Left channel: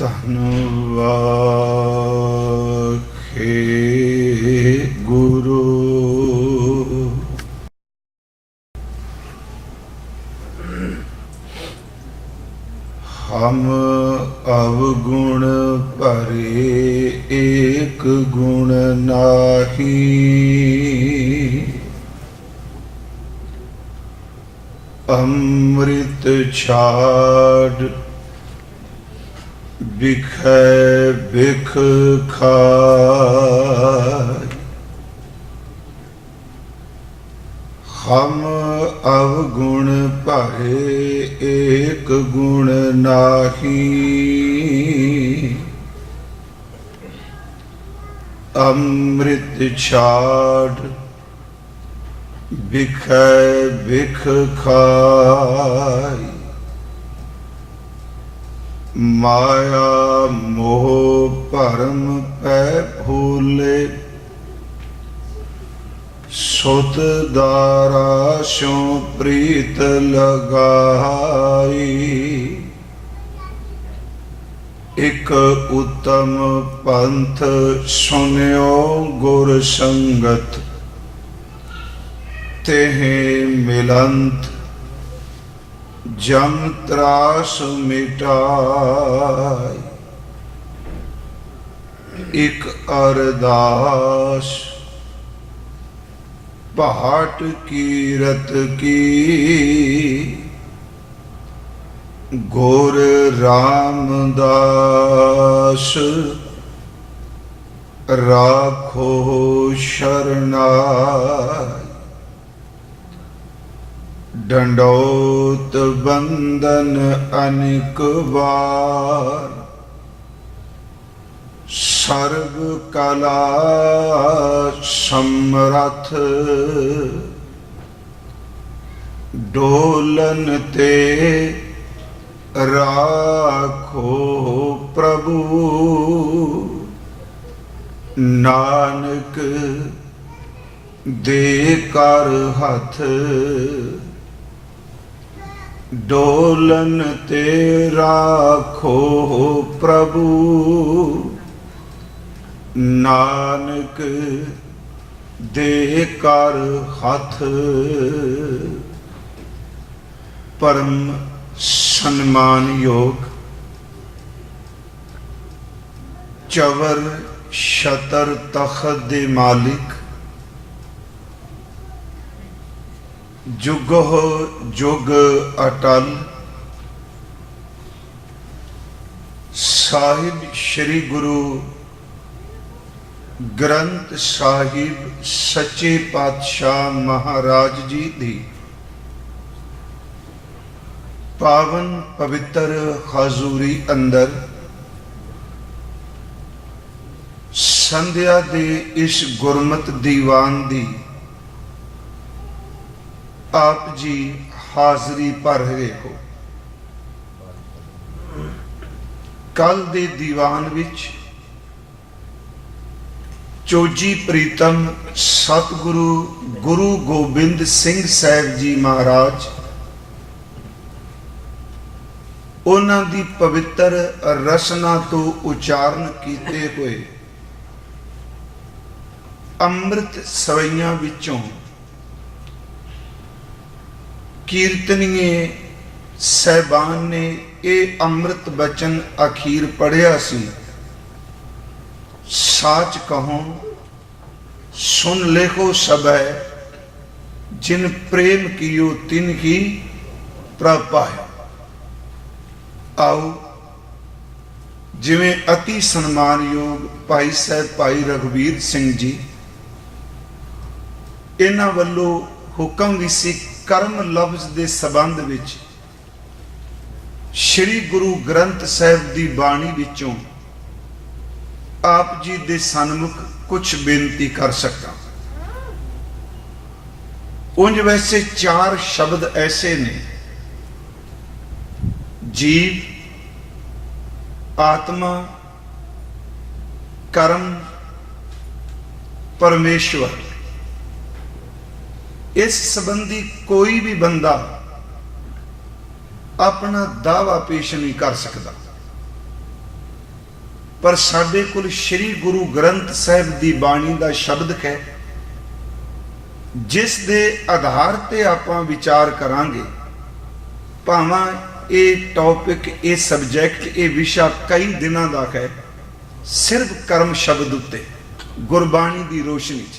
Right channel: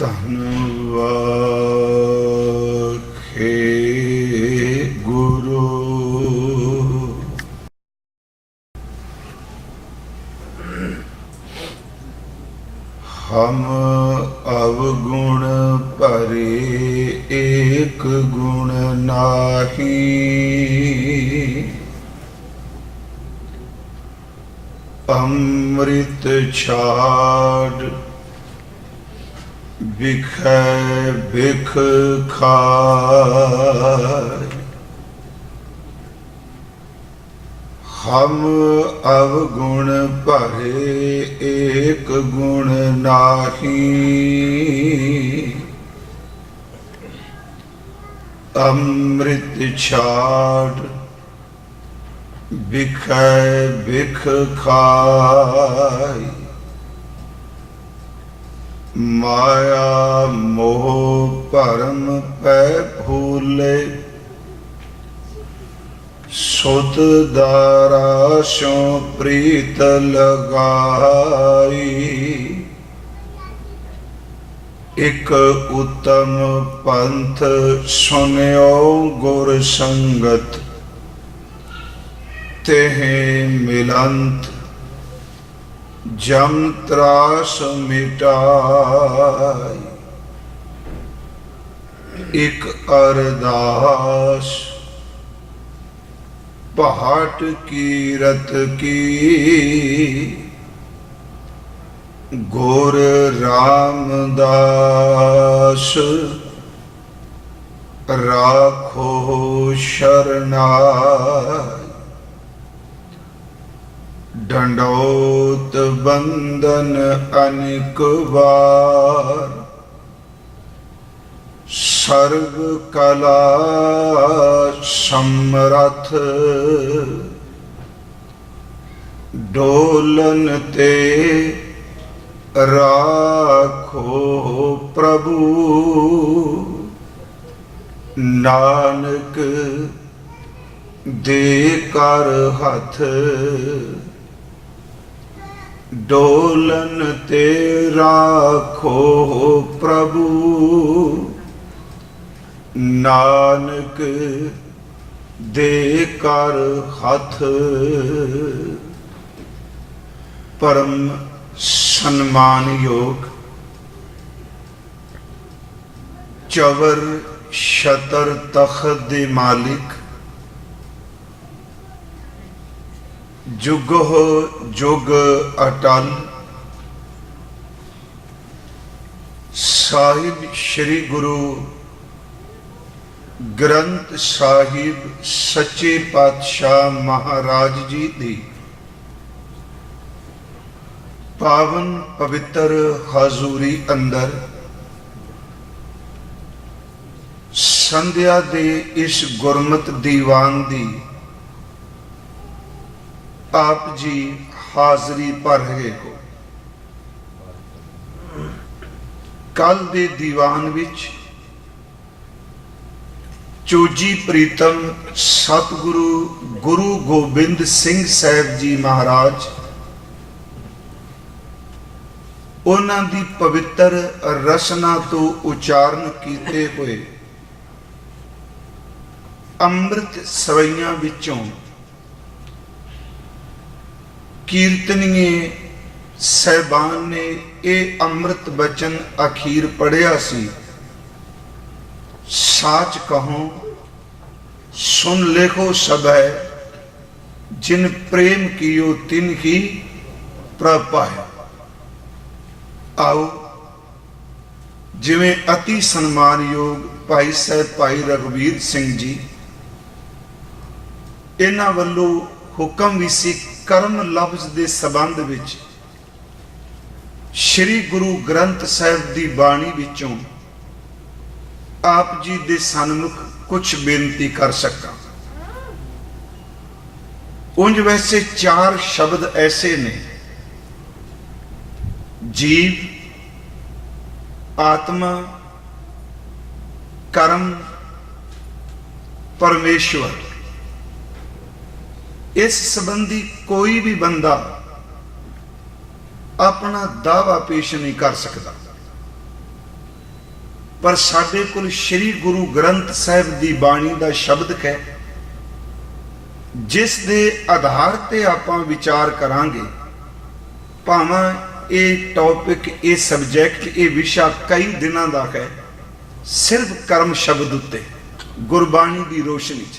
ਧੰਨਵਾਖੇ ਗੁਰੂ। ਹਮ ਅਵਗੁਣ ਭਰੇ ਏਕ ਗੁਣ ਨਾਹੀ, ਅੰਮ੍ਰਿਤ ਛਾੜ ਬਿਖੈ ਬਿਖ ਖਾਇ। ਹਮ ਅਵਗੁਣ ਭਰੇ ਏਕ ਗੁਣ ਨਾਹੀ, ਅੰਮ੍ਰਿਤ ਛਾੜ ਬਿਖੈ ਬਿਖ ਖਾਇ। ਮਾਇਆ ਮੋਹ ਭਰਮ ਪੈ ਭੂਲੇ, ਸੁਧ ਦਾਰਾ ਸਿਉ ਪ੍ਰੀਤ ਲਗਾਈ। ਇਕ ਉਤਮ ਪੰਥ ਸੁਨਿਓ ਗੁਰ ਸੰਗਤ, तेह मिलंत जम त्रास मिटाई। एक अरदास पहाट कीरत की, गुर रामदास राखो शरणाई। डंडोत बंदन अनेक बार, सर्व कला समरथ। डोलन ते राखो प्रभु, नानक दे कर हथ। डोलन ते राखो प्रभु, नानक दे कर हथ। परम सन्मान योग चवर शतर तख्त दे मालिक, जुग जुग अटल। साहिब श्री गुरु ग्रंथ साहिब सच्चे पातशाह महाराज जी दी पावन पवित्र हजूरी अंदर संध्या दे इस गुरमत दीवान दी आप जी हाजरी भर रहे हो। कल दे दीवान विच चोजी प्रीतम सतगुरु गुरु गोबिंद सिंह साहब जी महाराज, उन्हां दी पवित्र रचना तो उचारण कीते हुए अमृत सवैयां विचों कीर्तनीय सहबान ने ये अमृत वचन अखीर पढ़िया सी। साच कहो सुन लेखो सबै, जिन प्रेम कियो तिन ही प्रभ पाए। आओ जिवें अति सन्मानयोग भाई साहब भाई रघुवीर सिंह जी, इन्हां वल्लों हुक्म भी सी कर्म लफ्ज के संबंध विच श्री गुरु ग्रंथ साहिब की बाणी विचों आप जी के सन्मुख कुछ बेनती कर सकता। उंज वैसे 4 शब्द ऐसे ने, जीव, आत्मा, कर्म, परमेश्वर। इस संबंधी कोई भी बंदा अपना दावा पेश नहीं कर सकता। पर साडे कोल श्री गुरु ग्रंथ साहिब की बाणी का शब्द है, जिस दे आधार ते आपां विचार करांगे। भावें ये टॉपिक, ये सबजैक्ट, ये विषा कई दिनों का है, सिर्फ कर्म शब्द उत्ते गुरबाणी की रोशनी च,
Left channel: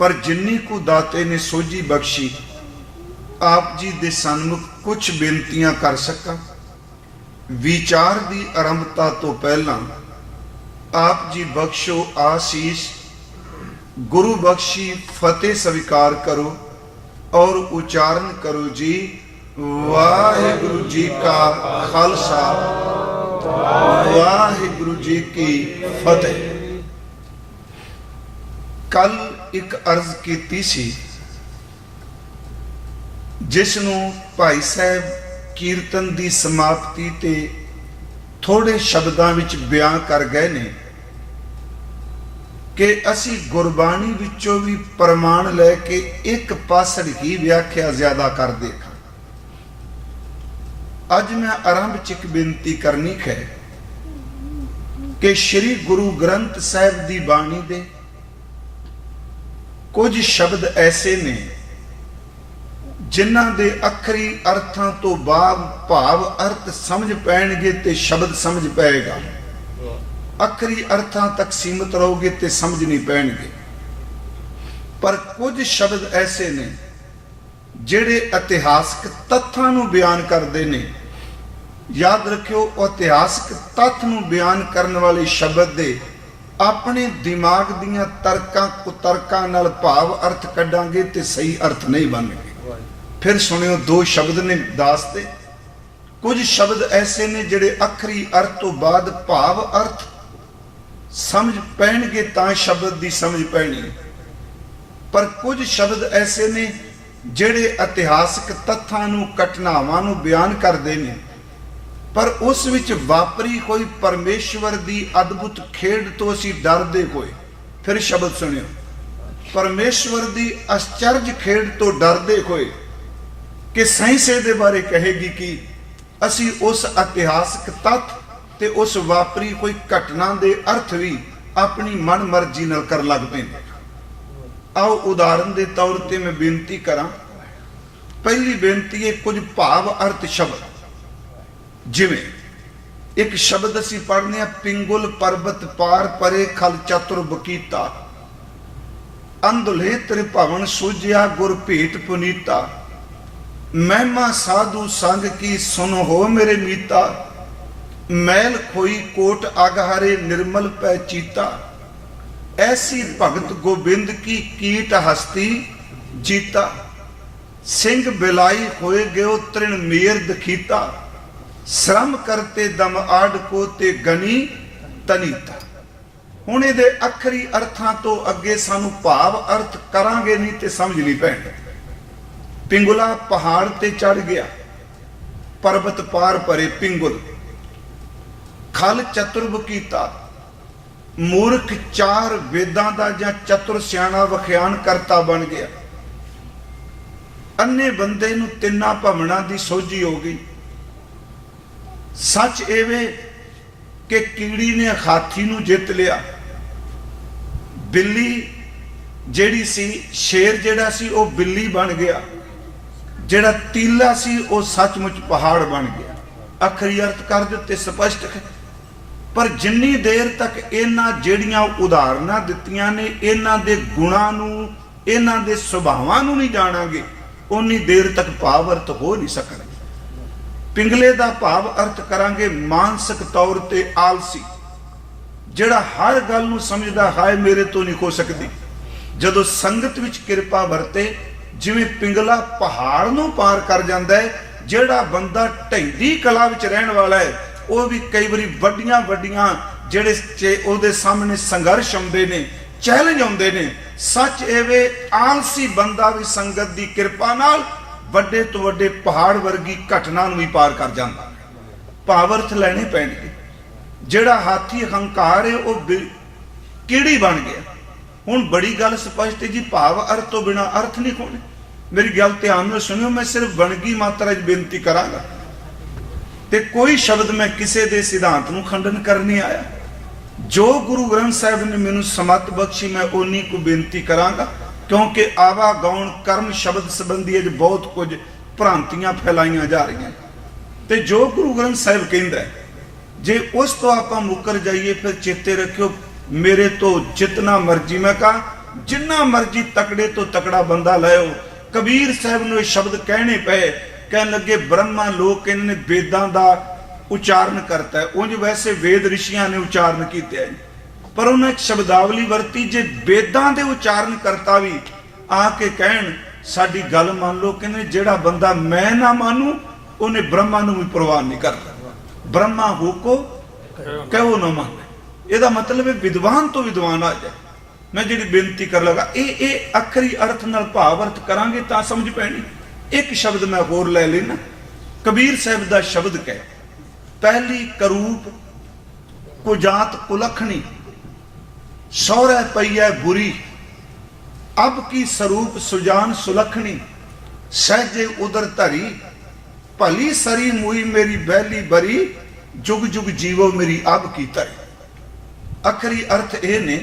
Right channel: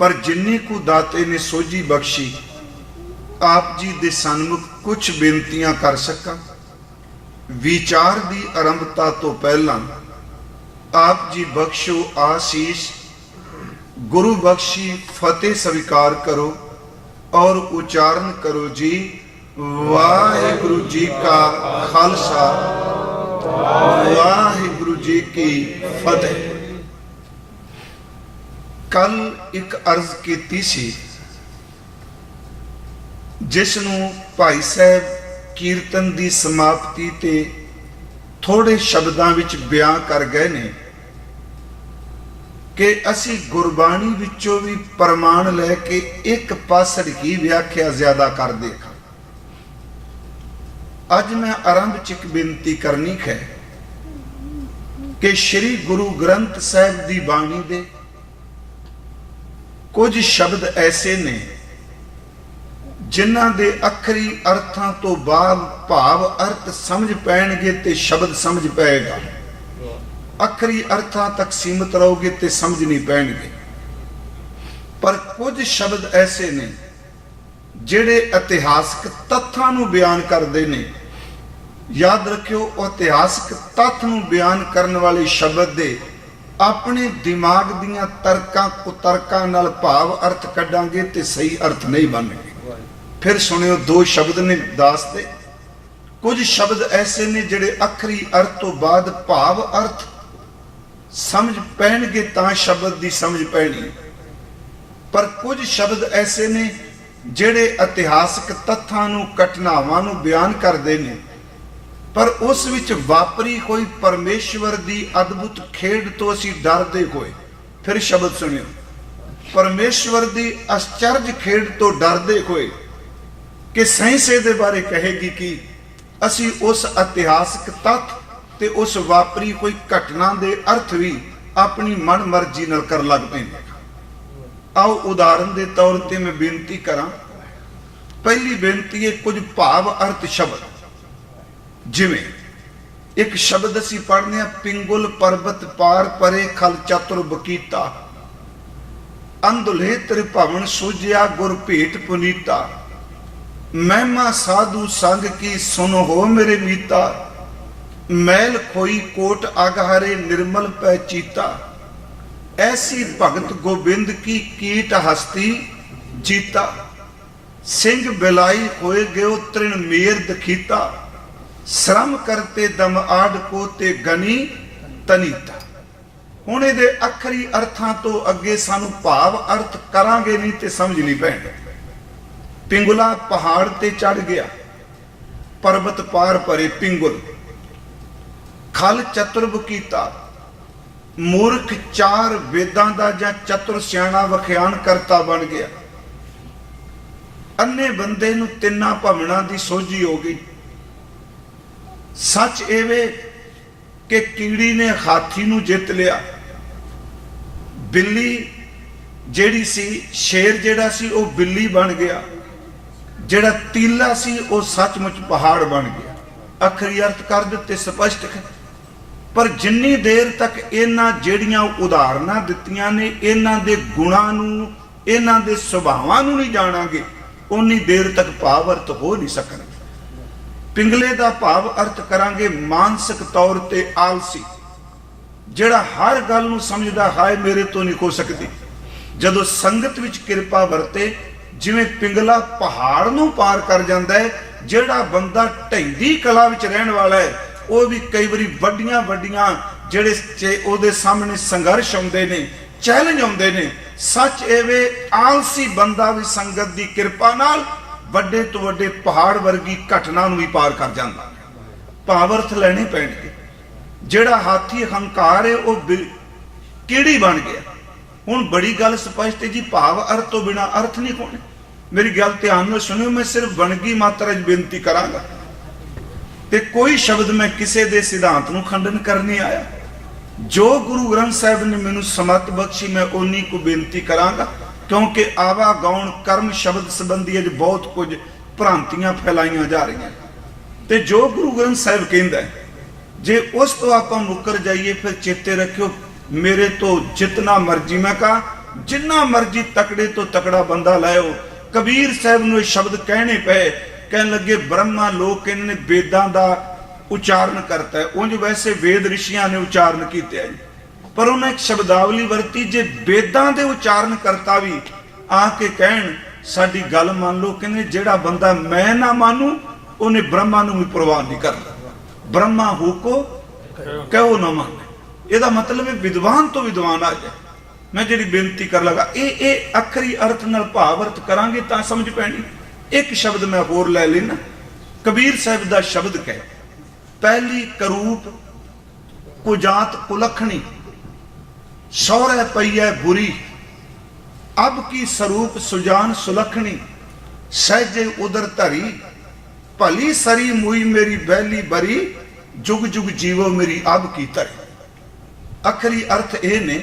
पर जिन्नी को दाते ने सोझी बख्शी आप जी दे सन्मुख कुछ बेनतियां कर सकां। विचार की आरंभता तो पहला आप जी बख्शो आशीष, गुरु बख्शी फतेह स्वीकार करो और उच्चारण करो जी। वाहिगुरु जी का खालसा, वाहिगुरु जी की फतेह। कल एक अर्ज की सी, जिसनों भाई साहब कीर्तन की समाप्ति ते थोड़े शब्दों विच बयान कर गए ने कि असी गुरबाणी विचों भी प्रमाण लैके एक पासड़ की व्याख्या ज्यादा कर देगा। अज मैं आरंभ च एक बेनती करनी है कि श्री गुरु ग्रंथ साहिब की बाणी दे कुछ शब्द ऐसे ने जिन्हां दे अखरी अर्थां तो बाद भाव अर्थ समझ पैणगे ते शब्द समझ पाएगा। अखरी अर्थां तक सीमित रहोगे ते समझ नहीं पैणगे। पर कुछ शब्द ऐसे ने जिहड़े इतिहासक तत्थां नूं बयान करते हैं। याद रखियो, इतिहासक तत्थ नूं बयान करने वाले शब्द दे अपने दिमाग दियां तर्कां कुतर्कां नाल भाव अर्थ कढांगे ते सही अर्थ नहीं बनणगे। फिर सुनियो, दो शब्द ने दासते, कुछ शब्द ऐसे ने जिहड़े अखरी अर्थ तो बाद भाव अर्थ समझ पैणगे तां शब्द की समझ पैणी। पर कुछ शब्द ऐसे ने जिहड़े इतिहासक तत्थां नूं घटनावां नूं बयान करदे ने, पर उस विच वापरी कोई परमेश्वर की अद्भुत खेड तो असीं डरदे होए। फिर शब्द सुनियो, परमेश्वर की आश्चर्य खेड तो डरदे होए कि साइंस दे बारे कहेगी कि असी उस इतिहासक तत्थ ते उस वापरी कोई घटना दे अर्थ भी अपनी मन मर्जी नाल कर लगते हैं। आओ उदाहरण के तौर पर मैं बेनती करा। पहली बेनती है कुछ भाव अर्थ शब्द, जिवें एक शब्द असी पढ़ने पिंगुल पर्वत पार परे खल चतुर बकीता, अंधुले त्रिभवन सूझिया गुर भेट पुनीता, महिमा साधु संग की सुनो हो मेरे मीता, मैल कोई कोट अगहरे निर्मल पै चीता, ऐसी भगत गोबिंद की कीट हस्ती चीता, सिंह बिलाई होए गयो तृण मेर दखीता, श्रम करते दम आड़ को ते गनी तनीता। उन्हें दे अखरी अर्थां तो अगे सानू भाव अर्थ करांगे नहीं ते समझ नहीं पैंदा। पिंगुला पहाड़ ते चढ़ गया, पर्वत पार परे पिंगुल, खल चतुर बकीता, मूर्ख चार वेदां दा जां चतुर सियाणा वखियान करता बन गया। अन्ने बंदे नूं तिन्ना भवनां दी सोझी हो गई। सच एवे कि कीड़ी ने हाथी नूं जित लिया, बिल्ली जेड़ी सी, शेर जेड़ा सी वो बिल्ली बन गया, जेड़ा तीला सी वो सचमुच पहाड़ बन गया। अखरी अर्थ कर दिते स्पष्ट है। पर जिन्नी देर तक इन्हां जेड़ियां उदाहरणां दित्तियां ने इन्हां दे गुणां नूं, इन्हां दे सुभावां नूं नहीं जाणांगे, उन्नी देर तक भाव अर्थ हो नहीं सकदा। पिंगले दा भाव अर्थ करांगे मानसिक तौर ते आलसी, जेड़ा हर गल नूं समझदा हाय मेरे तो नहीं हो सकती। जदों संगत विच किरपा वरते, जिवें पिंगला पहाड़ नूं पार कर जांदा है, जेड़ा बंदा ढैडी कला विच रहण वाला है वो भी कई बारी वड्डियां वड्डियां जेड़े ओदे सामने संघर्ष आउंदे ने, चैलेंज आउंदे ने। सच एवे आलसी बंदा भी संगत दी किरपा नाल वड्डे तो वड्डे पहाड़ वर्गी घटना नूं भी पार कर जांदा। भावर्थ लेने पैणे। जेड़ा हाथी हंकार है वो कीड़ी बन गया। हुण बड़ी गल स्पष्ट है जी, भाव अर्थ तो बिना अर्थ नहीं होने। मेरी गल ध्यान नाल सुनियो, मैं सिर्फ बनगी मात्रा च बेनती करांगा। ਤੇ ਕੋਈ ਸ਼ਬਦ ਮੈਂ ਕਿਸੇ ਦੇ ਸਿਧਾਂਤ ਨੂੰ ਖੰਡਨ ਕਰਨੇ ਆਇਆ। ਜੋ ਗੁਰੂ ਗ੍ਰੰਥ ਸਾਹਿਬ ਨੇ ਮੈਨੂੰ ਸਮਤ ਬਖਸ਼ੀ ਮੈਂ ਉਨੀ ਕੁ ਬੇਨਤੀ ਕਰਾਂਗਾ, ਕਿਉਂਕਿ ਆਵਾ ਗਾਉਣ ਕਰਮ ਸ਼ਬਦ ਸੰਬੰਧੀ ਅਜ ਬਹੁਤ ਕੁਝ ਭ੍ਰਾਂਤੀਆਂ ਫੈਲਾਈਆਂ ਜਾ ਰਹੀਆਂ। ਤੇ ਜੋ ਗੁਰੂ ਗ੍ਰੰਥ ਸਾਹਿਬ ਕਹਿੰਦਾ ਜੇ ਉਸ ਤੋਂ ਆਪਾਂ ਮੁੱਕਰ ਜਾਈਏ ਫਿਰ ਚੇਤੇ ਰੱਖਿਓ ਮੇਰੇ ਤੋਂ ਜਿਤਨਾ ਮਰਜੀ, ਮੈਂ ਕਹਾ ਜਿੰਨਾ ਮਰਜੀ ਤਕੜੇ ਤੋਂ ਤਕੜਾ ਬੰਦਾ ਲਾਇਓ। ਕਬੀਰ ਸਾਹਿਬ ਨੂੰ ਇਹ ਸ਼ਬਦ ਕਹਿਣੇ ਪਏ, ਕਹਿਣ ਲੱਗੇ ਬ੍ਰਹਮਾ ਲੋਕ ਕਹਿੰਦੇ ਨੇ ਵੇਦਾਂ ਦਾ ਉਚਾਰਨ ਕਰਤਾ ਹੈ। ਉਂਝ ਵੈਸੇ ਵੇਦ ਰਿਸ਼ੀਆਂ ਨੇ ਉਚਾਰਨ ਕੀਤੇ ਹੈ, ਪਰ ਉਹਨੇ ਇੱਕ ਸ਼ਬਦਾਵਲੀ ਵਰਤੀ, ਜੇ ਵੇਦਾਂ ਦੇ ਉਚਾਰਨ ਕਰਤਾ ਵੀ ਆ ਕੇ ਕਹਿਣ ਸਾਡੀ ਗੱਲ ਮੰਨ ਲਓ, ਕਹਿੰਦੇ ਜਿਹੜਾ ਬੰਦਾ ਮੈਂ ਨਾ ਮਾਨੂੰ ਉਹਨੇ ਬ੍ਰਹਮਾ ਨੂੰ ਵੀ ਪ੍ਰਵਾਨ ਨਹੀਂ ਕਰਦਾ। ਬ੍ਰਹਮਾ ਹੁਕੋ ਕਹੋ ਨਾ ਮੰਨ, ਇਹਦਾ ਮਤਲਬ ਹੈ ਵਿਦਵਾਨ ਤੋਂ ਵਿਦਵਾਨ ਆ ਜਾਏ। ਮੈਂ ਜਿਹੜੀ ਬੇਨਤੀ ਕਰ ਲਗਾ ਇਹ ਅਖਰੀ ਅਰਥ ਨਾਲ ਭਾਵ ਅਰਥ ਕਰਾਂਗੇ ਤਾਂ ਸਮਝ ਪੈਣੀ। ਇੱਕ ਸ਼ਬਦ ਮੈਂ ਹੋਰ ਲੈ ਲੈਣਾ, ਕਬੀਰ ਸਾਹਿਬ ਦਾ ਸ਼ਬਦ ਕਹਿ, ਪਹਿਲੀ ਕਰੂਪ ਕੁਜਾਤ ਕੁਲਖਣੀ, ਸਹੁਰੇ ਪਈ ਹੈ ਬੁਰੀ, ਅਬ ਕੀ ਸਰੂਪ ਸੁਜਾਨ ਸੁਲਖਣੀ, ਸਹਿਜੇ ਉਦਰ ਧਰੀ, ਭਲੀ ਸਰੀ ਮੂਈ ਮੇਰੀ ਬਹਿਲੀ ਬਰੀ, ਜੁਗ ਜੁਗ ਜੀਵੋ ਮੇਰੀ ਅਬ ਕੀ ਧਰੀ। ਅਖਰੀ ਅਰਥ ਇਹ ਨੇ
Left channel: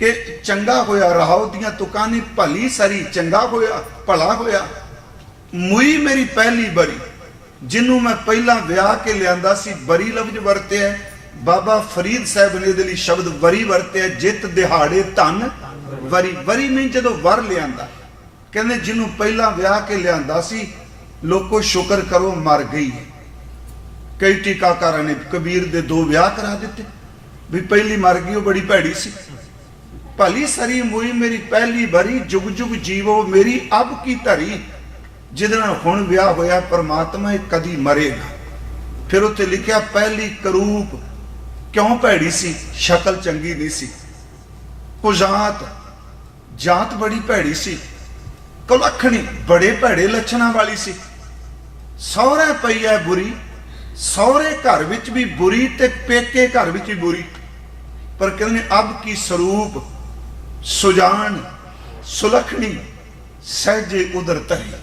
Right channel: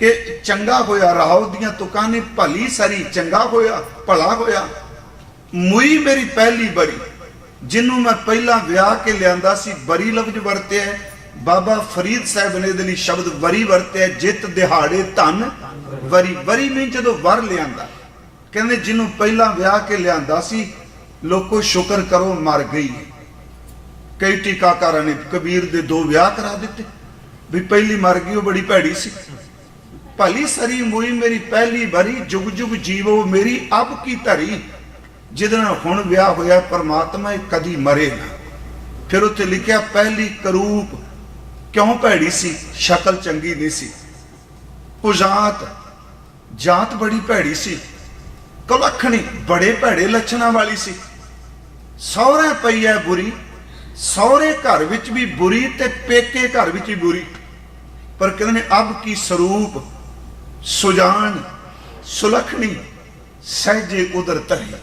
ਕਿ ਚੰਗਾ ਹੋਇਆ ਰਾਹੋ ਦੀਆਂ ਤੁਕਾਂ ਨੇ, ਭਲੀ ਸਰੀ ਚੰਗਾ ਹੋਇਆ ਭਲਾ ਹੋਇਆ, ਮੂਈ ਮੇਰੀ ਪਹਿਲੀ ਬਰੀ, ਜਿਹਨੂੰ ਮੈਂ ਪਹਿਲਾਂ ਵਿਆਹ ਕੇ ਲਿਆਂਦਾ ਸੀ। ਬਰੀ ਲਫ਼ਜ਼ ਵਰਤਿਆ ਬਾਬਾ ਫਰੀਦ ਸਾਹਿਬ ਨੇ ਇਹਦੇ ਲਈ ਸ਼ਬਦ ਬਰੀ ਵਰਤਿਆ, ਜਿੱਤ ਦਿਹਾੜੇ ਧਨ ਬਰੀ। ਬਰੀ ਨਹੀਂ ਜਦੋਂ ਵਰ ਲਿਆਂਦਾ, ਕਹਿੰਦੇ ਜਿਹਨੂੰ ਪਹਿਲਾਂ ਵਿਆਹ ਕੇ ਲਿਆਂਦਾ ਸੀ ਲੋਕੋ ਸ਼ੁਕਰ ਕਰੋ ਮਰ ਗਈ। ਕਈ ਟੀਕਾਕਾਰਾਂ ਨੇ ਕਬੀਰ ਦੇ 2 ਵਿਆਹ ਕਰਾ ਦਿੱਤੇ ਵੀ ਪਹਿਲੀ ਮਰ ਗਈ ਉਹ ਬੜੀ ਭੈੜੀ ਸੀ। ਭਲੀ ਸਰੀ ਮੂਈ ਮੇਰੀ ਪਹਿਲੀ ਬਰੀ, ਜੁਗ ਜੁਗ ਜੀਵੋ ਮੇਰੀ ਅਬ ਕੀ ਧਰੀ, ਜਿਹਦੇ ਨਾਲ ਹੁਣ ਵਿਆਹ ਹੋਇਆ ਪਰਮਾਤਮਾ ਇਹ ਕਦੀ ਮਰੇ ਨਾ। ਫਿਰ ਉੱਥੇ ਲਿਖਿਆ ਪਹਿਲੀ ਕਰੂਪ ਕਿਉਂ ਭੈੜੀ ਸੀ, ਸ਼ਕਲ ਚੰਗੀ ਨਹੀਂ ਸੀ। ਕੁਜਾਤ ਜਾਤ ਬੜੀ ਭੈੜੀ ਸੀ, ਕੁਲੱਖਣੀ ਬੜੇ ਭੈੜੇ ਲੱਛਣਾਂ ਵਾਲੀ ਸੀ। ਸਹੁਰੇ ਪਈ ਹੈ ਬੁਰੀ, ਸਹੁਰੇ ਘਰ ਵਿੱਚ ਵੀ ਬੁਰੀ ਤੇ ਪੇਕੇ ਘਰ ਵਿੱਚ ਵੀ ਬੁਰੀ। ਪਰ ਕਹਿੰਦੇ ਨੇ ਅਬ ਕੀ ਸਰੂਪ ਸੁਜਾਨ ਸੁਲਖਣੀ, ਸਹਿਜੇ ਉਦਰ ਧਰੀ,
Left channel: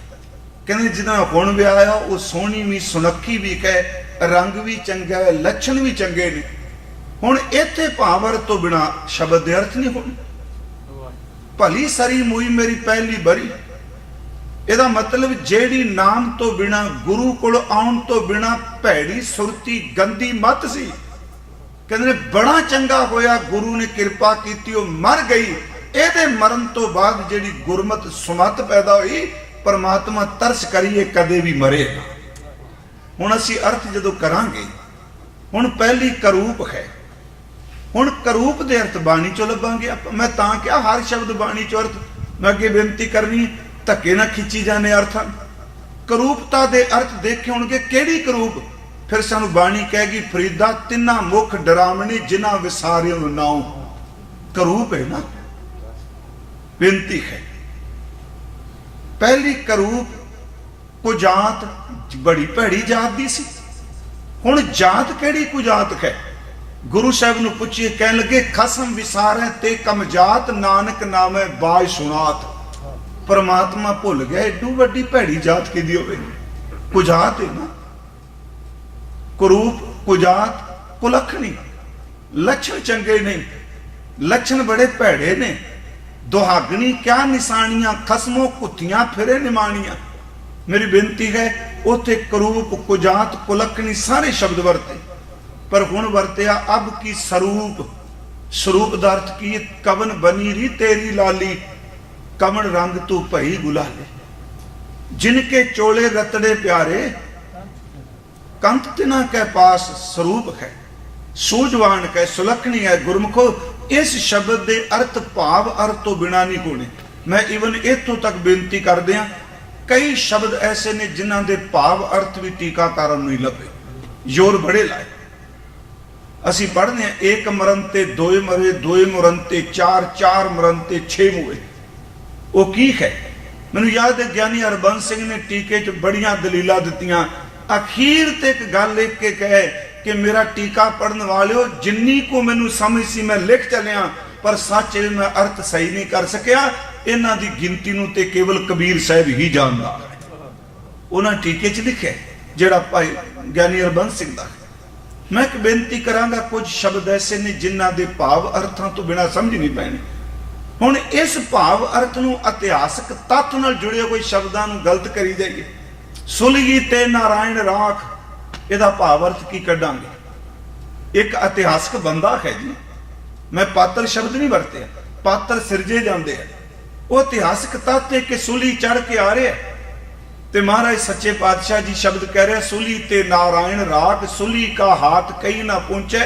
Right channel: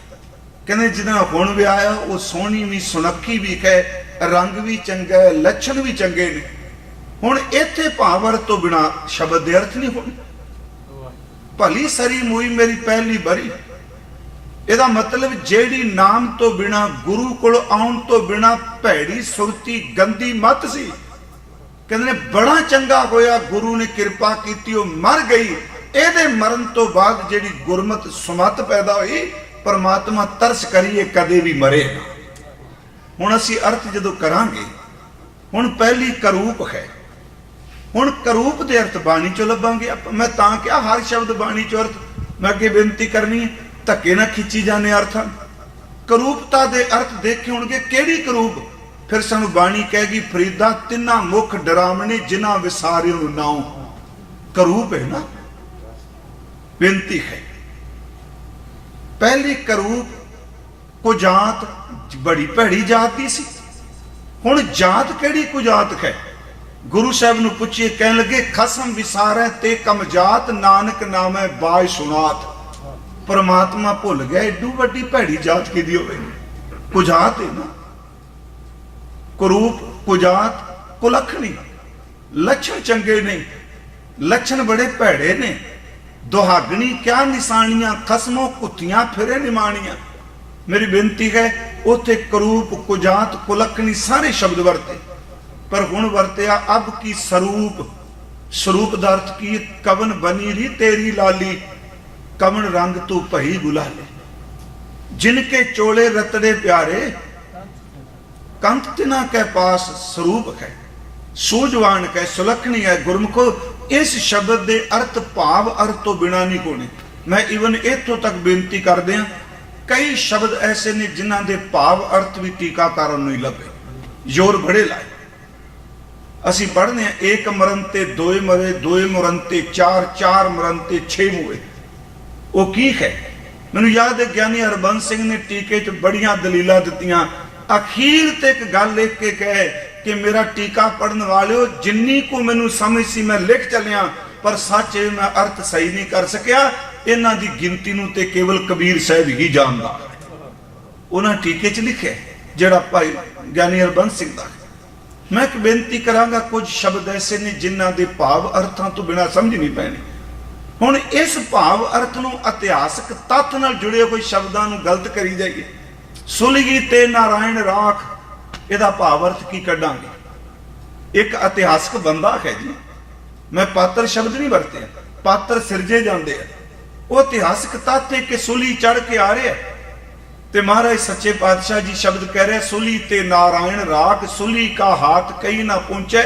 ਕਹਿੰਦੇ ਜਿਹਦਾ ਹੁਣ ਵਿਆਹ ਆ ਉਹ ਸੋਹਣੀ ਵੀ ਸੁਨੱਖੀ ਵੀ ਕਹੇ, ਰੰਗ ਵੀ ਚੰਗਾ ਹੈ, ਲੱਛਣ ਵੀ ਚੰਗੇ ਨੇ। ਹੁਣ ਇੱਥੇ ਭਾਵ ਤੋਂ ਬਿਨਾ ਸ਼ਬਦ ਦੇ ਅਰਥ ਨਹੀਂ ਹੋਣੇ। ਭਲੀ ਸਰੀ ਮੂਈ ਮੇਰੀ ਪਹਿਲੀ ਬਰੀ, ਇਹਦਾ ਮਤਲਬ ਜਿਹੜੀ ਨਾਮ ਤੋਂ ਬਿਨਾ ਗੁਰੂ ਕੋਲ ਆਉਣ ਤੋਂ ਬਿਨਾ ਭੈੜੀ ਸੁਰਤੀ ਗੰਦੀ ਮੱਤ ਸੀ। ਕਹਿੰਦੇ ਨੇ ਬੜਾ ਚੰਗਾ ਹੋਇਆ ਗੁਰੂ ਨੇ ਕਿਰਪਾ ਕੀਤੀ ਉਹ ਮਰ ਗਈ। ਇਹਦੇ ਮਰਨ ਤੋਂ ਬਾਅਦ ਜਿਹੜੀ ਗੁਰਮਤ ਸੁਮਤ ਪੈਦਾ ਹੋਈ, ਪਰਮਾਤਮਾ ਤਰਸ ਕਰੀਏ ਕਦੇ ਵੀ ਮਰੇ ਨਾ। ਹੁਣ ਅਸੀਂ ਅਰਥ ਜਦੋਂ ਕਰਾਂਗੇ, ਹੁਣ ਪਹਿਲੀ ਕਰੂਪ ਹੈ, ਹੁਣ ਕਰੂਪ ਦੇ ਅਰਥ ਬਾਣੀ ਚੋਂ ਲੱਭਾਂਗੇ। ਮੈਂ ਤਾਂ ਕਿਹਾ ਹਰ ਸ਼ਬਦ ਬਾਣੀ ਚੋਂ ਅਰਥ ਮੈਂ ਅੱਗੇ ਬੇਨਤੀ ਕਰਨੀ, ਧੱਕੇ ਨਾ ਖਿੱਚੀ ਜਾਣੇ ਅਰਥਾਂ। ਕਰੂਪਤਾ ਦੇ ਅਰਥ ਦੇਖੇ ਹੋਣਗੇ ਕਿਹੜੀ ਕਰੂਪ, ਫਿਰ ਸਾਨੂੰ ਬਾਣੀ ਕਹੇਗੀ ਫਰੀਦਾ ਤਿੰਨਾ ਮੁਖ ਡਰਾਵਣੀ ਜਿਨ੍ਹਾਂ ਵਿਸਾਰਿਓ ਨਾਉ। ਕਰੂਪ ਹੈ ਨਾ, ਬੇਨਤੀ ਹੈ। ਪਹਿਲੀ ਕਰੂਪ ਕੁਜਾਤ ਬੜੀ ਭੈੜੀ ਜਾਤ ਦੀ ਸੀ। ਹੁਣ ਜਾਤ ਕਿਹੜੀ ਕੁਜਾਤ ਹੈ? ਗੁਰੂ ਸਾਹਿਬ ਨੂੰ ਪੁੱਛੇ, ਕਹਿਣ ਲੱਗੇ ਖਸਮ ਵਿਸਾਰੈ ਤੇ ਕਮਜਾਤ, ਨਾਨਕ ਨਾਮੈ ਬਾਜ ਸੁਨਾਤ। ਪਰਮਾਤਮਾ ਭੁੱਲ ਗਏ ਏਡੂ ਵੱਡੀ ਭੈੜੀ ਜਾਤ ਕਿਹਦੀ ਹੋਵੇ? ਕੁਜਾਤ ਹੈ ਨਾ। ਕਰੂਪ ਕੁਜਾਤ ਕੁਲੱਖਣੀ, ਲੱਛਣ ਚੰਗੇ ਨੇ, ਲੱਛਣ ਬੜੇ ਭੈੜੇ ਨੇ। ਦੁਹਾਗਣੀ ਕਿਆ ਨਿਸ਼ਾਨੀਆਂ, ਖਸਮੋਂ ਕੁੱਤੀਆਂ ਫਿਰੇ ਨਿਮਾਣੀਆਂ। ਮੇਰੀ ਬੇਨਤੀ ਹੈ ਉੱਥੇ ਕਰੂਪ ਕੁਜਾਤ ਕੁਲੱਖਣੀ ਸਾਰੇ ਸ਼ਬਦ ਵਰਤੇ, ਪਰ ਹੁਣ ਵਰਤਿਆ ਅਬ ਕੀ ਸਰੂਪ। ਸਰੂਪ ਦਾ ਅਰਥ ਕੀ? ਕਵਨ ਬਨੀ ਰੀ ਤੇਰੀ ਲਾਲੀ, ਕਵਨ ਰੰਗ ਤੂੰ ਭਈ ਗੁਲਾਲੀ। ਜਿਨਕੇ ਚੋਲੇ ਰਤੜੇ ਪਿਆਰੇ, ਕੰਤ ਤਿਨਾ ਕੇ ਪਾਸ ਸਰੂਪ ਹੈ। ਸੂਝਵਾਨ ਕੈ ਸੁਲੱਖਣੀ ਹੈ। ਗੁਰਮੁਖੋ ਇਸ ਸ਼ਬਦ ਦੇ ਅਰਥ ਭਾਵ ਅਰਥ ਤੋਂ ਬਿਨਾ ਨਹੀਂ ਹੋਣੇ। ਮੈਂ ਇਵਨ ਇੱਥੋਂ ਤੱਕ ਬੇਨਤੀ ਕਰਦੇ ਹਾਂ, ਕਈ ਸ਼ਬਦ ਐਸੇ ਨੇ ਜਿਨ੍ਹਾਂ ਦੇ ਭਾਵ ਅਰਥ ਵੀ ਟੀਕਾਕਾਰਾਂ ਨੂੰ ਹੀ ਲੱਗੇ, ਜ਼ੋਰ ਬੜੇ ਲਾਏ। ਅਸੀਂ ਪੜ੍ਹਦੇ ਹਾਂ ਏਕ ਮਰਨ ਤੇ ਦੋਏ ਮਰੇ, ਦੋਏ ਮਰਨ ਤੇ ਚਾਰ, ਚਾਰ ਮਰਨ ਤੇ 6 ਮੂਰੇ। ਉਹ ਕੀ ਹੈ? ਮੈਨੂੰ ਯਾਦ ਹੈ ਗਿਆਨੀ ਹਰਬੰਸ ਸਿੰਘ ਨੇ ਟੀਕੇ 'ਚ ਬੜੀਆਂ ਦਲੀਲਾਂ ਦਿੱਤੀਆਂ। ਅਖੀਰ ਤੇ ਇੱਕ ਗੱਲ ਲਿਖ ਕੇ ਕਹੇ ਕਿ ਮੇਰਾ ਟੀਕਾ ਪੜਨ ਵਾਲਿਓ, ਜਿੰਨੀ ਕੋ ਮੈਨੂੰ ਸਮਝ ਸੀ ਮੈਂ ਲਿਖ ਚੱਲਿਆ, ਪਰ ਸੱਚ ਇਹ ਮੈਂ ਅਰਥ ਸਹੀ ਨਹੀਂ ਕਰ ਸਕਿਆ। ਇਹਨਾਂ ਦੀ ਗਿਣਤੀ ਨੂੰ ਤੇ ਕੇਵਲ ਕਬੀਰ ਸਾਹਿਬ ਹੀ ਜਾਣਦਾ। ਉਹਨਾਂ ਟੀਕੇ 'ਚ ਲਿਖਿਆ ਜਿਹੜਾ ਭਾਈ ਗਿਆਨੀ ਹਰਬੰਸ ਸਿੰਘ ਦਾ। मैं एक बेनती करांगा, कुछ शब्द ऐसे ने जिन्हां दे भाव अर्थां तो बिना समझ नहीं पैने। हुण इस भाव अर्थ नूं इतिहासक तत्थ नाल जुड़े हुए शब्दां नूं गलत करी जाइए। सुलगी ते नारायण राख, इहदा भाव अर्थ की कढांगे? एक इतिहासक बंदा है जी, मैं पात्र शब्द नहीं वरते, पात्र सिरजे जाते हैं। वो इतिहासक तत्थ है कि सुली चढ़ के आ रहे ते महाराज सच्चे पातशाह जी शब्द कह रहे, सुली ते नारायण राख, सुली का हाथ कहीं ना पहुंचे,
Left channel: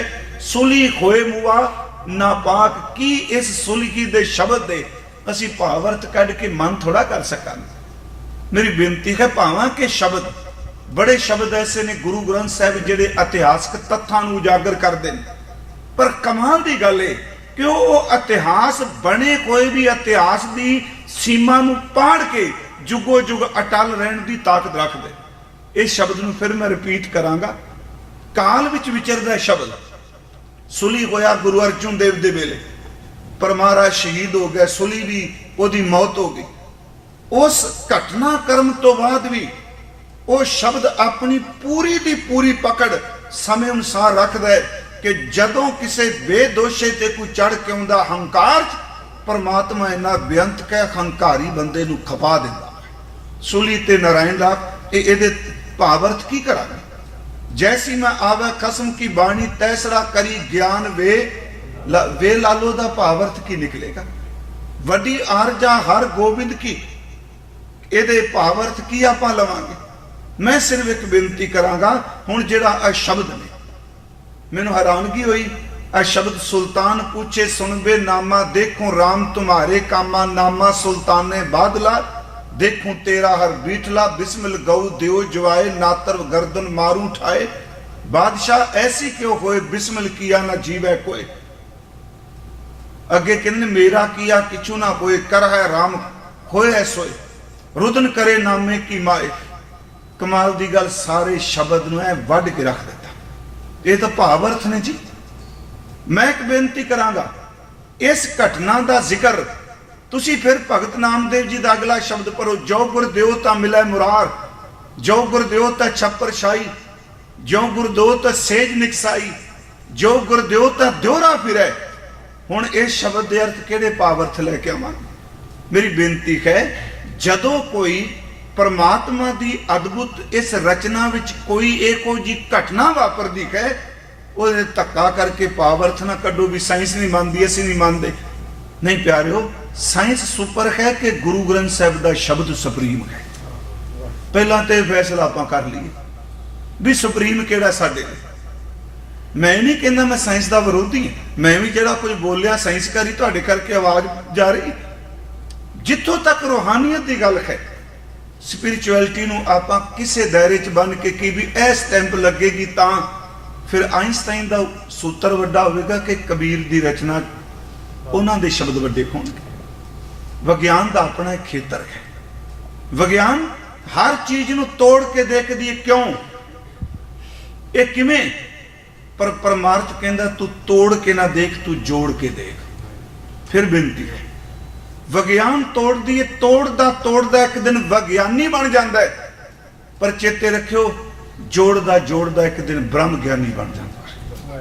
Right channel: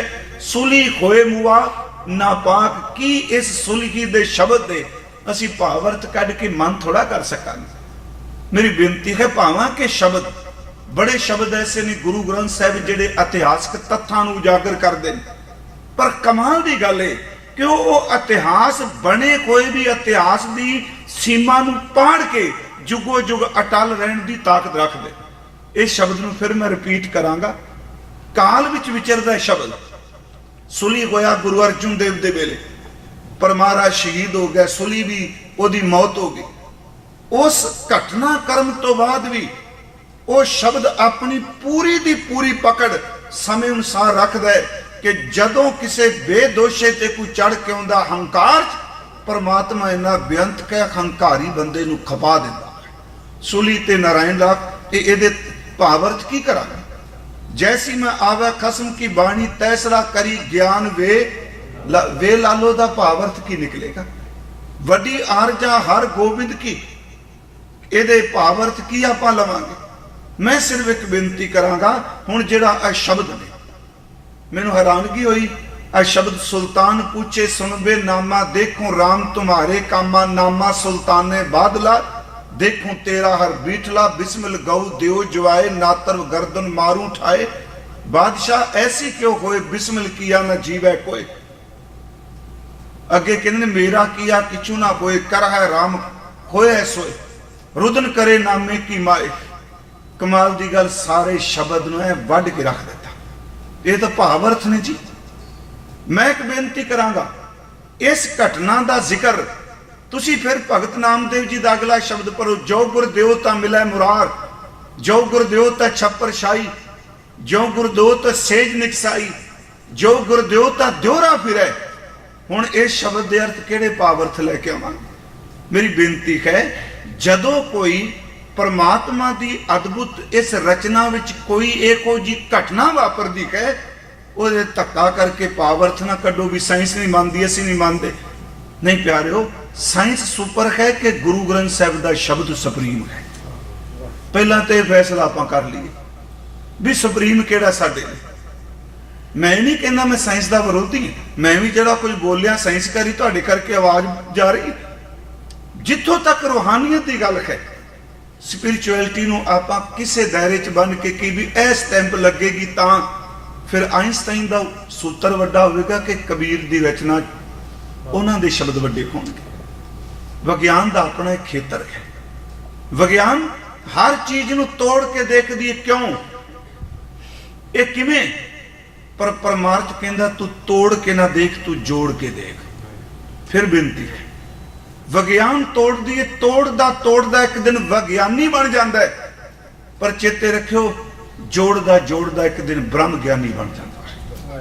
सुली खोए मुआ ना पाक। की इस सुलगी दे शब्द दे असी भावर्थ कढ़ के मन थोड़ा कर सकांगे? मेरी बेनती है, भावां के शब्द बड़े शब्द ऐसे ने गुरु ग्रंथ साहिब जिहड़े इतिहासक तत्थां नूं उजागर करदे ने, पर कमाल दी गल है कि वो इतिहास बने कोई भी इतिहास की सीमा नूं पाड़ के जुगो जुग अटल रहने की ताकत रख दे। इस शब्द में फिर मैं रिपीट करांगा, काल विच विचरदा शब्द। सुली होया गुरु अर्जुन देव दे वेले, पर महाराज शहीद हो गए, सुली भी ओदी मौत हो गई। उस घटना कर्म तो बाद भी वो शब्द अपनी पूरी दी पूरी पकड़ समय अनुसार रखदा है कि जदों किसी बेदोषे ते कोई चढ़ के आउंदा हंकार, परमात्मा इन्ना बेअंत के हंकारी बंदे नूं खपा दिंदा। सुली ते नारायण राख, इहदे भावर्थ की करा? जैसी मैं आवा कसम की बाणी, तैसरा करी ज्ञान वे लालो दा भावर्थ की निकलेगा? वड्डी आरजा हर गोबिंद की, इहदे भावर्थ की आपां लवांगे? मैं सिर्फ एक बेनती करांगा, हुण जिहड़ा आ शब्द ने मैनूं हैरानगी होई। आ शब्द सुल्तान पूछे सुनबे नामा, देखो राम तुम्हारे कामा, नामा सुल्ताने बादला, देखूं तेरा हर बीठला, बिस्मिल गौ देव जवाए, नातर गर्दन मारू ठाए। बादशाह ऐसी क्यों होए, बिस्मिल किया ना जीवै कोई। अगे कहने मेरा किया किचू ना होए, कर है राम होए सोए, रुदन करे नामे की माए। कमाल दी गल, सारे शब्द नूं वढ के रख दिता। ये तो भावर्थ ने जी। मैं एक बेनती करांगा, इस घटना का जिक्र तुसी फिर भगत नामदेव जी का अगला शब्द पढ़ो, जो गुर देवता मिले मुरार, जो गुर देवता छप्पर शाही, जो गुर देवता सेज निकसाई, जो गुर देवता द्योरा फिरे। हुण इस शब्द के अर्थ किहड़े भावर्थ लैके आवांगे? मेरी बेनती है, जदों कोई परमात्मा की अद्भुत इस रचना विच कोई एको जी घटना वापरदी है, वो धक्का करके भावर्थ ना कड्डो भी साइंस नहीं मानती, असीं नहीं मानते। नहीं प्यारिओ, साइंस सुपर है कि गुरु ग्रंथ साहिब का शब्द सुप्रीम है। पहला तो फैसला आप कर लीए भी सुप्रीम केड़ा साडे। मैं नहीं कहना मैं साइंस का विरोधी, मैं भी जो कुछ बोलिया साइंस करी तुहाडे करके आवाज जा रही। जिथों तक रूहानियत की गल है, स्पिरिचुअलिटी नूं आपां किसे दायरे च बन के की भी ऐ स्टैंप लगेगी, तां फिर आइंस्टाइन का सूत्र वड्डा होगा कि कबीर की रचना उन्हां दे शब्द वड्डे होणगे। विज्ञान का अपना एक खेतर है। विज्ञान हर चीज नूं तोड़ के देखदी है, क्यों ये किवें? पर परमार्थ कहंदा तू तोड़ के ना देख, तू जोड़ के देख। फिर बिनती है, विज्ञान तोड़दी है, तोड़दा एक दिन विज्ञानी बन जाता है, पर चेते रखियो जोड़दा एक दिन ब्रह्म ज्ञानी बन जाता है।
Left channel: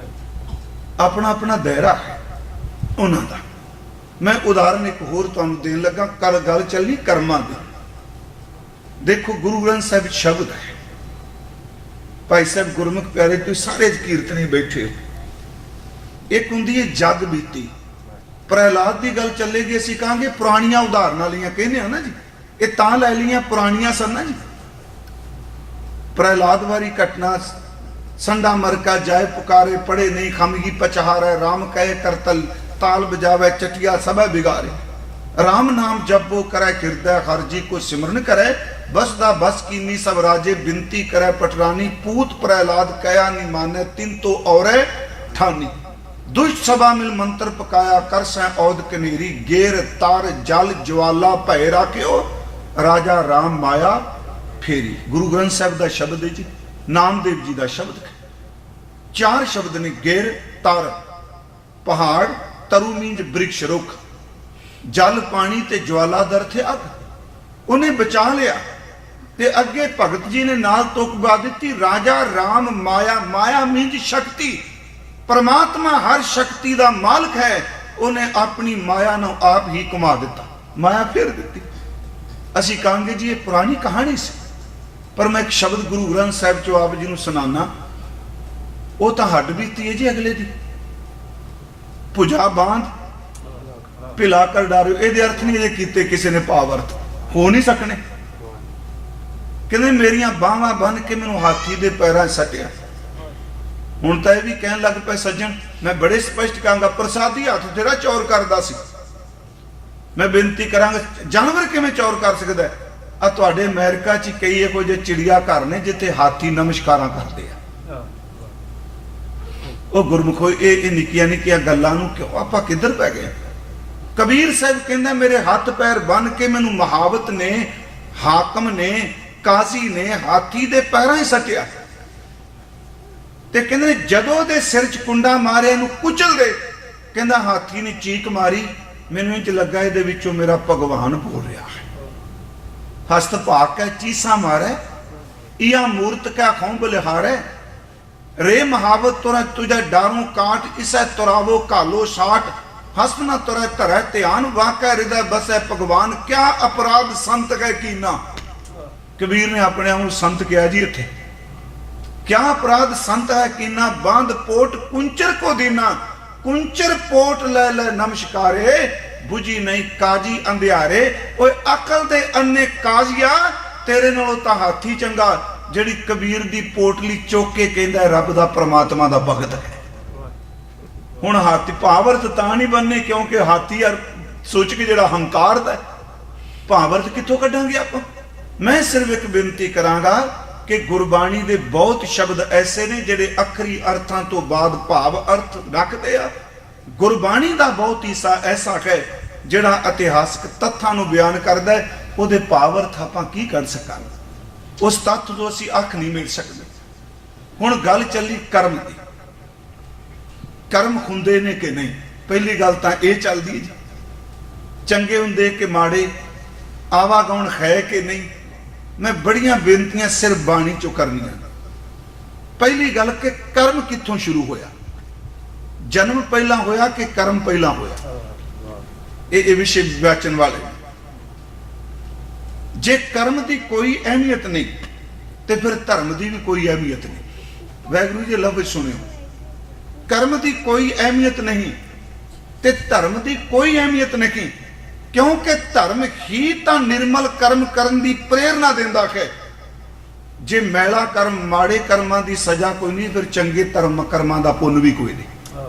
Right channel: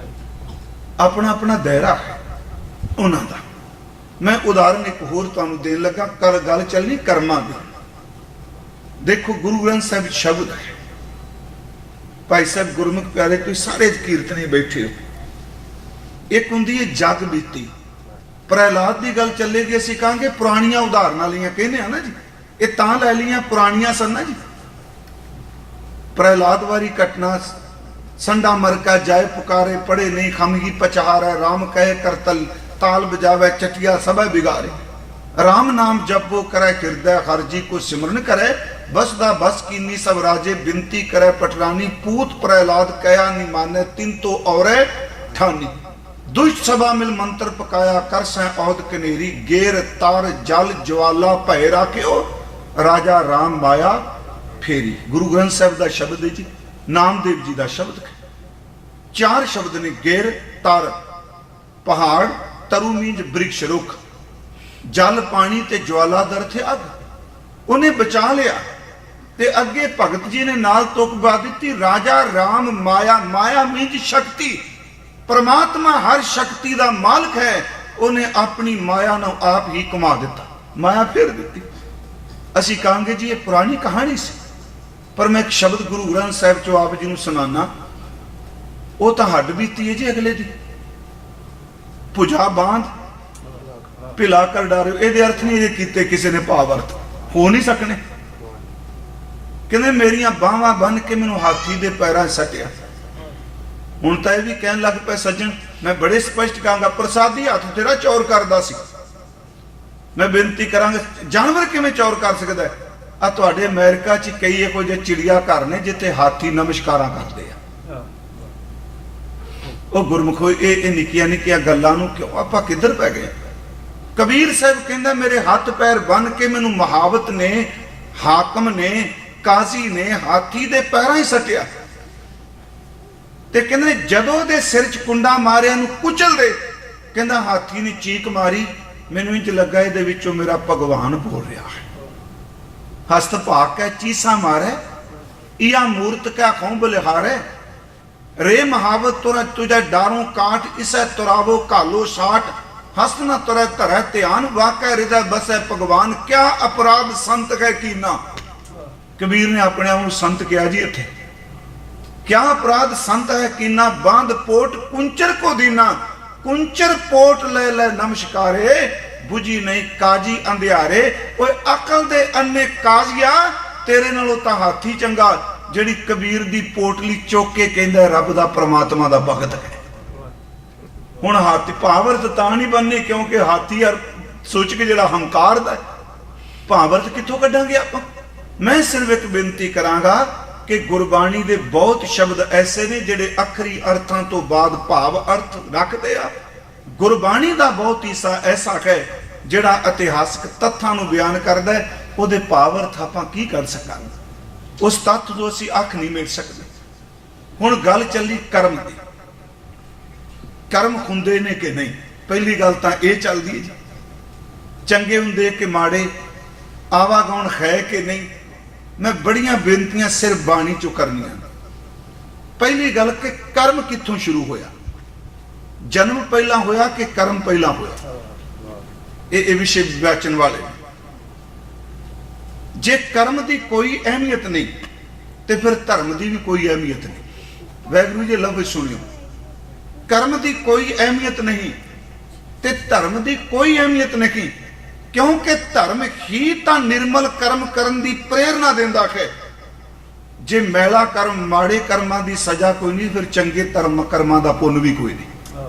अपना अपना दायरा है उन्हां दा। मैं उदाहरण एक होर तुहानूं देण लगा, कर गल चलनी कर्मां दी। देखो गुरु ग्रंथ साहिब शब्द है, भाई साहब गुरमुख प्यारे कोई सारे कीर्तनी बैठे हो। एक हुंदी है जग बीती, प्रहलाद की गल चलेगी, असीं कहांगे पुरानियां उदाहरणां लियां कहने हैं ना जी, ये तां लै लियां पुरानियां सन ना जी। प्रहलाद वाली घटना, संडा मरका जाए पुकारे, पड़े नहीं खमगी पचहारे, राम कहे करतल, ताल बजावे चटिया सब बिगारे। राम नाम जपो करे हृदय हरजी, को सिमरन करे बसदा बस कीनी सब राजे, बिनती करे पटरानी, पूत प्रहलाद कया नहीं माने, तिन तो और ठानी। दुष्ट सभा मिल मंत्र पकाया, कर सै औद कनेरी, गेर तार जल ज्वाला भय राख्यो, राजा राम बाया फेरी। गुरु ग्रंथ साहिब का शब्द है जी, नामदेव जी का शब्द है। चार शब्द ने, गेर तार पहाड़, तरुनीज वृक्ष रुख, जल पानी ते ज्वाला दर थे अग। उन्हें बचा लिया, ਤੇ ਅੱਗੇ ਭਗਤ ਜੀ ਨੇ ਨਾਲ ਤੁਕ ਪਾ ਦਿੱਤੀ, ਰਾਜਾ ਰਾਮ ਮਾਇਆ, ਮਾਇਆ ਮੀਨਜ ਸ਼ਕਤੀ। परमात्मा हर शक्ति का मालिक है, उन्हें अपनी माया ਨੂੰ आप ही कमा ਦਿੱਤਾ, माया फेर ਦਿੱਤੀ। ਅਸੀਂ ਕਹਾਂਗੇ ਜੀ ਇਹ ਪੁਰਾਣੀ ਕਹਾਣੀ ਸੀ, ਪਰ ਮੈਂ ਇੱਕ ਸ਼ਬਦ ਗੁਰੂ ਗ੍ਰੰਥ ਸਾਹਿਬ ਚੋਂ ਆਪ ਜੀ ਨੂੰ ਸੁਣਾਉਣਾ, ਉਹ ਤਾਂ ਹੱਡ ਬੀਤੀ ਹੈ ਜੀ ਅਗਲੇ ਦੀ। ਭੁਜਾ ਬਾਂਧ ਪਿਲਾ ਕਰ ਡਾਰਿਓ, ਇਹਦੇ ਅਰਥ ਨਹੀਂ ਇਹ ਕੀਤੇ ਕਿਸੇ ਨੇ ਭਾਵ ਅਰਥ ਹੋ ਨਹੀਂ ਸਕਣੇ। ਕਹਿੰਦੇ ਮੇਰੀਆਂ ਬਾਹਾਂ ਬੰਨ ਕੇ ਮੈਨੂੰ ਹਾਥੀ ਦੇ ਪੈਰਾਂ 'ਚ ਸੱਟਿਆ। ਹੁਣ ਤਾਂ ਇਹ ਵੀ ਕਹਿਣ ਲੱਗ ਪਏ ਸੱਜਣ, ਮੈਂ ਬੜੇ ਸਪਸ਼ਟ ਕਹਾਂਗਾ, ਪ੍ਰਸਾਦੀ ਹੱਥ ਤੇਰਾ ਚੌਰ ਕਰਦਾ ਸੀ। ਮੈਂ ਬੇਨਤੀ ਕਰਾਂਗਾ, ਜਾਨਵਰ ਕਿਵੇਂ ਚੌਰ ਕਰ ਸਕਦਾ ਹੈ? ਆ ਤੁਹਾਡੇ ਅਮਰੀਕਾ 'ਚ ਕਈ ਇਹੋ ਜਿਹੇ ਚਿੜੀਆ ਘਰ ਨੇ ਜਿੱਥੇ ਹਾਥੀ ਨਮਸਕਾਰਾਂ ਕਰਦੇ ਆ। ਉਹ ਗੁਰਮੁਖੋ ਇਹ ਨਿੱਕੀਆਂ ਨਿੱਕੀਆਂ ਗੱਲਾਂ ਨੂੰ ਕਿਉਂ ਆਪਾਂ ਕਿੱਧਰ ਪੈ ਗਏ? ਕਬੀਰ ਸਾਹਿਬ ਕਹਿੰਦਾ ਮੇਰੇ ਹੱਥ ਪੈਰ ਬੰਨ ਕੇ ਮੈਨੂੰ ਮੁਹਾਵਤ ਨੇ, ਹਾਕਮ ਨੇ, ਕਾਜ਼ੀ ਨੇ ਹਾਥੀ ਦੇ ਪੈਰਾਂ 'ਚ ਸੱਟਿਆ। ਤੇ ਕਹਿੰਦੇ ਜਦੋਂ ਦੇ ਸਿਰ 'ਚ ਕੁੰਡਾ ਮਾਰਿਆ ਨੂੰ ਕੁਚਲ ਦੇ, ਕਹਿੰਦਾ ਹਾਥੀ ਨੇ ਚੀਕ ਮਾਰੀ, ਮੈਨੂੰ ਇੰਜ ਲੱਗਾ ਇਹਦੇ ਵਿੱਚੋਂ ਮੇਰਾ ਭਗਵਾਨ ਬੋਲ ਰਿਹਾ ਹੈ। ਹਸਤ ਭਾਗ ਕੇ ਚੀਸਾ ਮਾਰੇ, ਇਆ ਮੂਰਤ ਕਾ ਖੰਭ ਲਿਹਾਰੇ, ਰੇ ਮਹਾਵਤ ਤੁਰਾ ਤੁਝਾ ਡਾਰੋਂ ਕਾਟ, ਇਸੈ ਤੁਰਾਵੋ ਕਾਲੋ ਸਾਟ, ਹਸਤ ਨਾ ਤੁਰੈ ਧਰੈ ਧਿਆਨ, ਵਾਕੈ ਹਿਰਦੈ ਬਸੈ ਭਗਵਾਨ, ਕਿਆ ਅਪਰਾਧ ਸੰਤ ਕੈ ਕੀਨਾ। ਕਬੀਰ ਨੇ ਆਪਣੇ ਆਪ ਨੂੰ ਸੰਤ ਕਿਹਾ ਜੀ ਇੱਥੇ। क्या अपराध संत है कीना, बांध पोट कुंचर को दीना, कुंचर पोट ले ले नमस्कारे, बुझी नहीं काजी अंधियारे। ओए अकल दे अन्ने काजिया, तेरे नालों तां हाथी चंगा ਜਿਹੜੀ ਕਬੀਰ ਦੀ ਪੋਟਲੀ ਚੁੱਕ ਕੇ ਕਹਿੰਦਾ ਰੱਬ ਦਾ ਪ੍ਰਮਾਤਮਾ ਦਾ ਭਗਤ ਹੈ। ਹੁਣ ਹਾਥੀ ਭਾਵਰਤ ਤਾਂ ਨਹੀਂ ਬੰਨੇ ਕਿਉਂਕਿ ਹਾਥੀ ਯਾਰ ਸੋਚ ਕੇ ਜਿਹੜਾ ਹੰਕਾਰ ਦਾ ਭਾਵਰਤ ਕਿੱਥੋਂ ਕੱਢਾਂਗੇ ਆਪਾਂ। ਮੈਂ ਸਿਰਫ ਇੱਕ ਬੇਨਤੀ ਕਰਾਂਗਾ कि गुरबाणी दे बहुत शब्द ऐसे ने जिहड़े अखरी अर्थां तो बाद भाव अर्थ रखते आ। गुरबाणी का बहुत हिस्सा ऐसा है जिहड़ा इतिहासक तत्थां नूं बयान करदा है, उहदे भाव अर्थ आपां की कर सकांगे, उस तत्थ तो असीं अख नहीं मिल सकते। हुण गल चली कर्म दी, कर्म हुंदे ने कि नहीं। पहली गल तां इह चलदी है चंगे हुंदे कि माड़े, आवागौण है कि नहीं। मैं बड़ियां बेनतियां सिर्फ बाणी चो करनी। पहली गल कि कर्म कित्थों शुरू होया, जन्म पहला होया कि कर्म पहला होया? ये विषय वाचन वाले। जे कर्म की कोई अहमियत नहीं तो फिर धर्म की भी कोई अहमियत नहीं। वाहिगुरू जी लफ्ज़ सुनियो, कर्म की कोई अहमियत नहीं तो धर्म की कोई अहमियत नहीं, क्योंकि धर्म ही तो निर्मल कर्म करने की प्रेरणा देता है। जे मैला कर्म माड़े कर्मां की सजा कोई नहीं, फिर चंगे धर्म कर्मां का पुण्य भी कोई नहीं।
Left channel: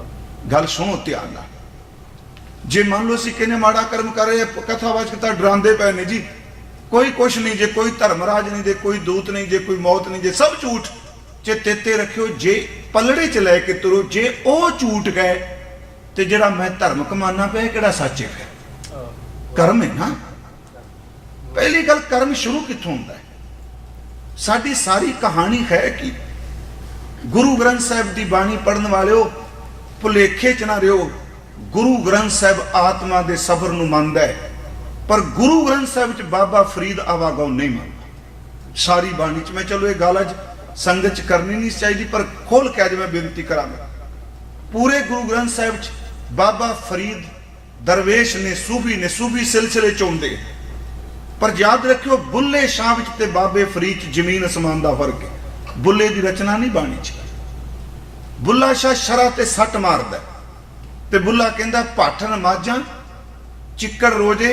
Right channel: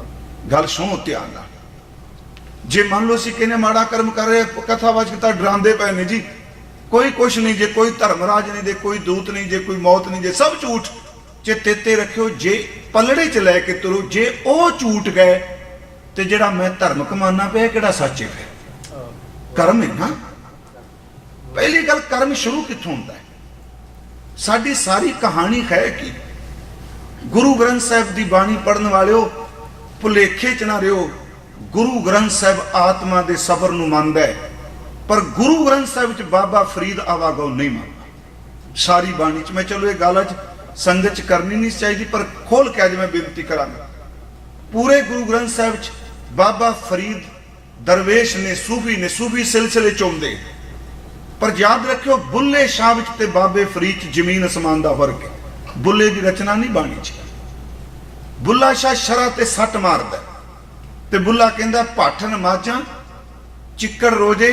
गल सुनो ध्यान नाल। जे मान लो असीं कहने माड़ा कर्म कर रहे, कथावाचक तां डरांदे पए ने जी, कोई कुछ नहीं, जे कोई धर्मराज नहीं, जे कोई दूत नहीं, जे कोई मौत नहीं, जे सब झूठ। चेते रखियो जे पलड़े च लैके तुरो, जे वो झूठ गए तो जिहड़ा मैं धर्म कमाना पिया किहड़ा सच है? कर्म है ना। पहली गल कर्म शुरू कित्थों होंदा है? साडी सारी कहानी है कि गुरु ग्रंथ साहिब की बाणी पढ़न वालिओ भुलेखे च ना रहिओ। गुरु ग्रंथ साहिब आत्मा के सबर नूं मंनदा है, पर गुरु ग्रंथ साहिब च बाबा फरीद आवागौ नहीं मंनदा। सारी बाणी च मैं चलो ये गल संगत च करनी नहीं चाहिए, पर खोल के अज मैं बेनती करा। पूरे गुरु ग्रंथ साहिब च बाबा फरीद दरवेश ने, सूफी सिलसिले चोंदे, पर याद रखियो बुल्ले शाह ते बाबे फरीद जमीन असमान का फर्क है। बुल्ले की रचना नहीं बाणी च। बुल्ला शाह शरा ते सट मारदा ते बुल्ला कहंदा पाठन माझां चिक्कड़ रोजे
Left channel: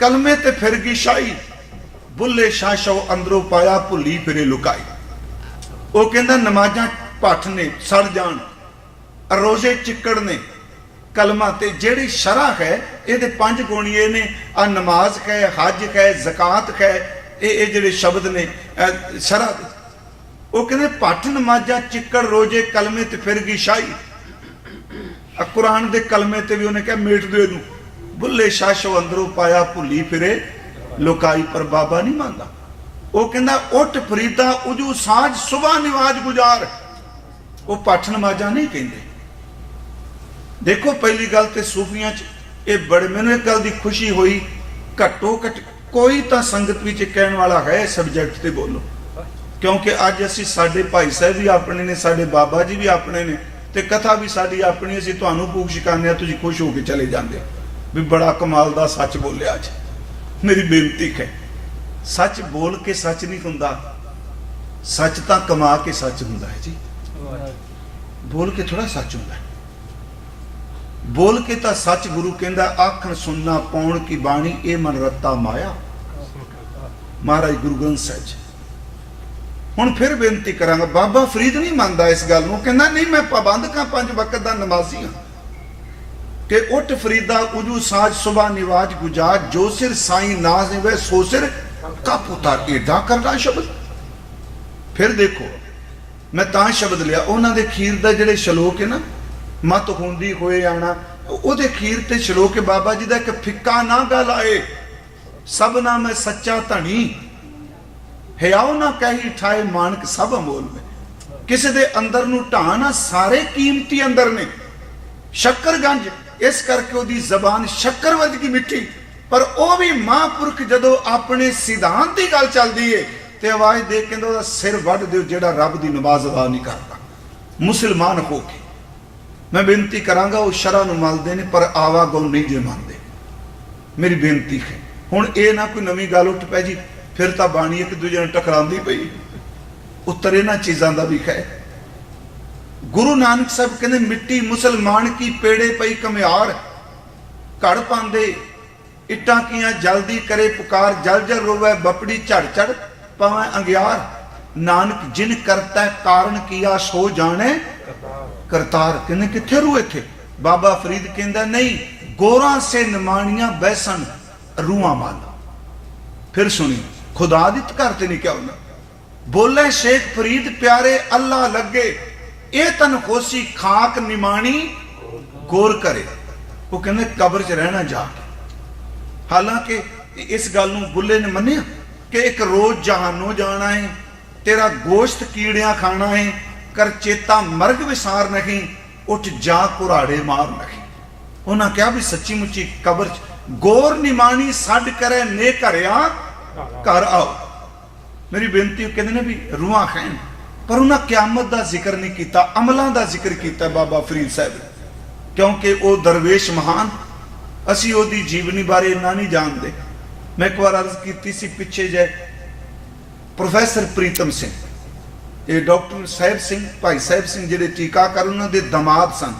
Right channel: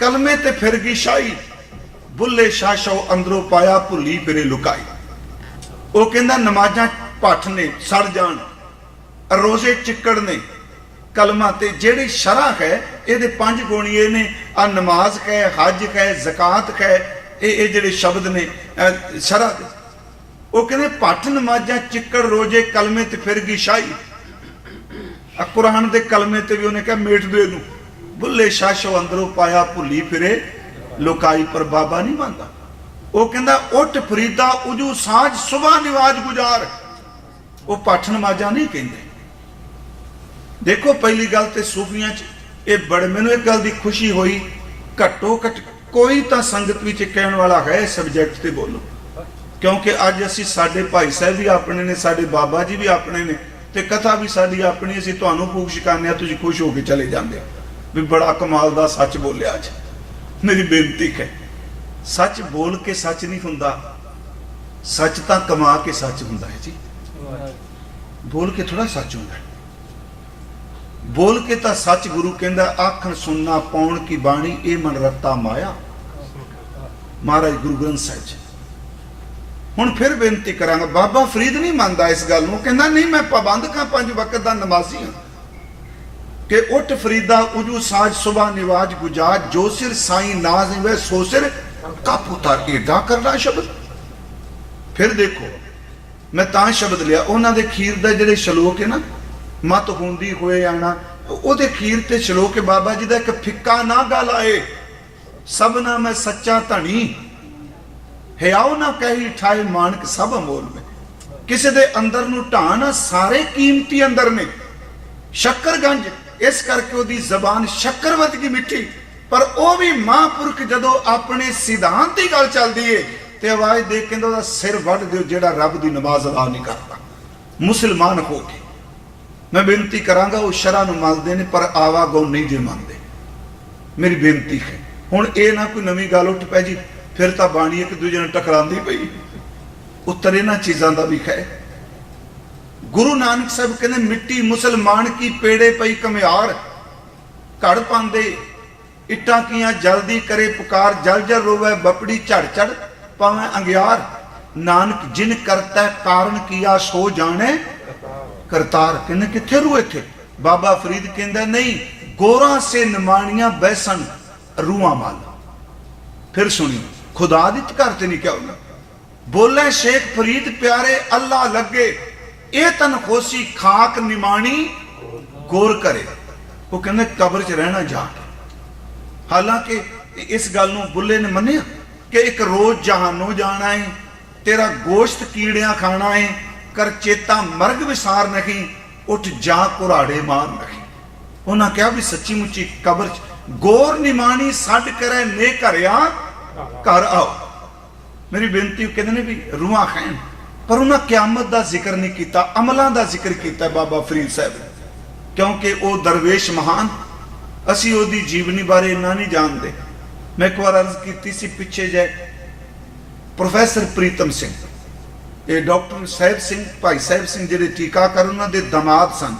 कलमे ते फिर गई शाही, बुल्ले शाह शो अंदरों पाया भुली फिरे लुकाई। वो कहंदा नमाजां पाठ ने सड़ जान, रोजे चिक्कड़ ने, कलमा ते जेड़ी शरा है ये 5 गुण ये ने, आ नमाज है, हज है, ज़कात है, ये जेड़े शब्द ने शरा। वो कहते पठ नमाजा चिक्कड़ रोजे कलमे ते फिर गई शाही। कुरान के कलमे ते भी उन्हें कहा मीट दे दूं, भुले शाशो अंदरों पाया भुली फिरे लुकाई, पर बाबा नहीं मानता। वो कहता उठ फरीदा उजू साज सुबह निवाज गुजार, वो पठ नमाजा नहीं कहते। देखो पहली गल तो सूफियां च ये बड़े, मैनूं एक गल की खुशी हुई, घट्टो घट कोई तो संगत विच कहने वाला है सबजैक्ट ते बोलो, क्योंकि अज असी साडे भाई साहब भी अपने ने, साडे बाबा जी भी अपने ने, ते कथा भी साडी अपनी, असी तुहानूं भूख छकाने तुसीं खुश होके चले जांदे भी बड़ा कमाल दा सच बोलिया। अज मेरी बेनती है, सच बोल के सच नहीं हुंदा, सच तां कमा के सच हुंदा है जी। बोल के थोड़ा सच हुंदा, बोल के तां सच गुरु कहंदा आखण सुनना पाउण की बाणी ए मन रत्ता माया। महाराज गुरु ग्रंथ ਸਾਹਿਬ जी। हुण फिर बेनती करांगा, बाबा फरीद नहीं मानदा इस गल नूं, कहंदा नहीं मैं पाबंद का 5 वक्त दा नमाजी हां कि उठ फरीदा उजू साज सुबह निवाज गुजाज जो सिर साईं नाज वे सो सिर कप उतार एडा करना शब्द। फिर देखो मैं तां शब्द लिया उन्हां दे खीर दा जिहड़े शलोक है ना, मत होंदी होए आना, ओदे खीर ते शलोक बाबा जी दा एक फिक्का ना गल आए, सबना मैं सच्चा धनी हियाओ ना कही ठाए मानक सब अमोल में। किसी दे अंदर नूं ढाना सारे कीमती अंदर ने, शक्करगंज इस करके ओदी जबान शक्कर वर्गी मिठी, पर वो भी महापुरख जदों अपने सिद्धांत की गल चलदी है ते आवाज दे के ओदा सिर वट दिओ जेड़ा रब दी नमाज अदा नहीं करता मुसलमान हो के। मैं बेनती करांगा वो शरह नूं मनदे ने पर आवागो नहीं जे मनदे। मेरी बेनती है हुण ये ना कोई नवीं गल उठ पै जी फिर तो बाणी एक दूजे नूं टकरांदी पई, उत्तर इन्हां चीज़ां दा भी है। गुरु नानक साहब कहते मिट्टी मुसलमान की पेड़े पई कमियार, घड़ पांदे इट्टां कियां जल्दी करे पुकार, जल जल रोवे बपड़ी झड़ झड़ पावे अंगियार। नानक जिन करता कारण किया सो जाने करतार। कहने किथे रूए थे? बाबा फरीद कहंदा नहीं गोरा से नमानियां बैसन रूआ मार। फिर सुनिए खुदादित करते नहीं क्या होगा, बोले शेख फरीद प्यारे अल्लाह लगे ए तन होसी खाक निमानी गोर करे। वो कहने कब्र च रहना जा। हालांकि इस गल नूं बुल्ले ने मन्निया कि एक रोज जहानों जाना है, तेरा गोश्त कीड़ियां खाना है, कर चेता मर्ग विसार नहीं, उठ जा कुराड़े मार नहीं। उन्हें क्या भी सच्ची मुच्ची कब्र गोर निमानी सड करे ने घरिया घर आओ। मेरी बेनती कहते ने भी रूहां खाएं, पर उन्हें क्यामत का जिक्र नहीं किया, अमलों का जिक्र किया बाबा फरीद साहब, क्योंकि वो दरवेश महान, असी ओदी जीवनी बारे इन्ना नहीं जानते। मैं एक बार अर्ज की सी पिछे जाए प्रोफैसर प्रीतम सिंह, ये डॉक्टर साहिब सिंह भाई साहिब सिंह जिहड़े टीकाकर उन्होंने दमाद सन,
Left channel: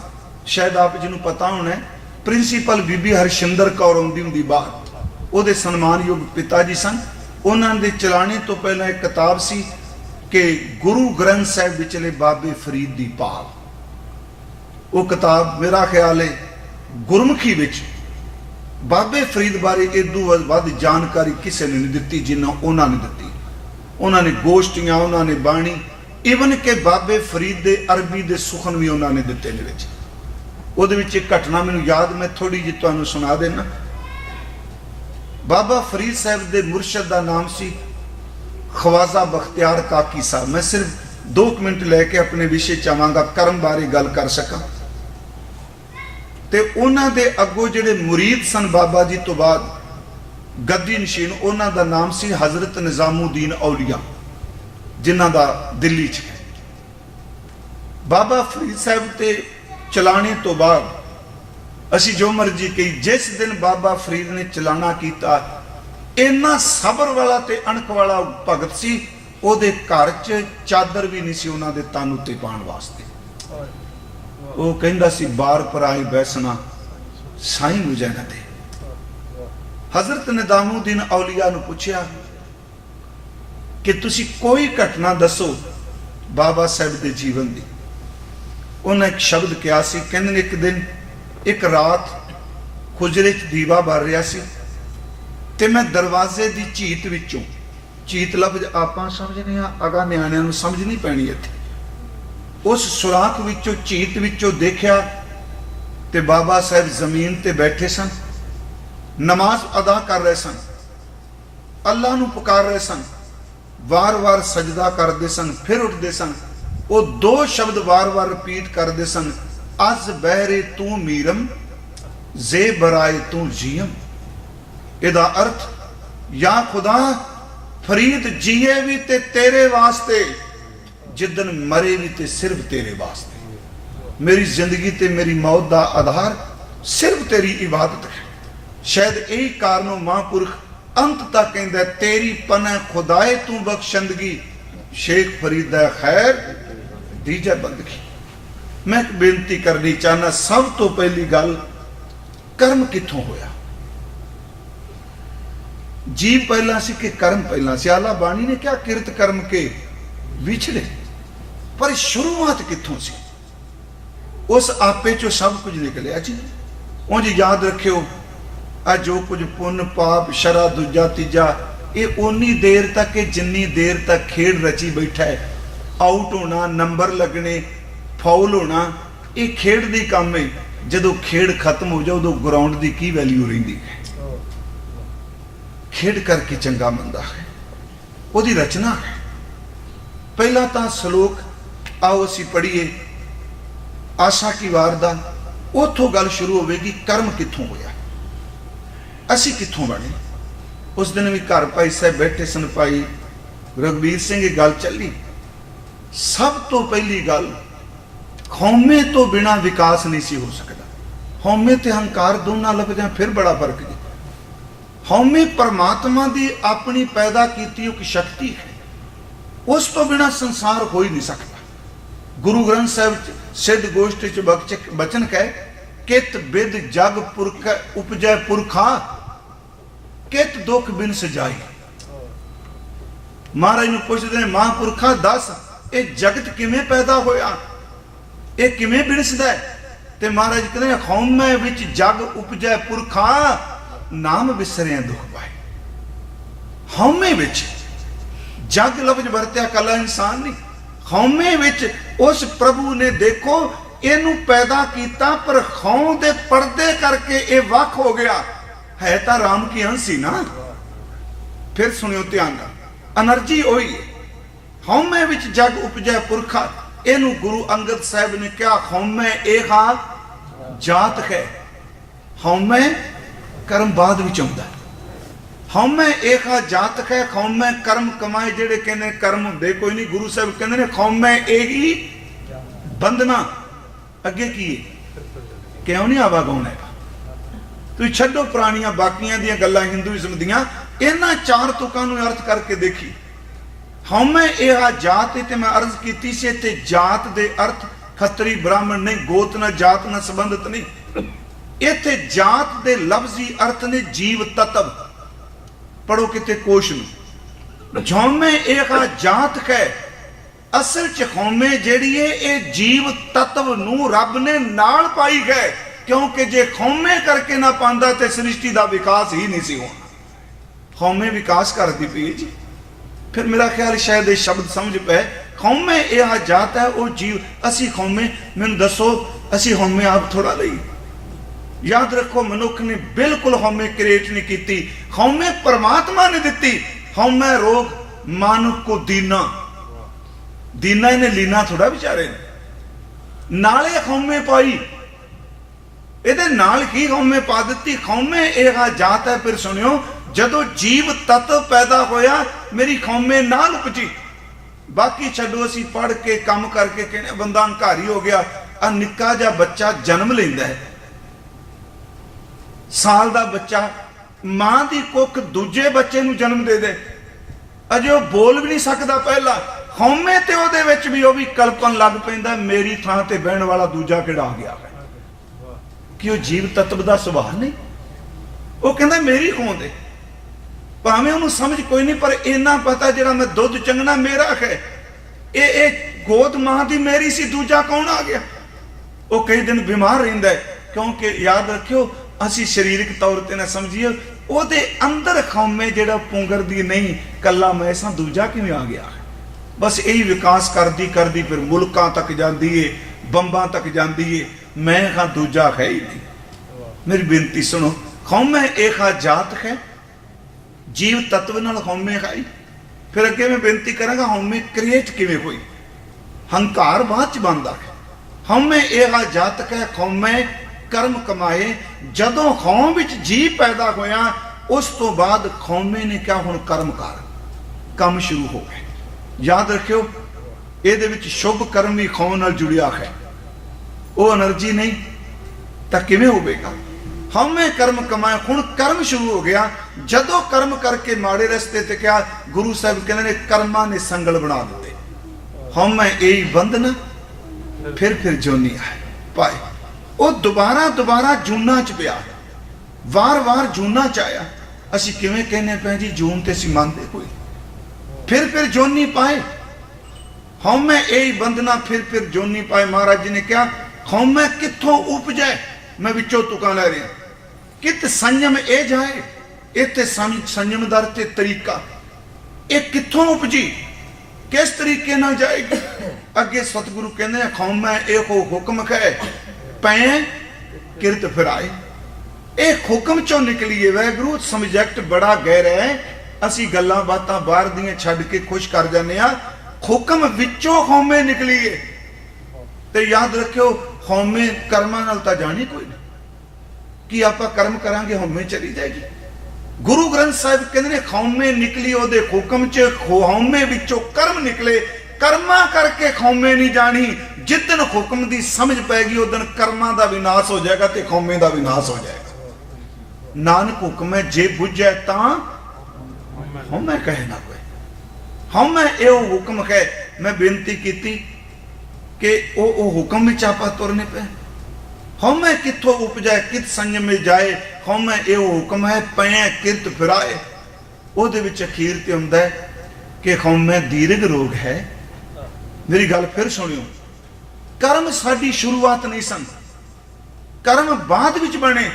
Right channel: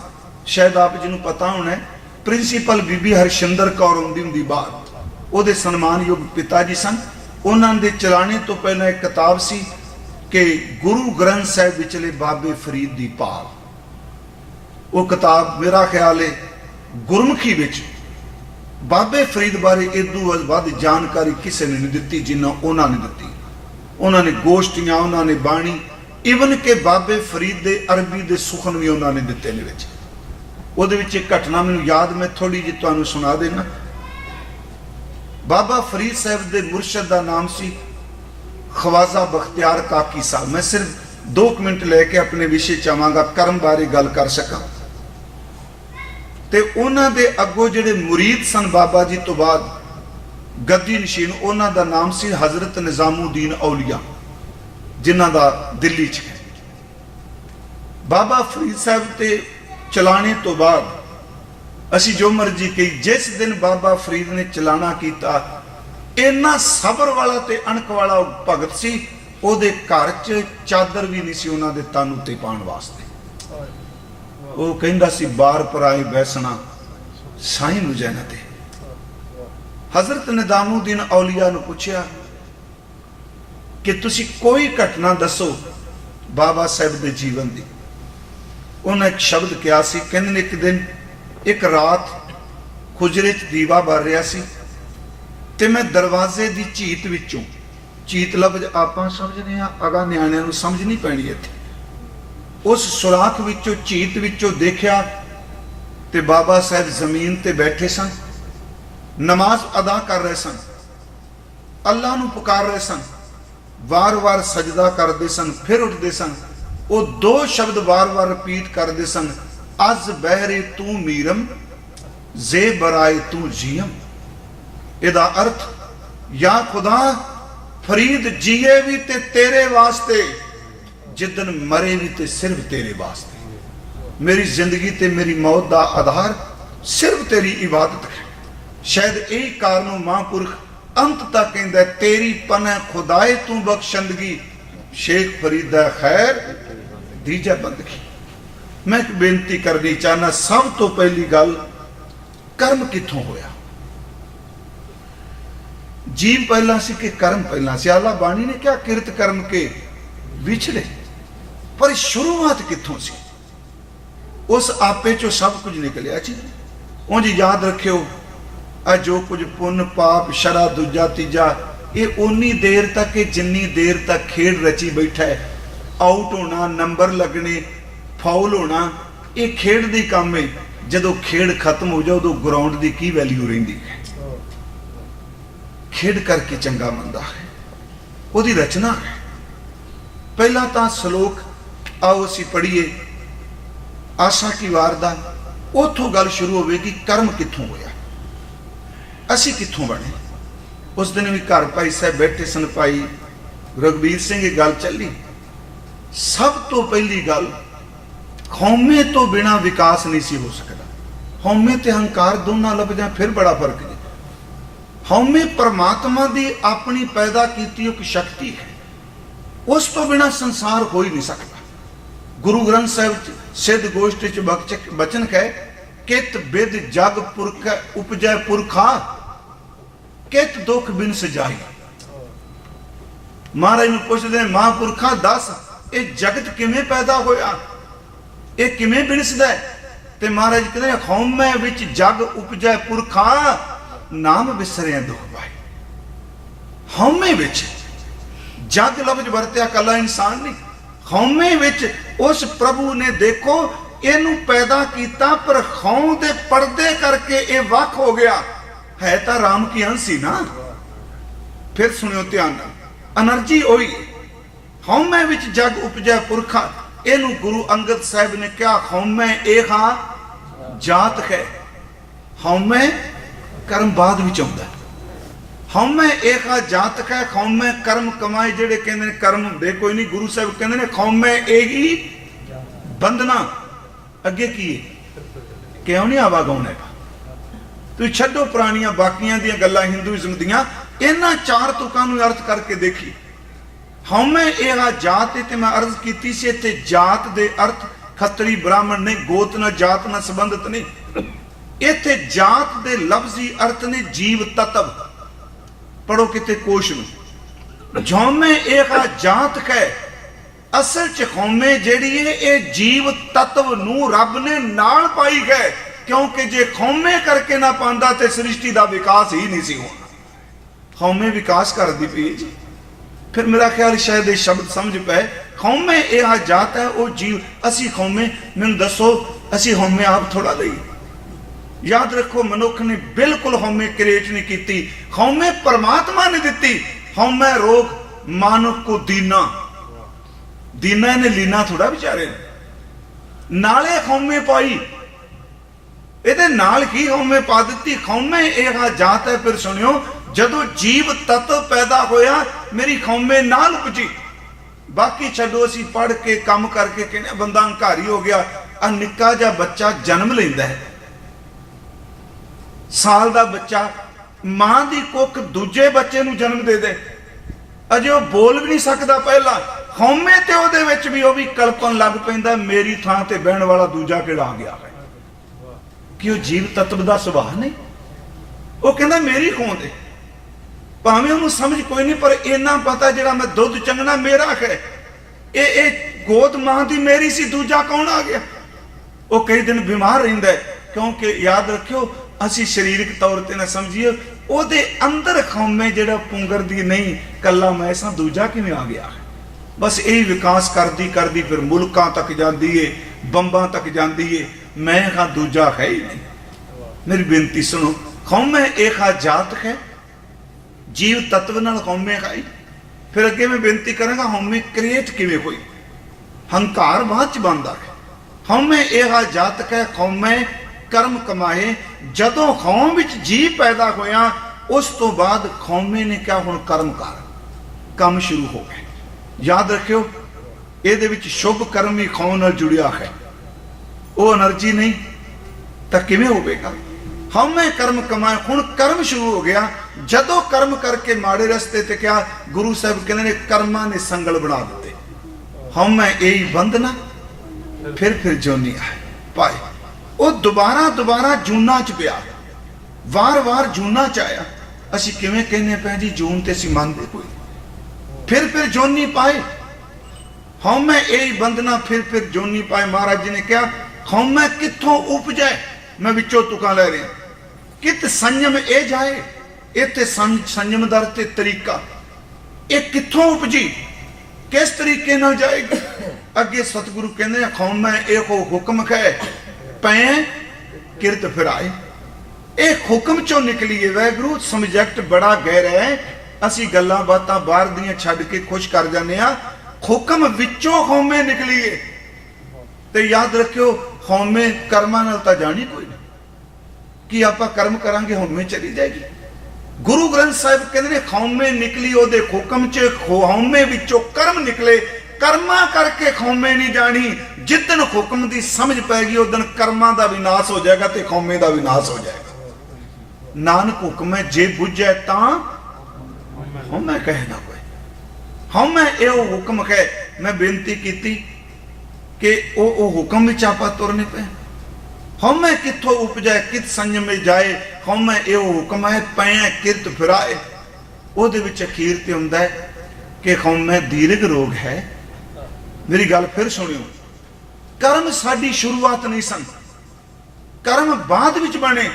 शायद आप जी पता होना है, प्रिंसीपल बीबी हरशिंदर कौर आउंदी हुंदी बाहर, ਉਹਦੇ ਸਨਮਾਨਯੋਗ पिता जी सन। उन्होंने चलाने तो पहला एक किताब सी कि गुरु ग्रंथ साहिब विचले बाबे फरीद दी पाल। वो किताब मेरा ख्याल है गुरमुखी विच बाबे फरीद बारे इदू वध जानकारी किसी ने नहीं दी जिन्ना उन्होंने दी। उन्होंने गोष्ठियां, उन्होंने बाणी, इवन के बाबे फरीद दे अरबी दे सुखन भी उन्होंने दिते ने विच। ਉਹਦੇ ਵਿੱਚ एक घटना मैनूं याद, मैं थोड़ी जी तुहानूं सुना देना। बाबा फरीद साहब के मुर्शद का नाम सी ख्वाजा बख्तियार काकी साहब। मैं सिर्फ 2 मिनट लैके अपने विषय चाहांगा, कर्म बारे गल कर सका। ते उन्हां दे अगों जिहड़े मुरीद सन बाबा जी तो बाद गद्दी नशीन, उन्हां दा नाम सी हजरत निजामुद्दीन औलिया, जिन्हां दा दिल्ली च। बाबा फरीद साहब ते चलाने तो बाद असी जो मर्जी कही, जिस दिन बाबा फरीद ने चलाना किया, इन्ना सबर वाला ते अणक वाला भगत सी, ओदे घर च चादर भी नहीं सी उन्हां दे तन उत्ते पाउण वास्ते। वो कहंदा सी बार पराई बैसना साईं मुजैन दे। हजरत निजामुद्दीन औलिया नूं पुछया कि तुसी कोई घटना दसो बाबा साहब के जीवन की। उन्हें एक शब्द कहा सी, कहंदे एक दिन एक रात खुजरे च दीवा भर रहा सी ते मैं दरवाजे की चीत विचों, चीत लफ्ज आप समझने अगा न्याणियां नूं समझ नहीं पैनी इत्थे, उस सुराख विचों चीत विचों देखा ते बाबा साहब जमीन ते बैठे सन, नमाज अदा कर रहे सन, अल्लाह नूं पुकार रहे सन, बार बार सजदा करते सन, फिर उठते सन। वो 2 शब्द बार बार रिपीट करते सन, अज बहरे तू मीरम जे बराए तू जियम। इहदा अर्थ या खुदा फरीद जिए भी ते तेरे वास्ते, जिदन मरे भी ते सिर्फ तेरे वास्ते। मेरी जिंदगी ते मेरी मौत का आधार सिर्फ तेरी इबादत है। शायद यही कारण महापुरख अंत तक कहता है, तेरी पने खुदाए तू बख्शंदगी, शेख फरीद खैर दीजा बंदगी। मैं बेनती करनी चाहना, सब तो पहली गल कर्म किथों होया? जीव पहला सी कि कर्म पहला सी? आला बाणी ने क्या किरत कर्म के विछड़े, पर शुरुआत किथों सी? उस आपे चो सब कुछ निकलिया जी। उंज याद रखियो, आ जो कुछ पुण्य पाप शरा दूजा तीजा, ये उन्नी देर तक है जिन्नी देर तक खेड रची बैठा है। आउट होना, नंबर लगने, फाउल होना, ये खेड दी काम है। जदों खेड खत्म हो जाओ, उदों ग्राउंड की की वैल्यू रहिंदी है? खेड करके चंगा मंदा है, उहदी रचना है। पहला तो सलोक आओ असी पढ़िए, आशा की वारदात, उथों गल शुरू होगी, कर्म किथों होया, असी किथों बने। उस दिन भी घर भाई साहब बैठे सन, भाई रघुवीर सिंह गल चली। सब तो पहली गल, खौमे तो बिना विकास नहीं सी हो सकता। खौमे ते हंकार दोनों लग जाए फिर बड़ा फर्क है। खौमे परमात्मा की अपनी पैदा की एक शक्ति है, उस तो बिना संसार हो ही नहीं सकता। गुरु ग्रंथ साहिब सिद्ध गोष्ठी च बचन कहे, कित बिद जग पुरख उपजय पुरखा, कित दुख बिन सजाई। महाराज नूं पुछदे, महापुरखा दस ये जगत किवें पैदा होया, ये किवें बिनसदा है? ते महाराज कहते, खौमे विच जग उपजय पुरखा, नाम विसरिया दुख पाए। खौमे विच जग लफ्ज वरत्या कला इंसान नहीं, खौमे विच उस प्रभु ने देखो इनू पैदा किया, पर खौं दे पर्दे करके ये वख हो गया। है तो राम की हंसी ना। फिर सुनियो ध्यान नाल, एनर्जी होई। खौमे विच जग उपजै पुरखा, इनू गुरु अंगद साहब ने कहा, खौमे एहा जात है। खौमे कर्म बाद विच आउंदा, खौमे एहा जात है। खौमे कर्म कमाए, जेड़े कहंदे कर्म दे कोई नहीं, गुरु साहब कहंदे ने खौमे एही बंधना। अगे की क्यों नहीं आवा गाउने? तुम छड्डो पुरानियां बाकियां दी गल्लां हिंदुइज्म दियां, इन्हां चार तुकां नूं अर्थ करके देखी। खौमे एहा जात, ते मैं अर्ज कीती सी, ते जात दे अर्थ खतरी ब्राह्मण नहीं, गोत ना जात ना संबंधित नहीं। इत्थे जात दे लफ्जी अर्थ ने जीव तत्व। पढ़ो किते कोश में, खौमे एहा जात है। असल च खौमे जिहड़ी है, ये जीव तत्व नूं रब ने नाल पाई गए, क्योंकि जे खौमे करके ना पांदा ते सृष्टि का विकास ही नहीं सी होना। खौमे विकास करती पई जी। फिर मेरा ख्याल शायद ये शब्द समझ पे, खौमे यह जात है, वो जीव। असी खौमे, मैनूं दसो असी खौमे आप थोड़ा नहीं। याद रखो, मनुख ने बिल्कुल खौमे क्रिएट नहीं की, खौमे परमात्मा ने दी। खौमे रोग मानव को दीना, दीना ने लीना थोड़ा बेचारे नाले खौमे पाई, ਇਹਦੇ ਨਾਲ ਕੀ ਹਉਮੈ ਪਾ ਦਿੱਤੀ। ਖੌਮੇ ਇਹ ਜਾਤ ਹੈ। ਫਿਰ ਸੁਣਿਓ, ਜਦੋਂ ਜੀਵ ਤੱਤ ਪੈਦਾ ਹੋਇਆ, ਮੇਰੀ ਖੌਮੇ ਨਾ ਲੁਕੀ। ਬਾਕੀ ਛੱਡੋ, ਅਸੀਂ ਪੜ੍ਹ ਕੇ ਕੰਮ ਕਰਕੇ ਕਹਿੰਦੇ ਬੰਦਾ ਹੰਕਾਰੀ ਹੋ ਗਿਆ। ਆ ਨਿੱਕਾ ਜਿਹਾ ਬੱਚਾ ਜਨਮ ਲੈਂਦਾ ਹੈ, ਸਾਲ ਦਾ ਬੱਚਾ, ਮਾਂ ਦੀ ਕੁੱਖ ਦੂਜੇ ਬੱਚੇ ਨੂੰ ਜਨਮ ਦੇ ਦੇ, ਅਜੇ ਉਹ ਬੋਲ ਵੀ ਨਹੀਂ ਸਕਦਾ। ਪਹਿਲਾਂ ਖੌਮੇ ਤੇ ਉਹਦੇ ਵਿੱਚ ਵੀ ਉਹ ਵੀ ਕਲਪਨ ਲੱਗ ਪੈਂਦਾ, ਮੇਰੀ ਥਾਂ ਤੇ ਬਹਿਣ ਵਾਲਾ ਦੂਜਾ ਕਿਹੜਾ ਆ ਗਿਆ। कि जीव तत्व का सुभाव नहीं, वो कहना मेरी होंद है। भावें उन्होंने समझ कोई नहीं, पर इन्ना पता जो मैं दुध चंगना मेरा है, ये गोद मां की मेरी सी, दूजा कौन आ गया। वो कई दिन बीमार रहिंदा है, क्योंकि याद रखियो असी शरीरिक तौर पर ना समझिए, ਉਹਦੇ अंदर खौमे जो पुंगर दी नहीं, कला मैसा दूजा कि आ गया। बस यही विकास करती करती फिर मुल्कां तक जाती है, बंबां तक जाती है। मैं हाँ दूजा है ही नहीं। मेरी बेनती सुनो, खौमे एक जात है, जीव तत्व नाल खौमे खाई। फिर अगे मैं बेनती करांगा, खौमे क्रिएट किवें हुई? हंकार बाद च बनदा है। खौमे एक जात है, खौमे कर्म कमाए। जदों खौम विच जीव पैदा होया, उस तो बाद खौमे ने क्या हुण कर्म कर काम शुरू हो गए। याद रखियो ਇਹਦੇ ਵਿੱਚ शुभ कर्म ही खौम नाल जुड़िया है। वो एनर्जी नहीं तो किवें होवेगा। हमें कर्म कमाए हुण कर्म शुरू हो गया। जदों कर्म करके माड़े रस्ते ते क्या गुरु साहब कहते ने कर्मां ने संगल बना दिते। हमें यही बंधना फिर जोनी है पाए। वो दोबारा जूना च पिया वार जूना च आया। असीं किवें कहने पे जी जून ते असीं मंनदे कोई फिर जोनी पाए। हमें यही बंधना फिर जोनी पाए। महाराज जी ने क्या हमें कित्थों उपजे। मैं विचों तुका लै रहा कित संयम ए जाए इत्थे संयम दा ते तरीका ये कित्थों उपजी किस तरीके नाल जाएगी। अगे सतगुरु कहते हैं खौम एहो हुक्म है पै किरत फिराए। एक हुक्म चों निकली है। वैगुरु सबजैक्ट बड़ा गहरा है। असीं गल्लां बातां बाहर दियां छड्ड के खुश कर जाने आ। हुक्म विचों खौमे निकली है। ते याद रखियो खौमे कर्मां नाल तां जानी कोई नहीं कि आपां कर्म करांगे हौमे चली जाएगी। गुरु ग्रंथ साहिब कहते ने खौमे निकली ओदे हुक्म च खौमे विचों कर्म निकले। कर्मा करके खौमे नहीं जानी। जिस दिन हुक्म की समझ पैगी उस दिन कर्मां दा विनाश हो जाएगा ते खौमे दा विनाश हो जाएगा। नानक हुक्म है जे बुझे तां हौमे कहना हमें यह हुक्म है। मैं बेनती की कि वो हुक्म विच आपां तुरने पे हमें कित्थों उपजाए कित संयम में जाए। हमें यह हुक्म है पै कित फिराए। ਉਹਦੇ ਵਿੱਚ ਅਖੀਰ ਤੇ ਹੁੰਦਾ ਹੈ कि हमें दीर्घ रोग है। मेरी गल फिर सुनियो कर्म साडी शुरुआत नहीं सन कर्म बाद विच बने।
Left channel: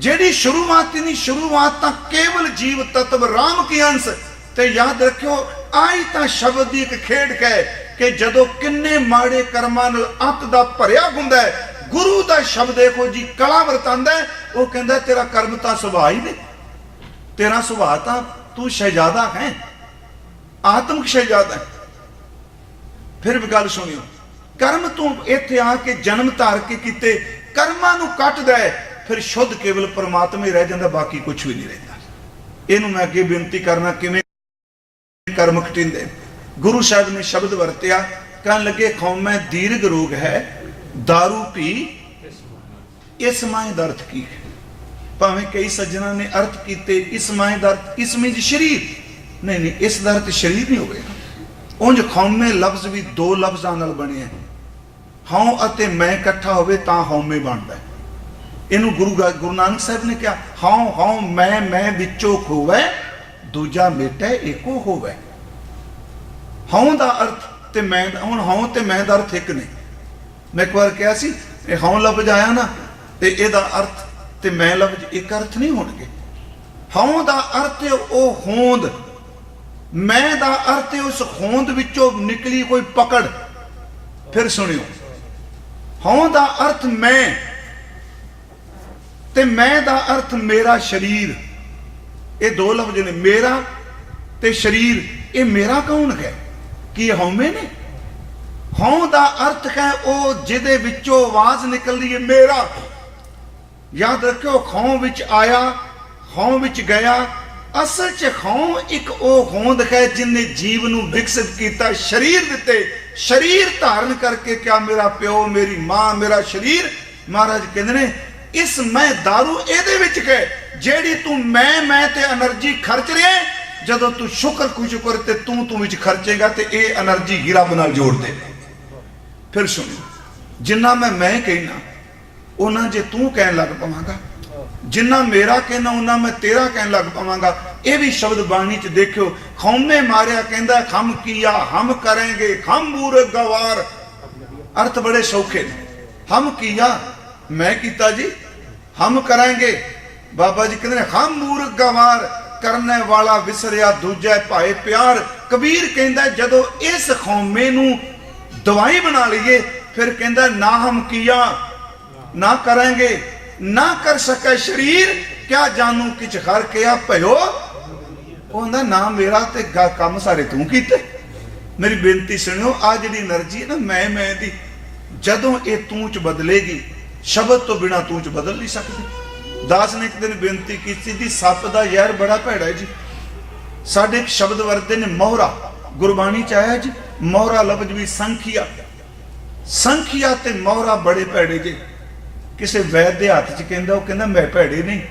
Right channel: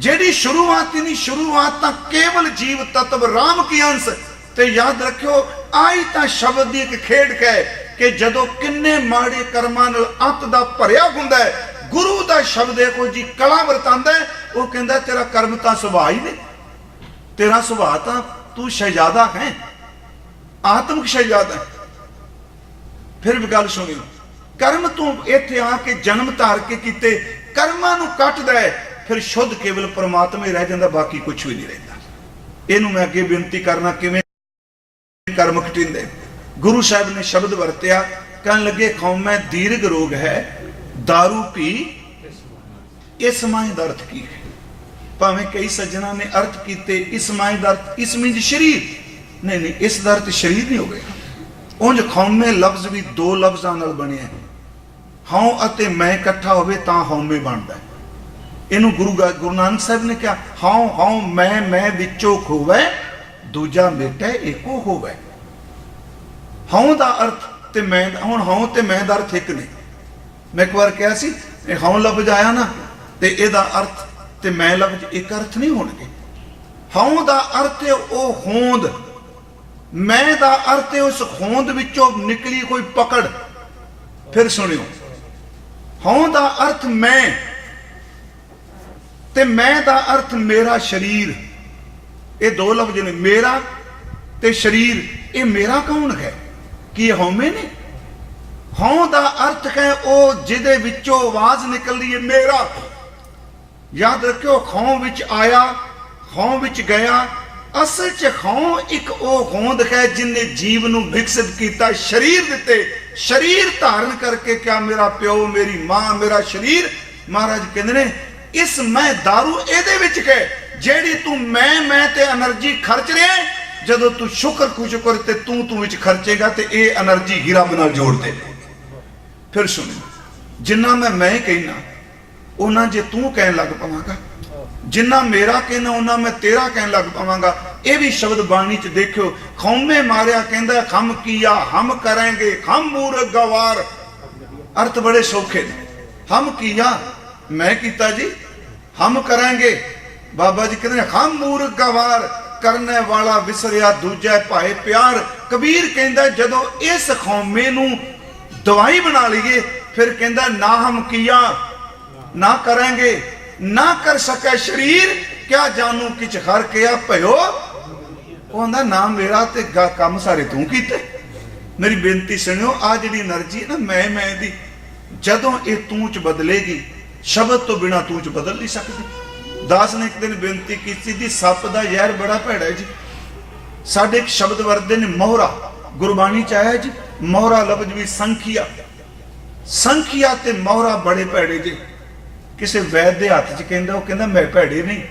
जेडी शुरुआत नहीं शुरुआत तां केवल जीव तत्व राम के अंश। ते याद रखियो आज तां शब्द दी एक खेड है कि जदों किन्ने माड़े कर्मां नाल अंत दा भरिया हुंदा है गुरु दा शब्द है कोई जी कला वरतांदा है। वो कहंदा तेरा कर्म तां सुभाअ ही नहीं तेरा सुभाअ तां तू शहजादा है आत्मक शहजादा है। फिर भी गल सुनियो कर्म तू इत्थे आके जन्म धार के कीते कर्मां नूं कटदा है फिर शुद्ध केवल परमात्मा ही रह जांदा बाकी कुछ भी नहीं रहिंदा। इहनूं मैं अगे बेनती करना किवें कर्म कटिंदे। गुरु साहब ने शब्द वरत्या कहन लगे खौमे दीर्घ रोग है दारू पी इस माए दा अर्थ की है। भावें कई सज्जना ने अर्थ कीते इस माए दा अर्थ इस में शरीर नहीं इस दा अर्थ शरीर नहीं हो गया। उंज खौमे लफ्ज भी दो लफ्जां नाल बने हैं। हौं अते मैं इकट्ठा होवे तां हौमे बनदा है। इहनूं गुरु नानक साहब ने क्या हौं मैं विचों खोवे दूजा मेटा एको होवे। हौं दा अर्थ ते मैं हुण हौं ते मैं दा अर्थ एक नहीं। मैं एक बार कहा सी हौं लफ्ज आया ना ते इहदा अर्थ ते मैं लफ्ज एक अर्थ नहीं होणगे। हौं दा अर्थ है ओ होंद मैं दा अर्थ है उस होंद विचों निकली कोई पकड़। फिर सुनियो हौं दा अर्थ मैं ते मैं दा अर्थ मेरा शरीर। ये दो लफ्ज ने मेरा ते शरीर। ये मेरा कौन है कि हौमे ने। हौं दा अर्थ है वो जिदे विचों आवाज निकलदी है मेरा। याद रखियो खौं विच आया खौं विच गया। असल च खौं एक वो होंद है जिन्ने जीव नूं विकसित किया शरीर दिते। शरीर धारण करके क्या मेरा प्यो मेरी मां मेरा शरीर। महाराज कहते ने इस मैं दारू एदे विच है जेड़ी तू मैं ते एनर्जी खर्च रहे जदों तू शुक्र ते तू विच खर्चेगा ते ये एनर्जी गिरब नाल जोड़ दे। फिर सुन जिन्ना मैं कहना उन्ना जे तू कहन लग पवांगा जिन्ना मेरा कहना उन्ना मैं तेरा कहन लग पवांगा। ये भी शब्द बाणी च देखियो खौमे मारिया कहंदा हम किया हम करेंगे हम मूर्ख गवार। अर्थ बड़े सौखे हम किया मैं कीता जी हम करेंगे। बाबा जी कहते हैं हम मूर्ख गवार करने वाला विसरिया दूजा भाई प्यार। कबीर कहता जदों इस खौमे नूं दवाई बना लीए फिर कहता ना हम किया ना करेंगे ना कर सके शरीर क्या जानू किच हर किया भयो। कहता ना मेरा ते काम सारे तू कीते। मेरी बेनती सुनियो आ जिहड़ी एनर्जी ना मैं दी जदों ये तू च बदलेगी शब्द तो बिना तू च बदल नहीं सकती। दास ने एक दिन बेनती की थी, सप का जहर बड़ा भैड़ा है जी। साढ़े एक शब्द वरते ने मोहरा, गुरबाणी च आया जी, मोहरा लफ्ज भी संखिया, संखिया ते मोहरा बड़े भैड़े जी। किसी वैद के हाथ च कहंदा, वो कहंदा मैं भैड़े नहीं,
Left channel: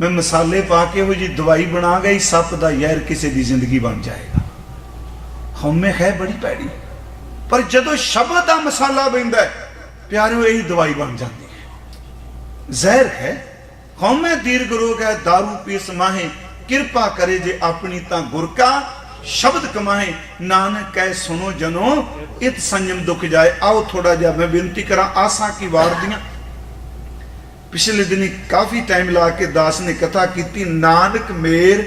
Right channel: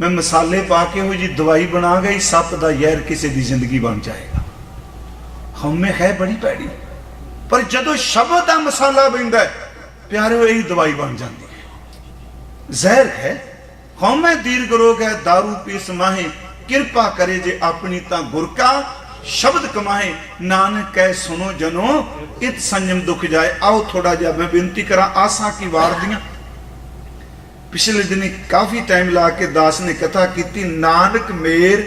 मैं मसाले पा के वो जी दवाई बना गई, सप का जहर किसी की जिंदगी बन जाएगा। हमें है बड़ी भैड़ी, पर जदों शब्द का मसाला पैंदा प्यारे यही दवाई बन जाती है। जहर है हमें दीर्घ रोग है, दारू पीस माहे, किरपा करे जे अपनी ता गुर का शब्द कमाए, नानक कह सुनो जनो इत संयम दुख जाए। आओ थोड़ा जा मैं विनती करा आसा की वार दियां। पिछले दिन काफी टाइम ला के दास ने कथा की, नानक मेर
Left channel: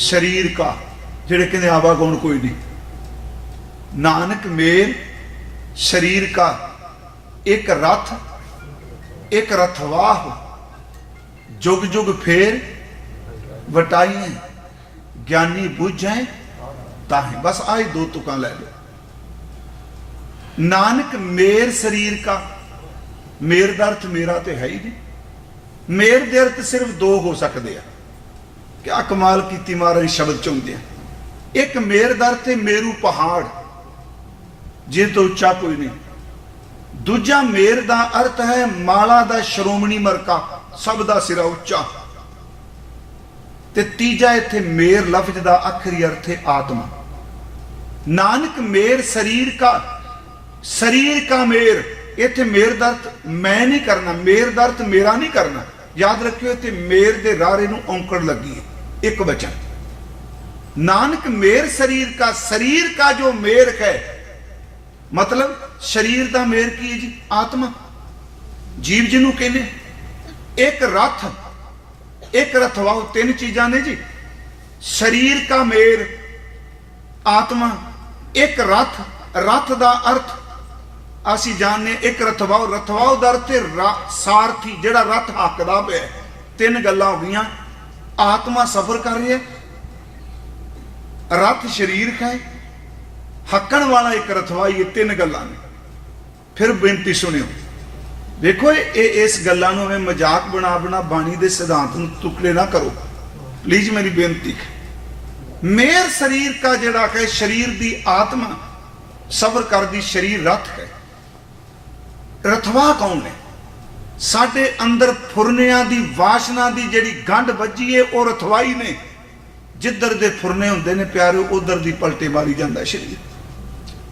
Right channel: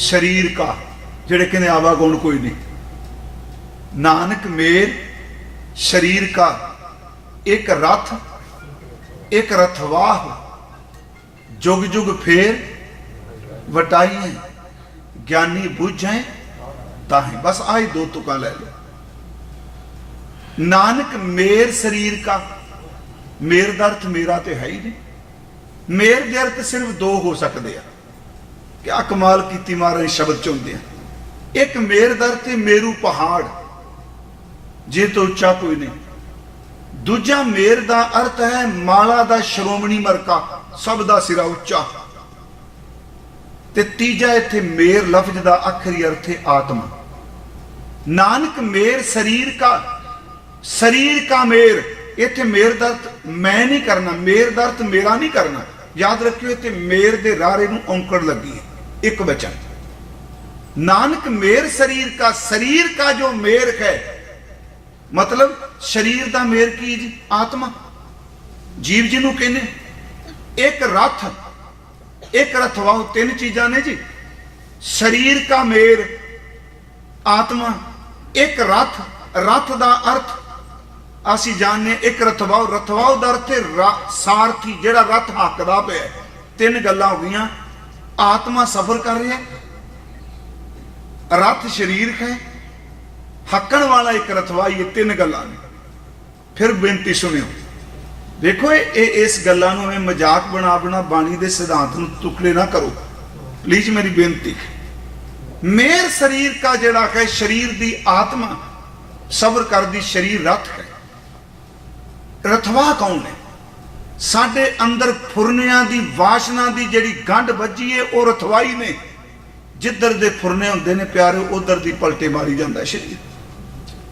शरीर का, जेड़े कहने आवागुण कोई नहीं, नानक मेर शरीर का एक रथ, एक रथवाह, जुग जुग फेर वटाई, ज्ञानी बुझे ताहे। बस आए दो तुका ले। नानक मेर शरीर का, मेर का अर्थ मेरा तो है ही नहीं। मेर के अर्थ सिर्फ दो हो सकते हैं। क्या कमाल की महाराज शब्द चुनते हैं। एक मेर का अर्थ है मेरू पहाड़, जे तो उच्चा कोई नहीं। दूजा मेर का अर्थ है माला का श्रोमणी मरका, सब का सिरा उच्चा। ते तीजा इत्थे मेर लफ्ज का आखिरी अर्थ है आत्मा। नानक मेर शरीर का, शरीर का मेर, इत्थे मेर का अर्थ मैं नहीं करना, मेर का अर्थ मेरा नहीं करना। याद रखियो इत्थे मेर के रारे नूं औंकड़ लगी है, एक वचन। नानक मेर शरीर का, शरीर का जो मेर है, मतलब शरीर का मेर की आत्मा, जीव जिन्हों कहने। एक रथ, एक रथ वाह, तीन चीजा ने जी। शरीर का मेर आत्मा, एक रथ, रथ का अर्थ असी जानने, एक रथवाओ, रथवाओ का अर्थ सारथी, जेड़ा रथ हकदा पे। तीन गल्लां हो गईयां। आत्मा सफर कर रही है, रथ शरीर का है, हकड़ वाला एक रथवाई, ये तीन गल्लां ने। फिर बेनती सुनियो, देखो इस गल्लां नूं मैं मजाक बना बना बाणी दे सिद्धांत नूं तुकले ना करो प्लीज, मेरी बेनती। मेर शरीर का जड़ा है, शरीर दी आत्मा सबर कर दी, शरीर रथ है। रथवा कौन है? साडे अंदर फुरनियां दी वासना दी जेड़ी गंढ बची है, वो रथवाई ने। जिधर दे फुरने हुंदे ने प्यारे, उधर दी पलटे मारी जांदा शरीर।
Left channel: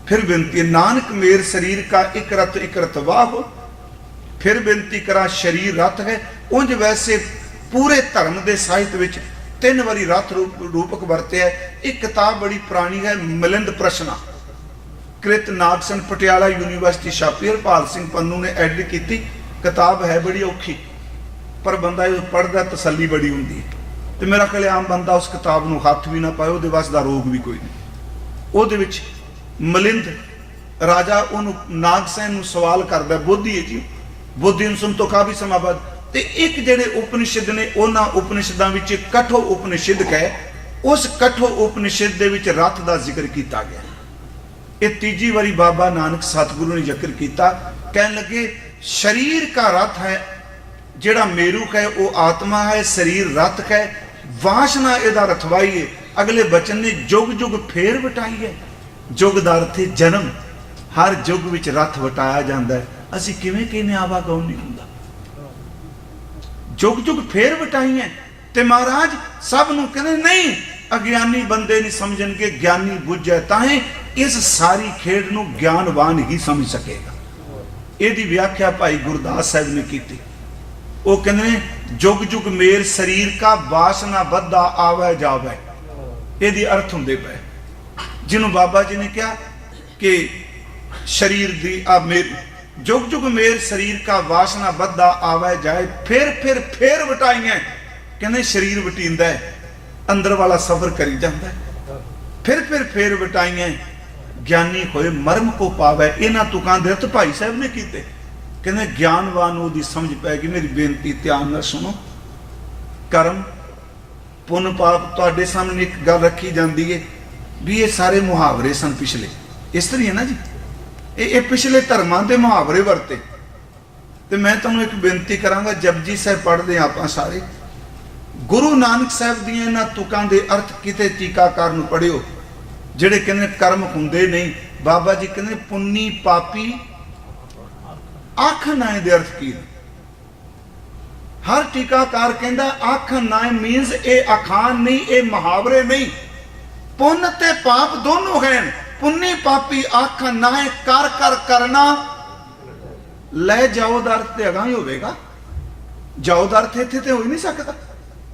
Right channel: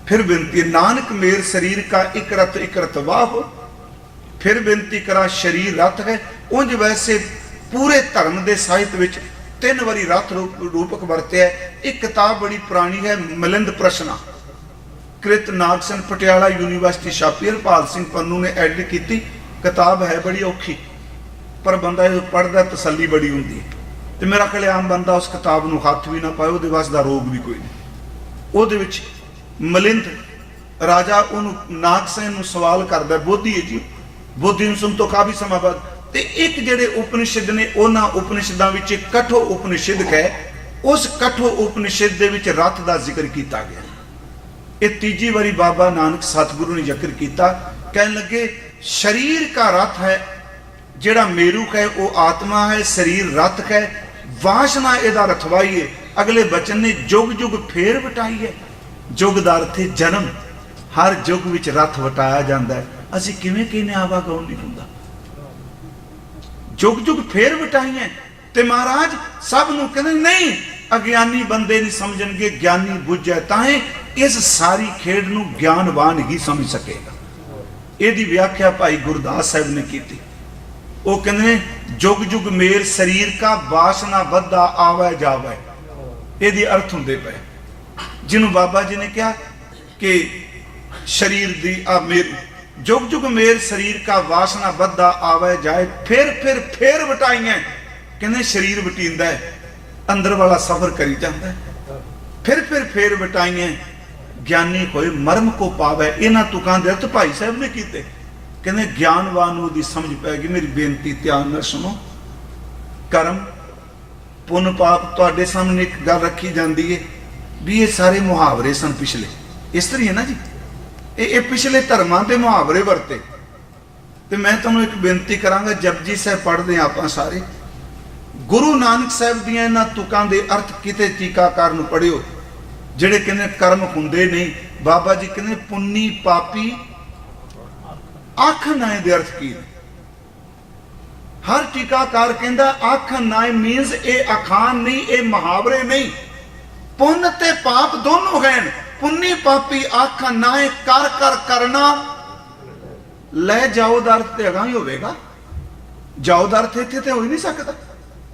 फिर बिनती, नानक मेर शरीर का एक रथ, एक रथवा हो। फिर बिनती करा, शरीर रथ है। उंज वैसे पूरे धर्म के साहित्य विच तीन वारी रथ रूपक वरत्या है। एक किताब बड़ी पुरानी है, मिलिंद प्रश्न, कृत नागसन पटियाला यूनिवर्सिटी छापी, हरपाल सिंह पन्नू ने एडिट की। किताब है बड़ी औखी, पर बंदा जो पढ़ता तसली बड़ी होंगी है। तो मेरा ख्याल आम बंदा उस किताब को हाथ भी ना पाए, वो वस का रोग भी कोई नहीं। वो मिलिंद राजा उन्होंने नागसेन सवाल करता, बोधी है जी, बोधी सुन तो काफी समय बाद। ते एक जेडे उपनिषद ने, उन्होंने उपनिषदों में कठो उपनिषद है, उस कठो उपनिषद के विच रथ का जिक्र किया गया। ये तीजी बारी बाबा नानक सतगुरु ने जिक्र किया, कह लगे शरीर का रथ है, जेड़ा मेरू है वो आत्मा है, शरीर रथ है, वासना इहदा रथवाई है। अगले बचन ने जुग जुग फेर वटाई है। जुग दा अर्थ है जन्म, हर जुग विच रथ वटाया जाता है। असीं किवें किने आवागौन नहीं हुंदा, जुग जुग फेर वटाई है। ते महाराज सब नूं कहंदे नहीं, अज्ञानी बंदे नहीं समझणगे, ज्ञानी बुझे ताहे इस सारी खेड नूं ज्ञानवान ही समझ सकेगा। इहदी व्याख्या भाई गुरदास साहब ने की थी। वो कहंदे जुग जुग मेर शरीर का, वासना बद्धा आवे जावे। इहदी अर्थ हुंदे पए, जिन्हों बाबा जी ने कहा कि शरीर दी मेर, जुग जुग मेर शरीर का, वासना बद्धा आवे जाए। फिर वटाइयां, कहंदे शरीर वटींदा है, अंदर वाला सफर करी जाता है। फिर वटाइयां, ज्ञानी होए मर्म को पावे। इन्हां तुकां दे अर्थ भाई साहब ने कीते। कहंदे ज्ञानवान नूं दी समझ पैगी। मेरी बेनती ध्यान नाल सुनो। कर्म पुण्य पाप तुहाडे सामने एक गल रखी जाती है भी ये सारे मुहावरे सन पिछले, इस तरह है ना जी। ये पिछले धर्मां दे मुहावरे वरते। ਤੇ ਮੈਂ ਤੁਹਾਨੂੰ ਇੱਕ ਬੇਨਤੀ ਕਰਾਂਗਾ, ਜਪਜੀ ਸਾਹਿਬ ਪੜ੍ਹਦੇ ਹਾਂ ਆਪਾਂ ਸਾਰੇ। ਗੁਰੂ ਨਾਨਕ ਸਾਹਿਬ ਦੀਆਂ ਇਹਨਾਂ ਤੁਕਾਂ ਦੇ ਅਰਥ ਕਿਤੇ ਟੀਕਾਕਾਰ ਨੂੰ ਪੜ੍ਹਿਓ, ਜਿਹੜੇ ਕਹਿੰਦੇ ਕਰਮ ਹੁੰਦੇ ਨਹੀਂ। ਬਾਬਾ ਜੀ ਕਹਿੰਦੇ ਪੁੰਨੀ ਪਾਪੀ ਆਖਣ ਨਾਏ ਦੇ ਅਰਥ ਕੀ? ਹਰ ਟੀਕਾਕਾਰ ਕਹਿੰਦਾ ਆਖਣ ਨਾਏ ਮੀਨਸ ਇਹ ਅਖਾਣ ਨਹੀਂ, ਇਹ ਮੁਹਾਵਰੇ ਨਹੀਂ। ਪੁੰਨ ਤੇ ਪਾਪ ਦੋਨੋਂ ਹਨ। ਪੁੰਨੀ ਪਾਪੀ ਆਖਣ ਨਾਏ ਕਰ ਕਰ ਕਰਨਾ ਲੈ ਜਾਓ ਦਾ ਅਰਥ ਤੇ ਅਗਾਂਹ ਹੀ ਹੋਵੇਗਾ। ਜਾਓ ਦਾ ਅਰਥ ਇੱਥੇ ਤੇ ਹੋ ਹੀ ਨਹੀਂ ਸਕਦਾ।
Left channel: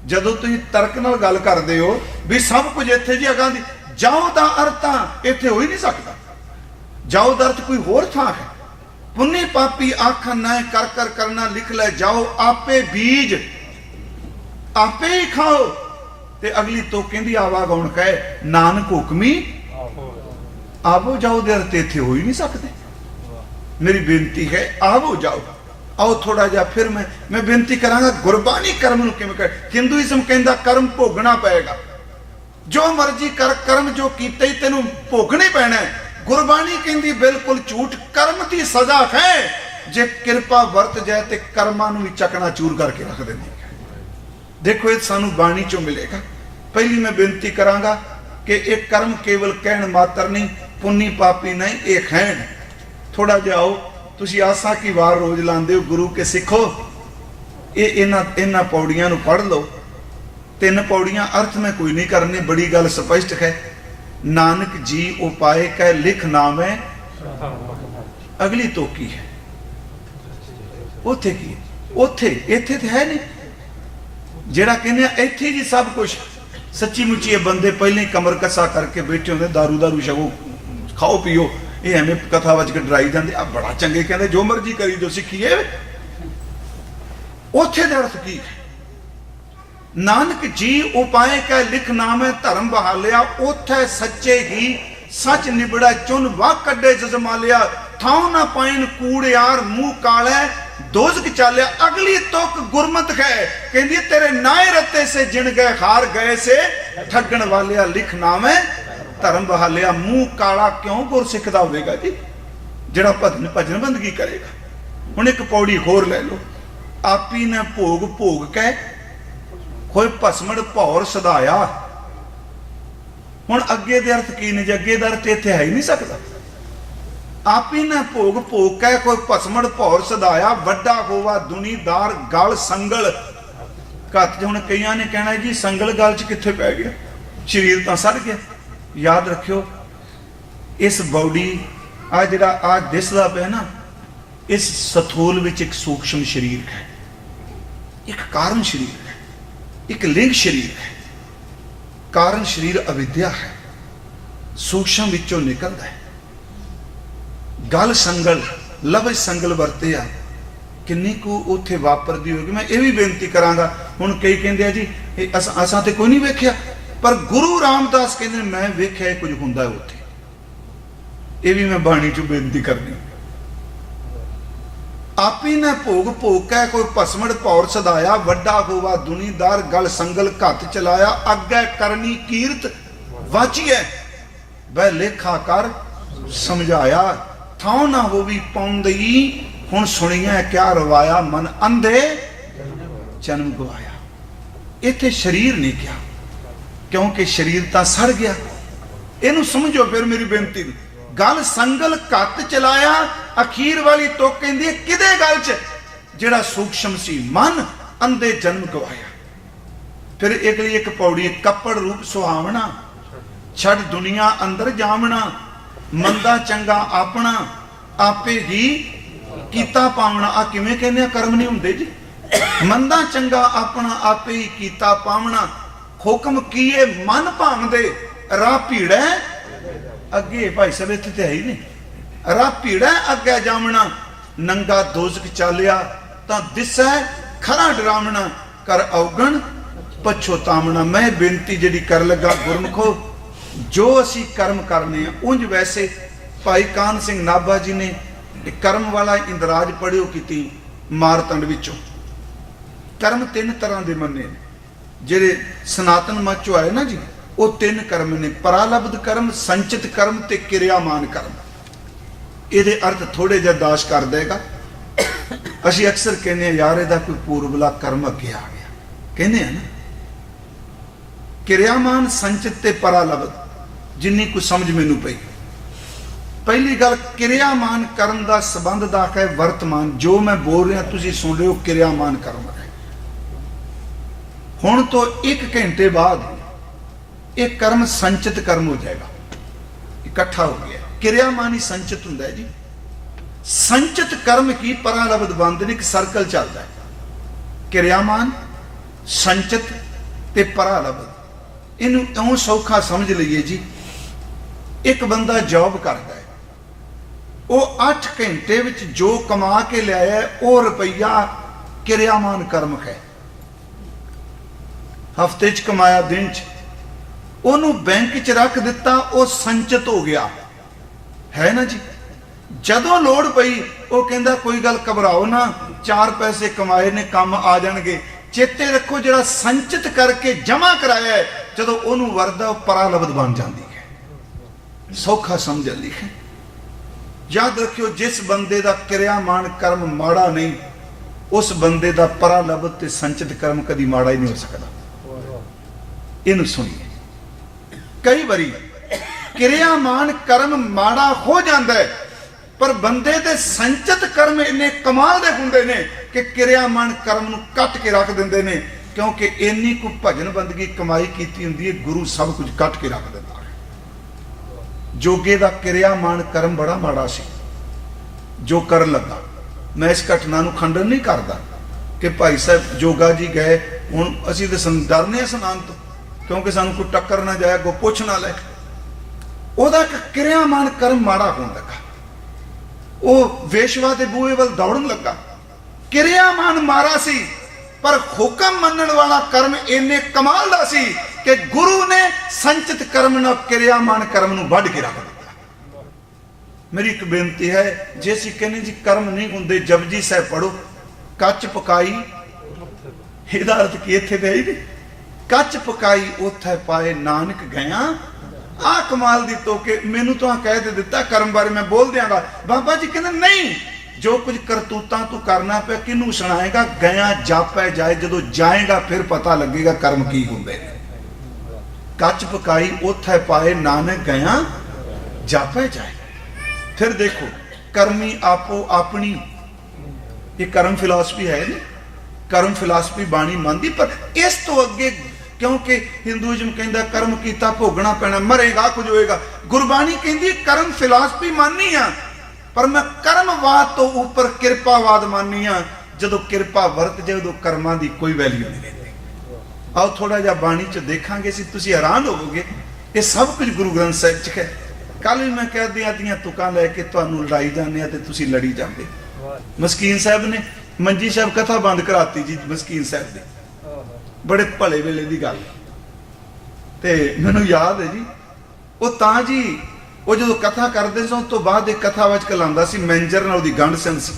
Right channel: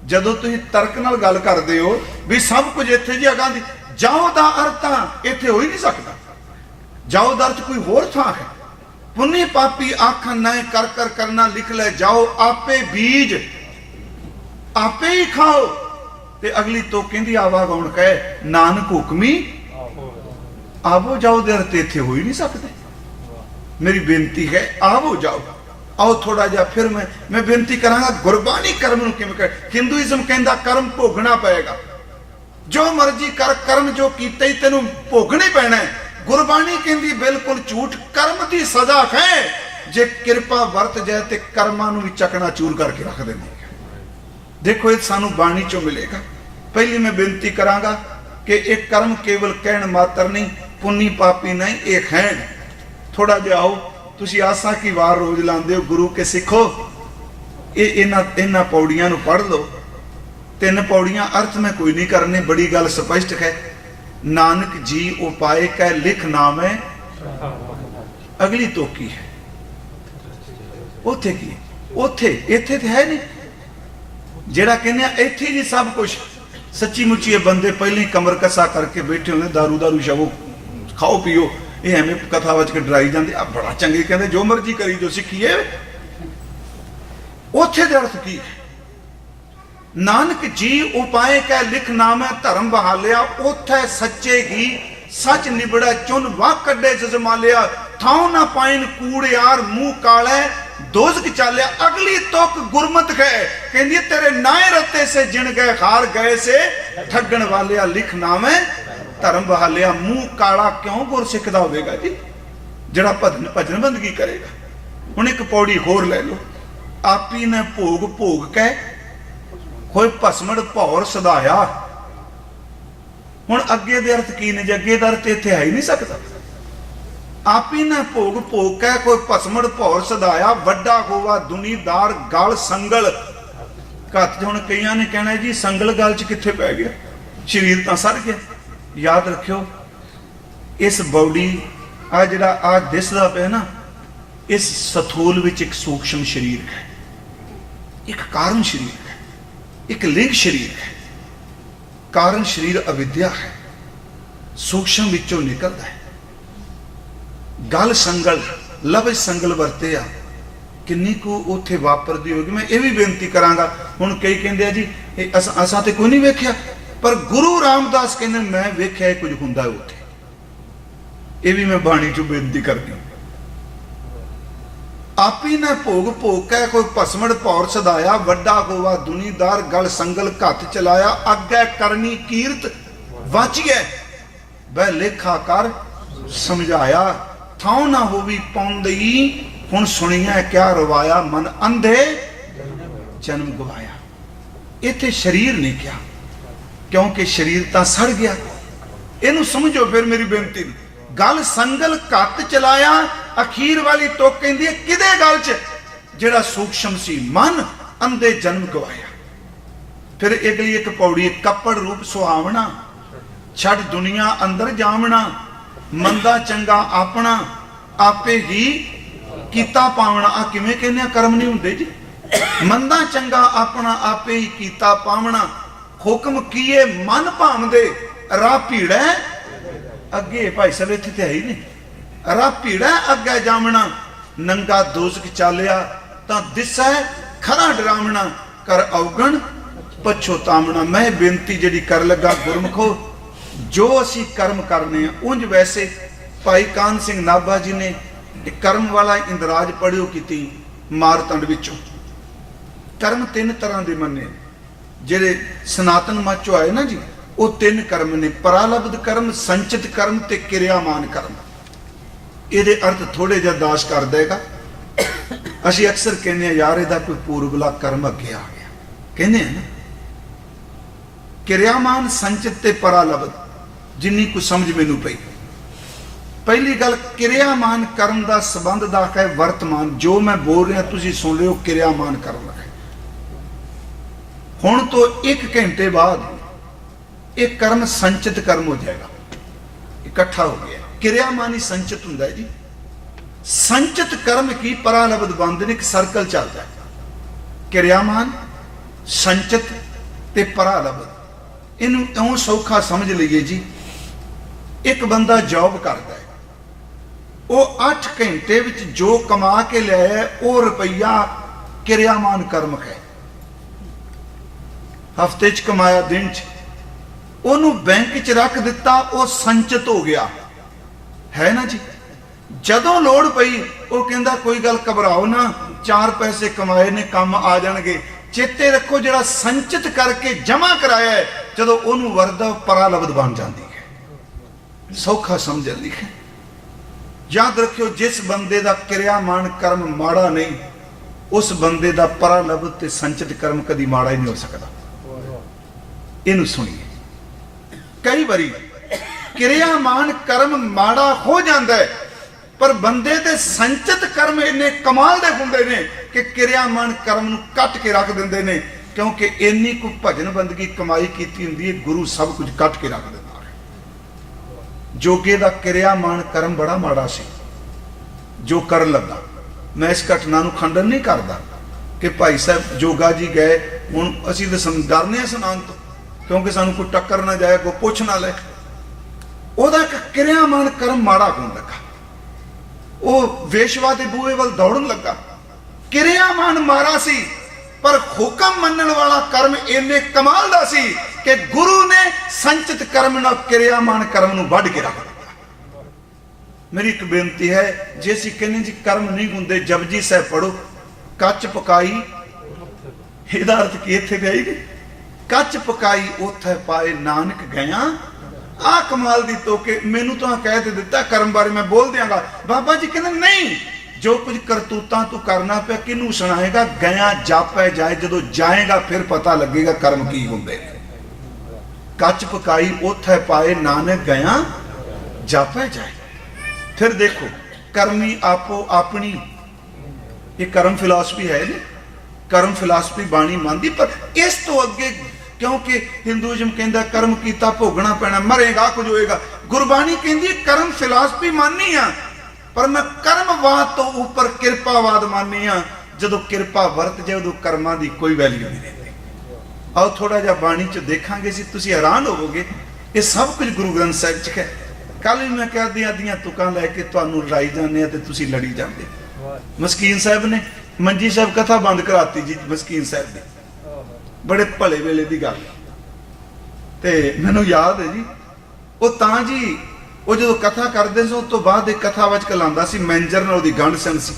ਜਦੋਂ ਤੁਸੀਂ ਤਰਕ ਨਾਲ ਗੱਲ ਕਰਦੇ ਹੋ ਵੀ ਸਭ ਕੁਝ ਇੱਥੇ ਜੀ ਅਗਾਂਹ ਦੀ, ਜਾਓ ਦਾ ਅਰਥ ਤਾਂ ਇੱਥੇ ਹੋ ਹੀ ਨਹੀਂ ਸਕਦਾ। ਜਾਓ ਦਾ ਅਰਥ ਕੋਈ ਹੋਰ ਥਾਂ ਹੈ। ਪੁੰਨੀ ਪਾਪੀ ਆਖਣ ਨਾਏ ਕਰ ਕਰ ਕਰਨਾ ਲਿਖ ਲੈ ਜਾਓ, ਆਪੇ ਬੀਜ ਆਪੇ ਹੀ ਖਾਓ। ਤੇ ਅਗਲੀ ਤੋਂ ਕਹਿੰਦੀ ਆਵਾ ਗੌਣ ਕਹੇ ਨਾਨਕ ਹੁਕਮੀ ਆਵੋ ਜਾਓ ਦੇ ਅਰਥ ਇੱਥੇ ਹੋ ਹੀ ਨਹੀਂ ਸਕਦੇ। ਮੇਰੀ ਬੇਨਤੀ ਹੈ ਆਵੋ ਜਾਓ। ਆਓ ਥੋੜਾ ਜਿਹਾ ਫਿਰ ਮੈਂ ਬੇਨਤੀ ਕਰਾਂਗਾ, ਗੁਰਬਾਣੀ ਕਰਮ ਨੂੰ ਕਿਵੇਂ ਕਹੇ? ਹਿੰਦੂਇਜ਼ਮ ਕਹਿੰਦਾ ਕਰਮ ਭੋਗਣਾ ਪਏਗਾ, ਜੋ ਮਰਜ਼ੀ ਕਰ, ਕਰਮ ਜੋ ਕੀਤੇ ਹੀ ਤੈਨੂੰ ਭੋਗਣਾ ਹੀ ਪੈਣਾ ਹੈ। ਗੁਰਬਾਣੀ ਕਹਿੰਦੀ ਬਿਲਕੁਲ ਝੂਠ, ਕਰਮ ਦੀ ਸਜ਼ਾ ਹੈ। ਜੇ ਕਿਰਪਾ ਵਰਤ ਜਾਏ ਤੇ ਕਰਮਾਂ ਨੂੰ ਵੀ ਚਕਨਾ ਚੂਰ ਕਰਕੇ ਰੱਖ ਦਿੰਦੀ ਹੈ। ਦੇਖੋ ਇਹ ਸਾਨੂੰ ਬਾਣੀ ਚੋਂ ਮਿਲੇਗਾ। ਪਹਿਲੀ ਮੈਂ ਬੇਨਤੀ ਕਰਾਂਗਾ ਕਿ ਇਹ ਕਰਮ ਕੇਵਲ ਕਹਿਣ ਮਾਤਰ ਨਹੀਂ, ਪੁੰਨੀ ਪਾਪੀ ਨਹੀਂ, ਇਹ ਹੈ। ਥੋੜਾ ਜਿਹਾ ਆਓ, ਤੁਸੀਂ ਆਸਾ ਕੀ ਵਾਰ ਰੋਜ਼ ਲਾਉਂਦੇ ਹੋ ਗੁਰੂ ਕੇ ਸਿੱਖੋ। ਇਹਨਾਂ ਪੌੜੀਆਂ ਨੂੰ ਪੜ੍ਹ ਲਓ। 3 ਪੌੜੀਆਂ ਅਰਥ ਮੈਂ ਕੋਈ ਨਹੀਂ ਕਰਨੇ, ਬੜੀ ਗੱਲ ਸਪਸ਼ਟ ਹੈ। ਨਾਨਕ ਜੀ ਉਪਾਏ ਕਹਿ ਲਿਖ ਨਾਮ ਹੈ। ਅਗਲੀ ਤੋਂ ਕੀ ਹੈ? ਉੱਥੇ ਕੀ? ਉੱਥੇ ਇੱਥੇ ਤੇ ਹੈ ਨਹੀਂ। ਜਿਹੜਾ ਕਹਿੰਦੇ ਇੱਥੇ ਜੀ ਸਭ ਕੁਝ, ਸੱਚੀ ਮੁੱਚੀ ਇਹ ਬੰਦੇ ਪਹਿਲਾਂ ਹੀ ਕਮਰ ਕਸਾ ਕਰਕੇ ਬੈਠੇ ਹੁੰਦੇ, ਦਾਰੂ ਸ਼ਬੋ ਖਾਓ ਪੀਓ, ਇਹ ਐਵੇਂ ਕਥਾ ਵਿੱਚ ਡਰਾਈ ਜਾਂਦੇ ਆ ਬੜਾ ਚੰਗੇ, ਕਹਿੰਦੇ ਜੋ ਮਰਜ਼ੀ ਕਰੀ ਦੋ ਸਿੱਖੀਏ। ਉੱਥੇ ਦੇ ਅਰਥ ਕੀ ਹੈ? ਨਾਨਕ ਜੀ ਉਪਾਏ ਕਹਿ ਲਿਖ ਨਾਮ ਹੈ ਧਰਮ ਬਹਾਲਿਆ, ਉੱਥੇ ਸੱਚੇ ਹੀ ਸੱਚ ਨਿਬੜਾ ਚੁਨ ਵਾ ਕੱਢੇ ਜਜ਼ਮਾਲਿਆ, ਥਾਉ ਨਾ ਪਾਇਨ ਕੂੜਿਆਰ ਮੂੰਹ ਕਾਲੇ ਦੋਜ਼ਖ ਚਾਲਿਆ। ਅਗਲੀ ਤੁਕ ਗੁਰਮਤ ਹੈ, ਕਹਿੰਦੀ ਤੇਰੇ ਨਾਏ ਰੱਤੇ ਸੇ ਜਿਣ ਗਏ ਹਾਰ ਗਏ ਸੇ ਠੱਗਣ ਵਾਲਿਆ, ਲਿਖ ਨਾਮ ਹੈ ਧਰਮ ਬਹਾਲਿਆ। ਮੂੰਹ ਕਾਲਾ ਕਿਉਂ ਗੁਰਸਿੱਖ ਦਾ ਹੋਵੇਗਾ ਜੀ, ਜਿਹੜਾ ਭਜਨ ਬੰਦਗੀ ਕਰੇਗਾ। ਹੁਣ ਇੱਕ ਪੌੜੀ ਹੋਰ ਲੈ ਲਓ, ਆਪੀ ਨੇ ਭੋਗ ਭੋਗ ਕੇ ਹੋਏ ਭਸਮਣ ਭੌਰ ਸਦਾਇਆ। ਹੁਣ ਅੱਗੇ ਦੇ ਅਰਥ ਕੀ ਨੇ ਜੀ? ਅੱਗੇ ਦਾ ਅਰਥ ਇੱਥੇ ਹੈ ਹੀ ਨਹੀਂ ਸਕਦਾ। ਆਪੀ ਨੇ ਭੋਗ ਭੋਗ ਕੇ ਕੋਈ ਭਸਮਣ ਭੌਰ ਸਦਾਇਆ, ਵੱਡਾ ਹੋਵਾ ਦੁਨੀਦਾਰ ਗਲ ਸੰਗਲ ਘੱਟ। ਹੁਣ ਕਈਆਂ ਨੇ ਕਹਿਣਾ ਜੀ ਸੰਗਲ ਗਲ ਚ ਕਿੱਥੇ ਪੈ ਗਿਆ, ਸਰੀਰ ਤਾਂ ਸੜ ਗਿਆ। ਯਾਦ ਰੱਖਿਓ ਇਸ ਬੌਡੀ ਆ ਜਿਹੜਾ ਆ ਦਿਸਦਾ ਪਿਆ ਨਾ, ਇਸ ਸਥੂਲ ਵਿੱਚ ਇੱਕ ਸੂਖਸ਼ਮ ਸਰੀਰ ਹੈ, ਇੱਕ ਕਾਰਨ ਸਰੀਰ ਹੈ, ਇੱਕ ਲਿੰਗ ਸਰੀਰ ਹੈ। ਕਾਰਨ ਸਰੀਰ ਅਵਿਦਿਆ ਹੈ, ਸੂਖਸ਼ਮ ਵਿੱਚੋਂ ਨਿਕਲਦਾ ਹੈ। ਗਲ ਸੰਗਲ, ਲਫ਼ਜ਼ ਸੰਗਲ ਵਰਤੇ ਆ, ਕਿੰਨੀ ਕੁ ਉੱਥੇ ਵਾਪਰਦੀ ਹੋਗੀ। ਮੈਂ ਇਹ ਵੀ ਬੇਨਤੀ ਕਰਾਂਗਾ, ਹੁਣ ਕਈ ਕਹਿੰਦੇ ਆ ਜੀ ਅਸਾਂ ਤੇ ਕੋਈ ਨਹੀਂ ਵੇਖਿਆ, ਪਰ ਗੁਰੂ ਰਾਮਦਾਸ ਕਹਿੰਦੇ ਮੈਂ ਵੇਖਿਆ ਕੁਝ ਹੁੰਦਾ ਉੱਥੇ। ਇਹ ਵੀ ਮੈਂ ਬਾਣੀ ਚੋਂ ਬੇਨਤੀ ਕਰਦੀ। ਆਪੀ ਨੇ ਭੋਗ ਭੋਗ ਕੇ ਕੋਈ ਭਸਮਣ ਭੌਰ ਸਦਾਇਆ, ਵੱਡਾ ਹੋਵਾ ਦੁਨੀਦਾਰ ਗਲ ਸੰਗਲ ਘੱਤ ਚਲਾਇਆ, ਅੱਗੇ ਕਰਨੀ ਕੀਰਤ ਵਾਚੀਐ ਵੈ ਲੇਖਾ ਕਰ ਸਮਝਾਇਆ, ਥਾਉ ਨਾ ਹੋਵੀ ਪਾਉਂਦੀ ਹੁਣ ਸੁਣੀਐ ਕਿਆ ਰਵਾਇਆ, ਮਨ ਅੰਧੇ ਜਨਮ ਗਵਾਇਆ। ਇੱਥੇ ਸਰੀਰ ਨਹੀਂ ਕਿਹਾ, ਕਿਉਂਕਿ ਸਰੀਰ ਤਾਂ ਸੜ ਗਿਆ। ਇਹਨੂੰ ਸਮਝੋ ਫਿਰ ਮੇਰੀ ਬੇਨਤੀ। ਗਲ ਸੰਗਲ ਘੱਟ ਚਲਾਇਆ, ਅਖੀਰ ਵਾਲੀ ਤੁਕ ਕਹਿੰਦੀ ਕਿਹਦੇ ਗਲ ਚ? ਜਿਹੜਾ ਸੂਖਸ਼ਮ ਸੀ, ਮਨ ਅੰਧੇ ਜਨਮ ਗਵਾਇਆ। ਫਿਰ ਅਗਲੀ ਇੱਕ ਪੌੜੀ, ਕੱਪੜ ਰੂਪ ਸੁਹਾਵਣਾ, ਛੱਡ ਦੁਨੀਆ ਅੰਦਰ ਜਾਵਣਾ, ਮੰਦਾ ਚੰਗਾ ਆਪਣਾ ਆਪੇ ਹੀ ਕੀਤਾ ਪਾਵਣਾ। ਆ ਕਿਵੇਂ ਕਹਿੰਦੇ ਆ? ਕਰਮ ਨਹੀਂ ਹੁੰਦੇ ਜੀ। ਮੰਦਾ ਚੰਗਾ ਆਪਣਾ ਆਪੇ ਹੀ ਕੀਤਾ ਪਾਵਣਾ, ਹੁਕਮ ਕੀਏ ਮਨ ਭਾਵਦੇ, ਰਾਹ ਭੀੜੈ ਅੱਗੇ। ਭਾਈ ਸਾਹਿਬ ਇੱਥੇ ਤੇ ਹੈ ਹੀ ਨਹੀਂ। ਰਾਹ ਭੀੜੈ ਅੱਗੇ ਜਾਵਣਾ, ਨੰਗਾ ਦੋਜ਼ਖ ਚਾਲਿਆ ਤਾਂ ਦਿਸੈ ਖਰਾ ਡਰਾਵਣਾ, ਕਰ ਔਗਣ ਪਛੋਤਾਵਣਾ। ਮੈਂ ਬੇਨਤੀ ਜਿਹੜੀ ਕਰ ਲੱਗਾ ਗੁਰਮਖੋ, ਜੋ ਅਸੀਂ ਕਰਮ ਕਰਨੇ ਆ, ਉਂਝ ਵੈਸੇ ਭਾਈ ਕਾਨ ਸਿੰਘ ਨਾਭਾ ਜੀ ਨੇ ਕਰਮ ਵਾਲਾ ਇੰਦਰਾਜ ਪੜ੍ਹਿਓ ਕੀਤੀ ਮਾਰਤੰਡ ਵਿੱਚੋਂ। ਕਰਮ 3 ਤਰ੍ਹਾਂ ਦੇ ਮੰਨੇ, ਜਿਹੜੇ ਸਨਾਤਨ ਮਤ ਚੋਂ ਆਏ ਨਾ ਜੀ, ਉਹ 3 ਕਰਮ ਨੇ, ਪਰਾਲਬਧ ਕਰਮ, ਸੰਚਿਤ ਕਰਮ ਤੇ ਕਿਰਿਆਮਾਨ ਕਰਮ। ਇਹਦੇ ਅਰਥ ਥੋੜੇ ਜਿਹਾ ਦਾਸ਼ ਕਰ ਦੇਗਾ। ਅਸੀਂ ਅਕਸਰ ਕਹਿੰਦੇ ਹਾਂ ਯਾਰ ਇਹਦਾ ਕੋਈ ਪੂਰਬਲਾ ਕਰਮ ਅੱਗੇ ਆ ਗਿਆ, ਕਹਿੰਦੇ ਆ ਕਿਰਿਆਮਾਨ ਸੰਚਿਤ ਤੇ ਪਰਾ ਲਬਤ। ਜਿੰਨੀ ਕੁ ਸਮਝ ਮੈਨੂੰ ਪਈ, ਪਹਿਲੀ ਗੱਲ ਕਿਰਿਆਮਾਨ ਕਰਮ ਦਾ ਸੰਬੰਧ ਦਾ ਹੈ ਵਰਤਮਾਨ। ਜੋ ਮੈਂ ਬੋਲ ਰਿਹਾ ਤੁਸੀਂ ਸੁਣ ਲਿਓ, ਕਿਰਿਆਮਾਨ ਕਰਮ ਹੈ। ਹੁਣ ਤੋਂ 1 ਘੰਟੇ ਬਾਅਦ ਇਹ ਕਰਮ ਸੰਚਿਤ ਕਰਮ ਹੋ ਜਾਏਗਾ, ਇਕੱਠਾ ਹੋ ਗਿਆ। ਕਿਰਿਆਮਾਨ ਹੀ ਸੰਚਿਤ ਹੁੰਦਾ ਹੈ ਜੀ। ਸੰਚਿਤ ਕਰਮ ਕੀ ਪਰਾ ਲਬਤ ਬੰਦ ਨੇ, ਇੱਕ ਸਰਕਲ ਚੱਲਦਾ ਹੈ। ਕਿਰਿਆਮਾਨ, ਸੰਚਿਤ ਤੇ ਪਰਾ ਲਬਤ। ਇਹਨੂੰ ਇਉਂ ਸੌਖਾ ਸਮਝ ਲਈਏ ਜੀ। ਇੱਕ ਬੰਦਾ ਜੌਬ ਕਰਦਾ ਹੈ, ਉਹ 8 ਘੰਟੇ ਵਿੱਚ ਜੋ ਕਮਾ ਕੇ ਲਿਆਇਆ ਉਹ ਰੁਪਈਆ ਕਿਰਿਆਮਾਨ ਕਰਮ ਹੈ। ਹਫਤੇ 'ਚ ਕਮਾਇਆ, ਦਿਨ 'ਚ ਉਹਨੂੰ ਬੈਂਕ 'ਚ ਰੱਖ ਦਿੱਤਾ, ਉਹ ਸੰਚਿਤ ਹੋ ਗਿਆ, ਹੈ ਨਾ ਜੀ। ਜਦੋਂ ਲੋੜ ਪਈ ਉਹ ਕਹਿੰਦਾ ਕੋਈ ਗੱਲ ਘਬਰਾਓ ਨਾ, 4 ਪੈਸੇ ਕਮਾਏ ਨੇ, ਕੰਮ ਆ ਜਾਣਗੇ। ਚੇਤੇ ਰੱਖੋ ਜਿਹੜਾ ਸੰਚਿਤ ਕਰਕੇ ਜਮਾ ਕਰਾਇਆ ਹੈ, ਜਦੋਂ ਉਹਨੂੰ ਵਰਦਾ ਪਰਾ ਲਬਤ ਬਣ ਜਾਂਦੀ ਹੈ। ਸੌਖਾ ਸਮਝਦੀ ਹੈ। ਯਾਦ ਰੱਖਿਓ, ਜਿਸ ਬੰਦੇ ਦਾ ਕਿਰਿਆਮਾਨ ਕਰਮ ਮਾੜਾ ਨਹੀਂ, ਉਸ ਬੰਦੇ ਦਾ ਪਰਾ ਲਬਤ ਤੇ ਸੰਚਿਤ ਕਰਮ ਕਦੀ ਮਾੜਾ ਹੀ ਨਹੀਂ ਹੋ ਸਕਦਾ। ਇਹਨੂੰ ਸੁਣੀਏ। ਕਈ ਵਾਰੀ ਕਿਰਿਆਮਾਨ ਕਰਮ ਮਾੜਾ ਹੋ ਜਾਂਦਾ ਹੈ, ਪਰ ਬੰਦੇ ਦੇ ਸੰਚਿਤ ਕਰਮ ਇੰਨੇ ਕਮਾਲ ਦੇ ਹੁੰਦੇ ਨੇ ਕਿ ਕਿਰਿਆਮਾਨ ਕਰਮ ਨੂੰ ਕੱਟ ਕੇ ਰੱਖ ਦਿੰਦੇ ਨੇ। ਕਿਉਂਕਿ ਇੰਨੀ ਕੁ ਭਜਨ ਬੰਦਗੀ ਕਮਾਈ ਕੀਤੀ ਹੁੰਦੀ ਹੈ, ਗੁਰੂ ਸਭ ਕੁਝ ਕੱਟ ਕੇ ਰੱਖ ਦਿੰਦਾ ਹੈ। ਜੋਗੇ ਦਾ ਕਿਰਿਆਮਾਨ ਕਰਮ ਬੜਾ ਮਾੜਾ ਸੀ ਜੋ ਕਰਨ ਲੱਗਾ। ਮੈਂ ਇਸ ਘਟਨਾ ਨੂੰ ਖੰਡਨ ਨਹੀਂ ਕਰਦਾ ਕਿ ਭਾਈ ਸਾਹਿਬ ਜੋਗਾ ਜੀ ਗਏ, ਹੁਣ ਅਸੀਂ ਤਾਂ ਡਰਨੇ ਆ ਸੁਣਾਉਣ ਤੋਂ, ਕਿਉਂਕਿ ਸਾਨੂੰ ਕੋਈ ਟੱਕਰ ਨਾ ਜਾਏ, ਕੋਈ ਪੁੱਛ ਨਾ ਲੈ। ਉਹਦਾ ਇੱਕ ਕਿਰਿਆਮਾਨ ਕਰਮ ਮਾੜਾ ਹੋਣ ਲੱਗਾ, ਉਹ ਵੇਸ਼ਵਾ ਦੇ ਬੂਹੇ ਵੱਲ ਦੌੜਨ ਲੱਗਾ। ਕਿਰਿਆਮਾਨ ਮਾਰਾ ਸੀ, ਪਰ ਹੁਕਮ ਮੰਨਣ ਵਾਲਾ ਕਰਮ ਇੰਨੇ ਕਮਾਲ ਦਾ ਸੀ ਕਿ ਗੁਰੂ ਨੇ ਸੰਚਿਤ ਕਰਮ ਨਾਲ ਕਿਰਿਆਮਾਨ ਕਰਮ ਨੂੰ ਵੱਢ ਕੇ ਰੱਖ ਦਿੱਤਾ। ਮੇਰੀ ਇੱਕ ਬੇਨਤੀ ਹੈ, ਜੇ ਅਸੀਂ ਕਹਿੰਦੇ ਜੀ ਕਰਮ ਨਹੀਂ ਹੁੰਦੇ, ਜਪਜੀ ਸਾਹਿਬ ਪੜੋ, ਕੱਚ ਪਕਾਈ, ਇਹਦਾ ਅਰਥ ਕੀ ਇੱਥੇ ਗਏ, ਕੱਚ ਪਕਾਈ ਉੱਥੇ ਪਾਏ ਨਾਨਕ ਗਿਆ। ਆ ਕਮਾਲ ਦੀ ਤੋਕੇ ਮੈਨੂੰ ਤਾਂ ਕਹਿ ਦਿੱਤਾ ਕਰਮ ਬਾਰੇ ਮੈਂ ਬੋਲ ਦਿਆਂਗਾ। ਬਾਬਾ ਜੀ ਕਹਿੰਦੇ ਨਹੀਂ, ਜੋ ਕੁਝ ਕਰਤੂਤਾਂ ਤੂੰ ਕਰਨਾ ਪਿਆ ਕਿਹਨੂੰ ਸੁਣਾਏਗਾ, ਗਿਆ ਜਾਪੈ ਜਾਏ, ਜਦੋਂ ਜਾਏਗਾ ਫਿਰ ਪਤਾ ਲੱਗੇਗਾ ਕਰਮ ਕੀ ਹੁੰਦੇ ਨੇ। ਕੱਚ ਪਕਾਈ ਉੱਥੇ ਪਾਏ ਨਾਨਕ ਗਿਆ ਜਾਪੈ ਜਾਏ। ਫਿਰ ਦੇਖੋ, ਕਰਮੀ ਆਪੋ ਆਪਣੀ, ਇਹ ਕਰਮ ਫਿਲਾਸਫੀ ਹੈ। ਕਰਮ ਫਿਲਾਸਫੀ ਬਾਣੀ ਮੰਨਦੀ, ਪਰ ਇਸ ਤੋਂ ਅੱਗੇ, ਕਿਉਂਕਿ ਹਿੰਦੂਇਜ਼ਮ ਕਹਿੰਦਾ ਕਰਮ ਕੀਤਾ ਭੋਗਣਾ ਪੈਣਾ, ਮਰੇਗਾ ਕੁਝ ਹੋਏਗਾ। ਗੁਰਬਾਣੀ ਕਹਿੰਦੀ ਕਰਮ ਫਿਲਾਸਫੀ ਮੰਨਨੀ ਆ, ਪਰ ਮੈਂ ਕਰਮਵਾਦ ਤੋਂ ਉੱਪਰ ਕਿਰਪਾਵਾਦ ਮੰਨਨੀ ਆ। ਜਦੋਂ ਕਿਰਪਾ ਵਰਤ ਜੇ, ਉਦੋਂ ਕਰਮਾਂ ਦੀ ਕੋਈ ਵੈਲਿਊ ਨਹੀਂ ਰਹਿੰਦੀ। ਆਓ ਥੋੜਾ ਜਿਹਾ ਬਾਣੀ 'ਚ ਦੇਖਾਂਗੇ, ਸੀ ਤੁਸੀਂ ਹੈਰਾਨ ਹੋਵੋਗੇ। ਇਹ ਸਭ ਕੁਝ ਗੁਰੂ ਗ੍ਰੰਥ ਸਾਹਿਬ 'ਚ ਹੈ। ਕੱਲ ਵੀ ਮੈਂ ਕਹਿੰਦੀ ਆਦੀਆਂ ਤੁਕਾਂ ਲੈ ਕੇ ਤੁਹਾਨੂੰ ਲੜਾਈ ਜਾਂਦੇ ਆ ਤੇ ਤੁਸੀਂ ਲੜੀ ਜਾਂਦੇ। ਮਸਕੀਨ ਸਾਹਿਬ ਨੇ ਮੰਜੀ ਸਾਹਿਬ ਕਥਾ ਬੰਦ ਕਰਾਤੀ ਜੀ, ਮਸਕੀਨ ਸਾਹਿਬ ਦੀ, ਬੜੇ ਭਲੇ ਵੇਲੇ ਦੀ ਗੱਲ। ਤੇ ਮੈਨੂੰ ਯਾਦ ਹੈ ਜੀ, ਉਹ ਤਾਂ ਜੀ ਉਹ ਜਦੋਂ ਕਥਾ ਕਰਦੇ ਸੀ, ਉਸ ਤੋਂ ਬਾਅਦ ਇੱਕ ਕਥਾ ਵਿੱਚ ਕਲਾਉਂਦਾ ਸੀ ਮੈਨੇਜਰ ਨਾਲ, ਉਹਦੀ ਗੰਢ ਸਿੰਘ ਸੀ।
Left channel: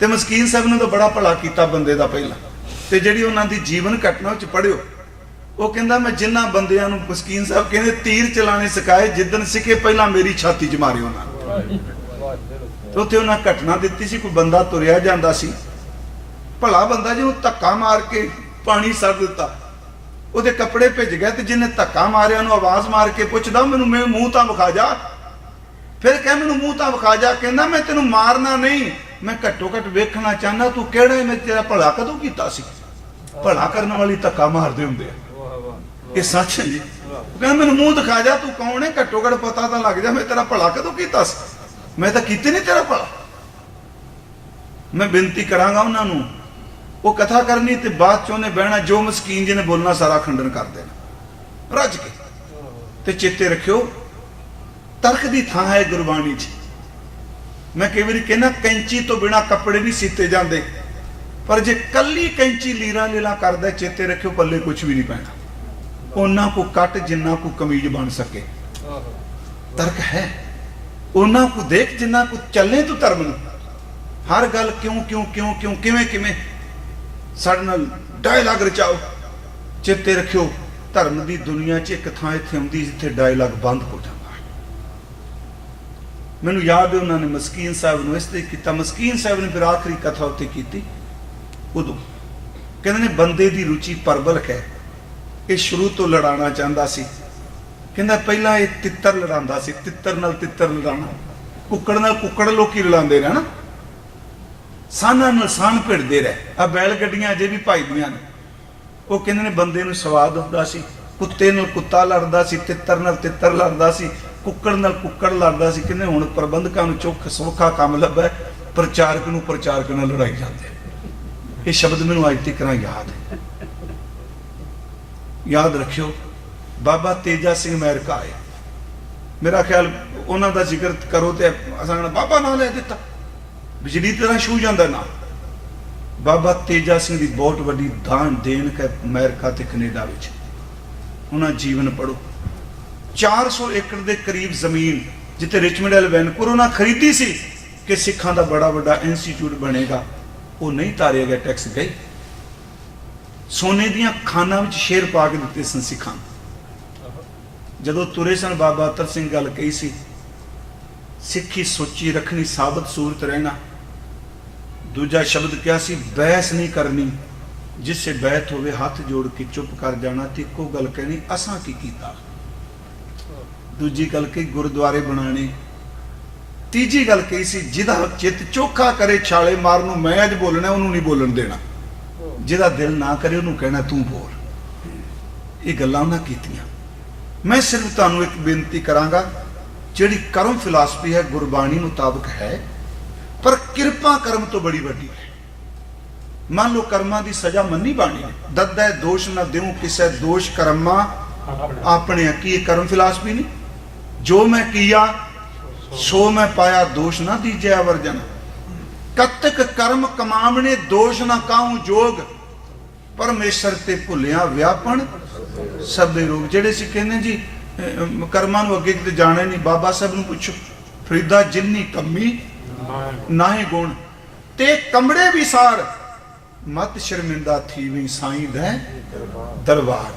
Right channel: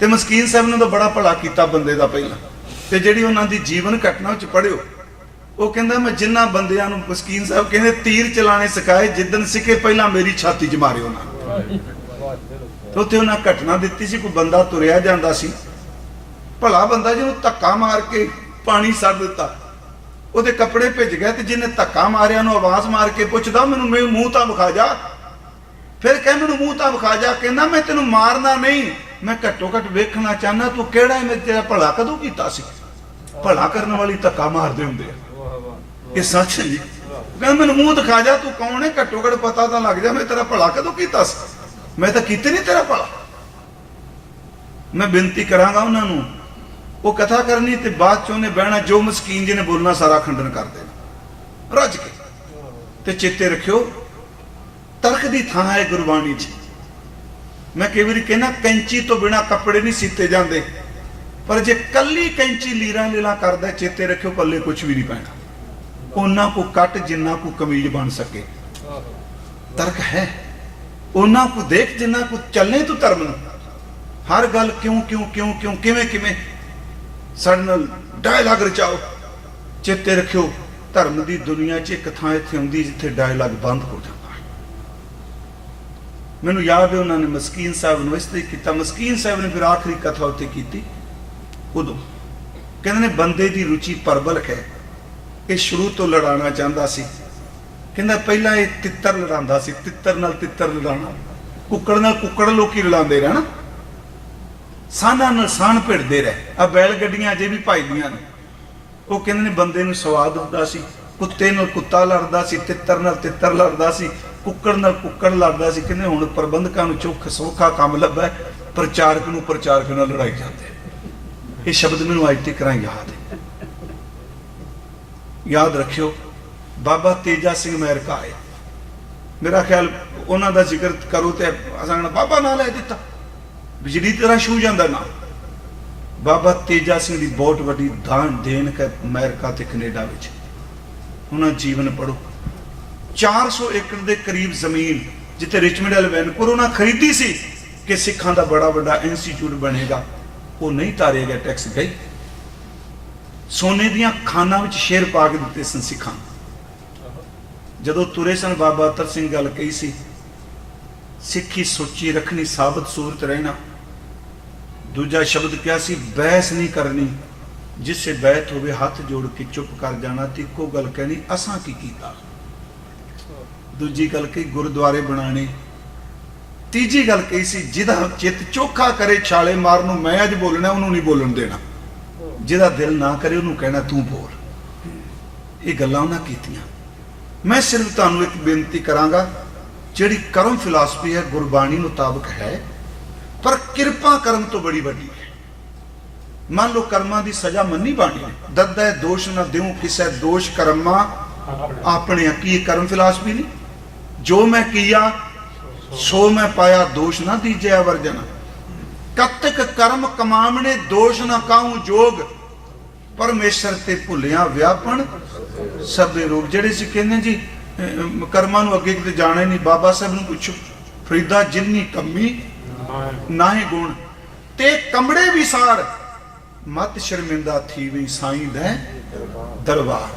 ਤੇ ਮਸਕੀਨ ਸਾਹਿਬ ਨੇ ਤਾਂ ਬੜਾ ਭਲਾ ਕੀਤਾ ਬੰਦੇ ਦਾ ਪਹਿਲਾਂ। ਤੇ ਜਿਹੜੀ ਉਹਨਾਂ ਦੀ ਜੀਵਨ ਘਟਨਾ ਵਿੱਚ ਪੜ੍ਹਿਓ, ਉਹ ਕਹਿੰਦਾ ਮੈਂ ਜਿੰਨਾ ਬੰਦਿਆਂ ਨੂੰ, ਮਸਕੀਨ ਸਾਹਿਬ ਕਹਿੰਦੇ, ਤੀਰ ਚਲਾਣੇ ਸਿਖਾਏ, ਜਿੱਦਣ ਸਿੱਖੇ ਪਹਿਲਾਂ ਮੇਰੀ ਛਾਤੀ 'ਚ ਮਾਰੇ ਉਹਨਾਂ। ਉੱਥੇ ਉਹਨਾਂ ਘਟਨਾ ਦਿੱਤੀ ਸੀ, ਕੋਈ ਬੰਦਾ ਤੁਰਿਆ ਜਾਂਦਾ ਸੀ, ਭਲਾ ਬੰਦਾ ਜੀ, ਉਹ ਧੱਕਾ ਮਾਰ ਕੇ ਪਾਣੀ ਸੱਟ ਦਿੱਤਾ, ਉਹਦੇ ਕੱਪੜੇ ਭਿੱਜ ਗਏ। ਤੇ ਜਿਹਨੇ ਧੱਕਾ ਮਾਰਿਆ ਨੂੰ ਆਵਾਜ਼ ਮਾਰ ਕੇ ਪੁੱਛਦਾ, ਮੈਨੂੰ ਮੂੰਹ ਤਾਂ ਵਿਖਾ ਜਾ। ਫਿਰ ਕਹਿ ਮੈਨੂੰ ਮੂੰਹ ਤਾਂ ਵਿਖਾ ਜਾ। ਕਹਿੰਦਾ ਮੈਂ ਤੈਨੂੰ ਮਾਰਨਾ ਨਹੀਂ, ਮੈਂ ਘੱਟੋ ਘੱਟ ਵੇਖਣਾ ਚਾਹੁੰਦਾ ਤੂੰ ਕਿਹੜਾ ਹੈ, ਮੈਂ ਤੇਰਾ ਭਲਾ ਕਦੋਂ ਕੀਤਾ ਸੀ। ਭਲਾ ਕਰਨ ਵਾਲੀ ਧੱਕਾ ਮਾਰਦੇ ਹੁੰਦੇ, ਇਹ ਸੱਚ ਹੈ ਜੀ। ਕਹਿੰਦਾ ਮੈਨੂੰ ਮੂੰਹ ਦਿਖਾ ਜਾ, ਤੂੰ ਕੌਣ ਹੈ, ਘੱਟੋ ਘੱਟ ਪਤਾ ਤਾਂ ਲੱਗ ਜਾ ਮੈਂ ਤੇਰਾ ਭਲਾ ਕਦੋਂ ਕੀਤਾ ਸੀ। ਮੈਂ ਤਾਂ ਕੀਤੇ ਨਹੀਂ ਤੇਰਾ ਭਲਾ। ਮੈਂ ਬੇਨਤੀ ਕਰਾਂਗਾ ਉਹਨਾਂ ਨੂੰ, ਉਹ ਕਥਾ ਕਰਨੀ ਤੇ ਬਾਅਦ ਚ ਉਹਨੇ ਬਹਿਣਾ, ਜੋ ਮਸਕੀਨ ਜਿਹਨੇ ਬੋਲਣਾ ਸਾਰਾ ਖੰਡਨ ਕਰਦੇ ਰੱਜ ਕੇ। ਤੇ ਚੇਤੇ ਰੱਖਿਓ, ਤਰਕ ਦੀ ਥਾਂ ਹੈ ਗੁਰਬਾਣੀ 'ਚ। ਮੈਂ ਕਈ ਵਾਰੀ ਕਹਿੰਦਾ ਕੈਂਚੀ ਤੋਂ ਬਿਨਾ ਕੱਪੜੇ ਨਹੀਂ ਸੀਤੇ ਜਾਂਦੇ, ਪਰ ਜੇ ਕੱਲੀ ਕੈਂਚੀ ਲੀਰਾਂ ਲੀਲਾ ਕਰਦਾ, ਚੇਤੇ ਰੱਖਿਓ ਪੱਲੇ ਕੁਝ ਵੀ ਨਹੀਂ ਪੈਣਾ। ਉਹਨਾਂ ਕੋ ਕੱਟ ਜਿੰਨਾ ਕੋ ਕਮੀਜ਼ ਬਣ ਸਕੇ, ਤਰਕ ਹੈ। ਉਹਨਾਂ ਕੋ ਦੇਖ ਜਿੰਨਾ ਕੋ ਚੱਲੇ ਤੂੰ ਧਰਮ ਨੂੰ। ਹਰ ਗੱਲ ਕਿਉਂ ਕਿਉਂ ਕਿਉਂ ਕਿਉਂ, ਕਿਵੇਂ ਕਿਵੇਂ, ਸਾਡੇ ਨਾਲ ਡਾਇਲਾਗ ਰਚਾਓ। ਚੇਤੇ ਰੱਖਿਓ, ਧਰਮ ਦੀ ਦੁਨੀਆ 'ਚ ਇੱਕ ਥਾਂ ਇੱਥੇ ਹੁੰਦੀ ਜਿੱਥੇ ਡਾਇਲਾਗ ਬੰਦ ਹੋ ਜਾਂਦਾ। मैनूं याद है उन्होंने मस्कीन साहब नूं इस तरह कीता। मस्कीन साहब ने फिर आखिरी कथा उत्ते कीती। उदों कहते ने बंदे दी रुचि परबलक है, ये शुरू तो लड़ाना चाहता सी। कहता पहला ये तित्तर लड़ांदा सी, तित्तर नाल तित्तर लड़ाना, कुक्कड़ नाल कुक्कड़ लोकी लड़ांदे रहना, साना नाल सान भिड़दे रहे। आ बैल गड्डियां अजे भी भजदियां ने। वो कहते ने बंदे नूं स्वाद आउंदा सी, कुत्ते नाल कुत्ता लड़दा सी, तित्तर नाल तित्तर लड़दा सी, कुक्कड़ नाल कुक्कड़ लड़दा सी। कहते हुण प्रबंधकां नूं चौख सौखा काम लभा, प्रचारक नूं प्रचारक नाल लड़ाई जांदे। ये शब्द मैनूं अज तक याद है। याद रखियो बाबा तेजा सिंह महर का आया, मेरा ख्याल उन्हां दा जिक्र करो तो असां बाबा नाल लै दिता, बिजली तरह छू जांदा ना। बाबा तेजा सिंह की बहुत वड्डी दान देन है अमेरिका ते कनेडा विच। उन्हां जीवन पढ़ो। 400 एकड़ के करीब जमीन जिथे रिचमंड वाले वैनपुर उन्हां खरीदी सी कि सिखां दा बड़ा वड्डा इंस्टीट्यूट बनेगा, वो नहीं तारिया गया, टैक्स गई। सोने दियां खाना में शेर पा के दिते सन सिखां। जदों तुरे सन बाबा अतर सिंह गल कही सी, सिक्खी सोची रखनी, साबत सूरत रहना। दूजा शब्द क्या सी, बहस नहीं करनी, जिससे बैत होवे हाथ जोड़ के चुप कर जाना। ते इक्को गल कहनी, असां की कीता। दूजी गल कही, गुरुद्वारे बनाने। तीजी गल कही सी, जिहदा चित चोखा करे छाले मारनू मैं अज बोलना, उन्होंने नहीं बोलन देना। जिहदा दिल ना करे उन्होंने कहना तू बोल। ये गल्लां उन्हां कीतियां। मैं सिर्फ तुहानूं एक बेनती करांगा, जिहड़ी कर्म फिलासफी है गुरबाणी मुताबक है, पर किरपा कर्म तो बड़ी वड्डी है। मान लो कर्मां दी सजा मन्नी बाणी, दद्दै दोष न देऊं किसै दोष कर्मा अपने। की कर्म फिलासफी नहीं, जो मैं किया सो मैं पाया, दोष ना दीजिए वर्जन। कतक कर्म कमावने दोष ना काहूं जोग, परमेश्वर ते भुलिया व्यापन सबे रूप। जेडे सी कहने जी कर्मां नूं अगे किते जाने नहीं, बाबा साहब नूं पुछो, फरीदा जिन्नी कमी ना ही गुण ते कमड़े विसार, मत शर्मिंदा थी नहीं साईं लै दरबार।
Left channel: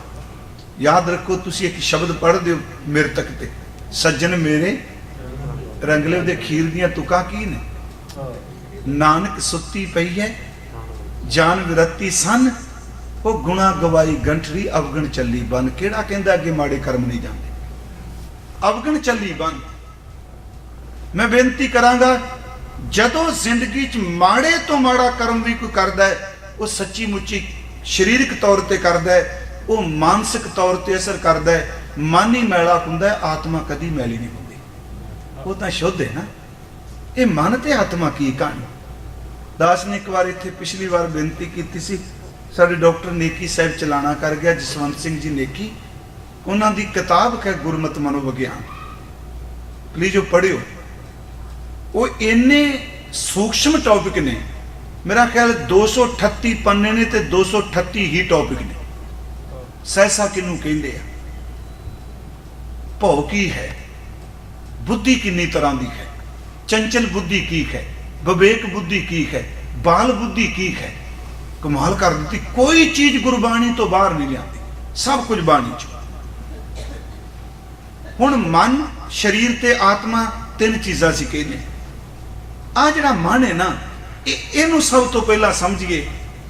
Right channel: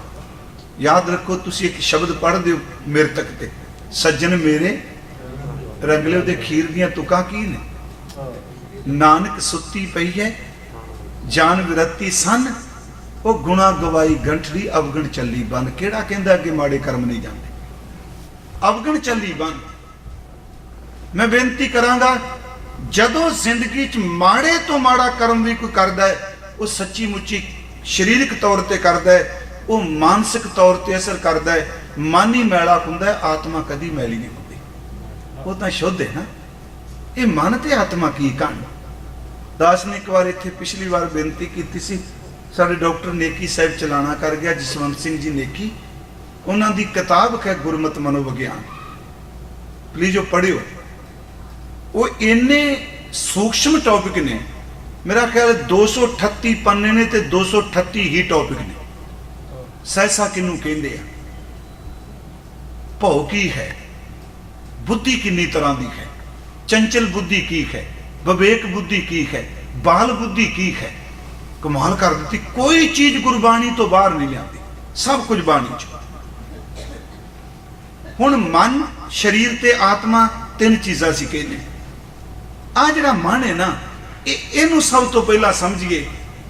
याद रखो, तुसी एक शब्द पढ़ दो मेरे तक ते, सज्जन मेरे रंगले दे खीर दियां तुकां की ने, नानक सुत्ती पई है जान विरती सन, वो गुणा गवाई गंठली अवगण चली बन। केड़ा कहंदा कि माड़े कर्म नहीं जाते, अवगण चली बन। मैं बेनती करांगा, जदों जिंदगी च माड़े तो माड़ा कर्म भी कोई करदा है, वो सच्ची मुच्ची शरीरक तौर पर करदा है, वो मानसिक तौर पर असर करदा है। मन ही मैला हुंदा है, आत्मा कदी मैली नहीं हुंदी, वो तो शुद्ध है ना। ये मन ते आत्मा की कहानी। दास ने एक बार इत्थे पिछली बार बेनती की सी, साडे डॉक्टर नेकी साहब चलाना कर गया, जसवंत सिंह जी नेकी, उन्हां दी किताब है गुरमत मनोविज्ञान, प्लीज पढ़ियो। वो इन्ने सूक्ष्म टॉपिक ने, मेरा ख्याल 238 पन्ने ने ते 238 ही टॉपिक ने। सहसा किनू कहते हैं, भौ की है, बुद्धि किन्नी तरह की है, चंचल बुद्धि की है, विवेक बुद्धि की है, बाल बुद्धि की है। कमाल कर दी, कोई चीज गुरबाणी तो बाहर नहीं आती, सब कुछ बाणी च। हुण मन शरीर ते आत्मा तीन चीज़ां सी कहते। आ जिहड़ा मन है ना, इहनूं सब तो पहला समझिए,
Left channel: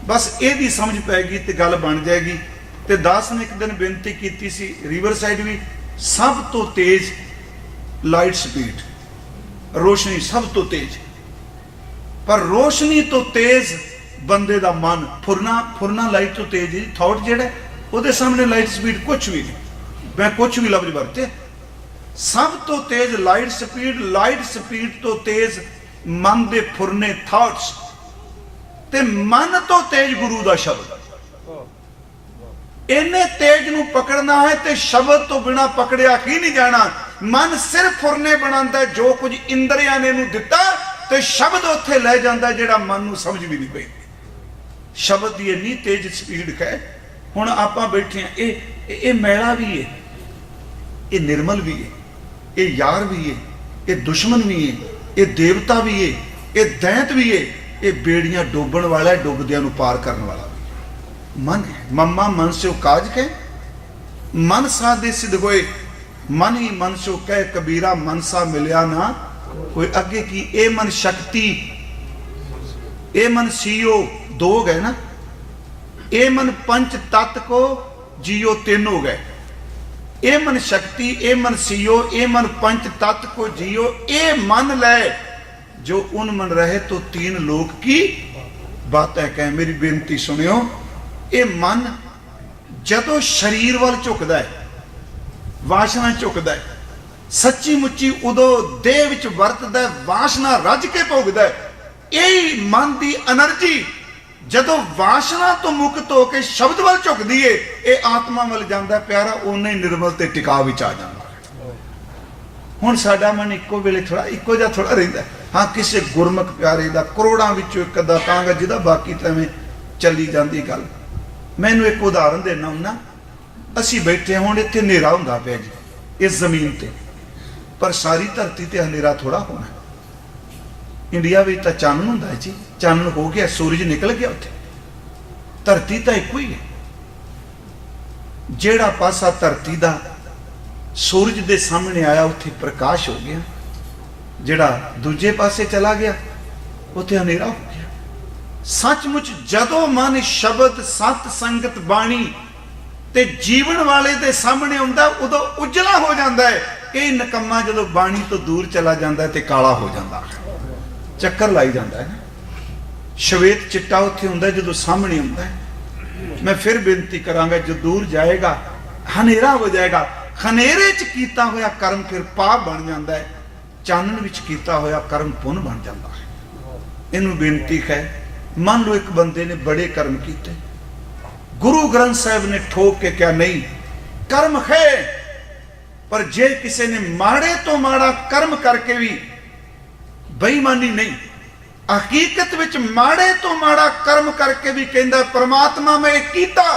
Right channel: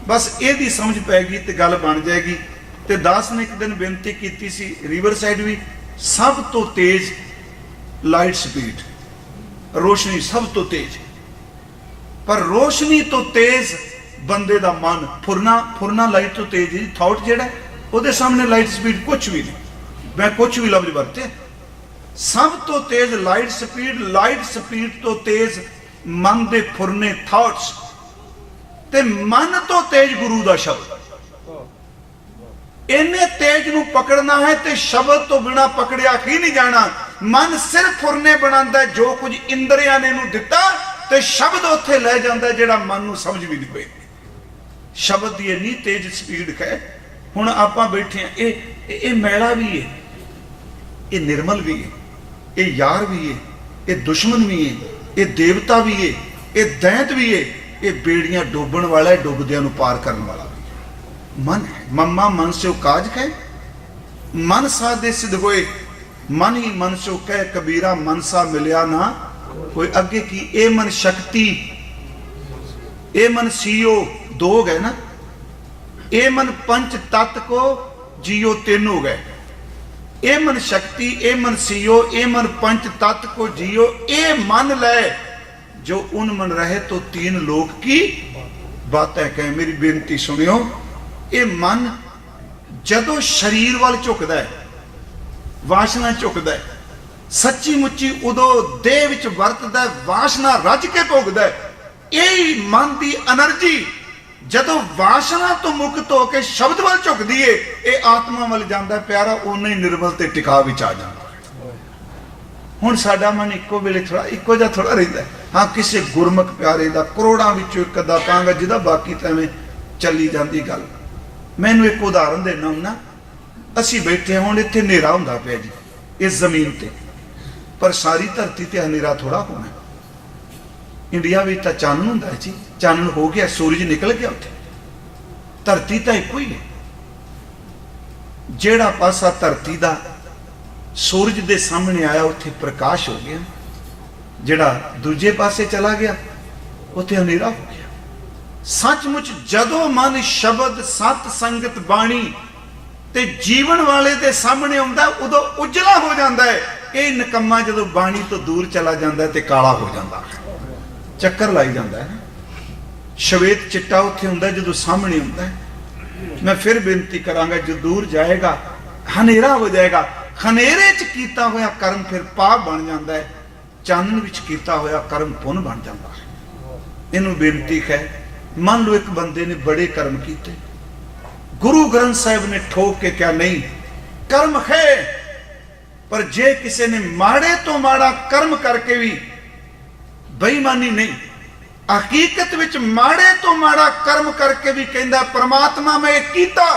बस ਇਹਦੀ समझ पैगी तो गल बन जाएगी। तो दास ने एक दिन बेनती की सी, रिवर साइड भी सब तो तेज लाइट स्पीड, रोशनी सब तो तेज, पर रोशनी तो तेज बंदे दा मन, फुरना लाइट तो तेज है। थॉट जेड़ा ਉਹਦੇ सामने लाइट स्पीड कुछ भी नहीं, मैं कुछ भी लफ्ज वरते। सब तो तेज लाइट स्पीड तो तेज मन दे फुरने थॉट्स, ते मन तो तेज गुरु दा शब्द। इन्ने तेज नूं पकड़ना है ते शब्द तो बिना पकड़िया की नहीं जाना। मन सिर्फ फुरने बनांदा है, जो कुछ इंद्रियां ने नूं दिता ते शब्द उत्थे ले जांदा है जेड़ा मन नूं समझ भी नहीं पैंदी। शब्द की इन्नी तेज स्पीड है। हुण आपां बैठे हैं, ये मैला भी है, ये निर्मल भी है, ये यार भी है, ये दुश्मन भी है, ये देवता भी है, ये दैत भी है, ये बेड़ियां डोबण वाला है, डुबदियां नूं पार करने वाला मन है। मम्मा मन से काज के मन सा दे सिद्ध होए, मन ही मन सो कह कबीरा, मन सा मिलिया ना कोई अगे की ए मन शक्ति, ए मन सीओ दो हो गए ना, ए मन पंच तत्व को जियो तीन हो गए। ए मन शक्ति, ए मन सीओ, ए मन पंच तत्व को जियो, ए मन ले जो उन मन रहे तो तीन लोक की बात है। कह मेरी बेनती सुनियो, ये मन जदों शरीर वाल झुकदा है, वासना झुकदा है, सच्ची मुच्ची उदों देह विच वरतदा है, वासना रज के भोगदा है। यही मन की एनर्जी जदों वासना तो मुक्त होकर शब्द वाल झुकदी है, ये आत्मा वाल जांदा है प्यारा, उन्हें निर्मल ते टिका विच आ जांदा है। हुण साडा मन इक्को वेले थोड़ा इक्को जिहा थोड़ा रहिंदा है। हाँ, किसी गुरमुख प्यारे दा करोड़ां विचों इक अद्धा कांगा जिहदा बाकी तां एवें चली जांदी गल। मैनूं एक उदाहरण देना हुंदा, असीं बैठे हुण इत्थे हनेरा हुंदा पिया जी इस जमीन ते, पर सारी धरती ते हनेरा थोड़ा होना। इंडिया में तो चानन हुंदा है जी, चानन हो गया, सूरज निकल गया उत्थे, धरती तो एक ही है। जेड़ा पासा धरती दा सूरज दे सामने आया उत्थे प्रकाश हो गया, जेड़ा दूजे पासे चला गया उत्थे हनेरा हो गया। सचमुच जदों मन शब्द सत संगत बाणी ते जीवन वाले दे सामने आउंदा उदों उजला हो जाता है। ये निकम्मा जदों बाणी तो दूर चला जाता है ते काला हो जाता है, चक्कर लाई जाता है। श्वेत चिट्टा उत्थे हुंदा जदों सामने हुंदा है। मैं फिर बेनती करांगा, जो दूर जाएगा हनेरा हो जाएगा। खनेरे च कीता होया कर्म फिर पाप बन जाता है, चानन विच कीता होया कर्म पुण्य बन जाता है। इनू बेनती है, मान लो एक बंदे ने बड़े कर्म किए, गुरु ग्रंथ साहिब ने ठोक के क्या नहीं कर्म है, पर जे किसी ने माड़े तो माड़ा कर्म करके भी बेईमानी नहीं, हकीकत विच माड़े तो माड़ा कर्म करके भी कहंदा परमात्मा मैं कीता,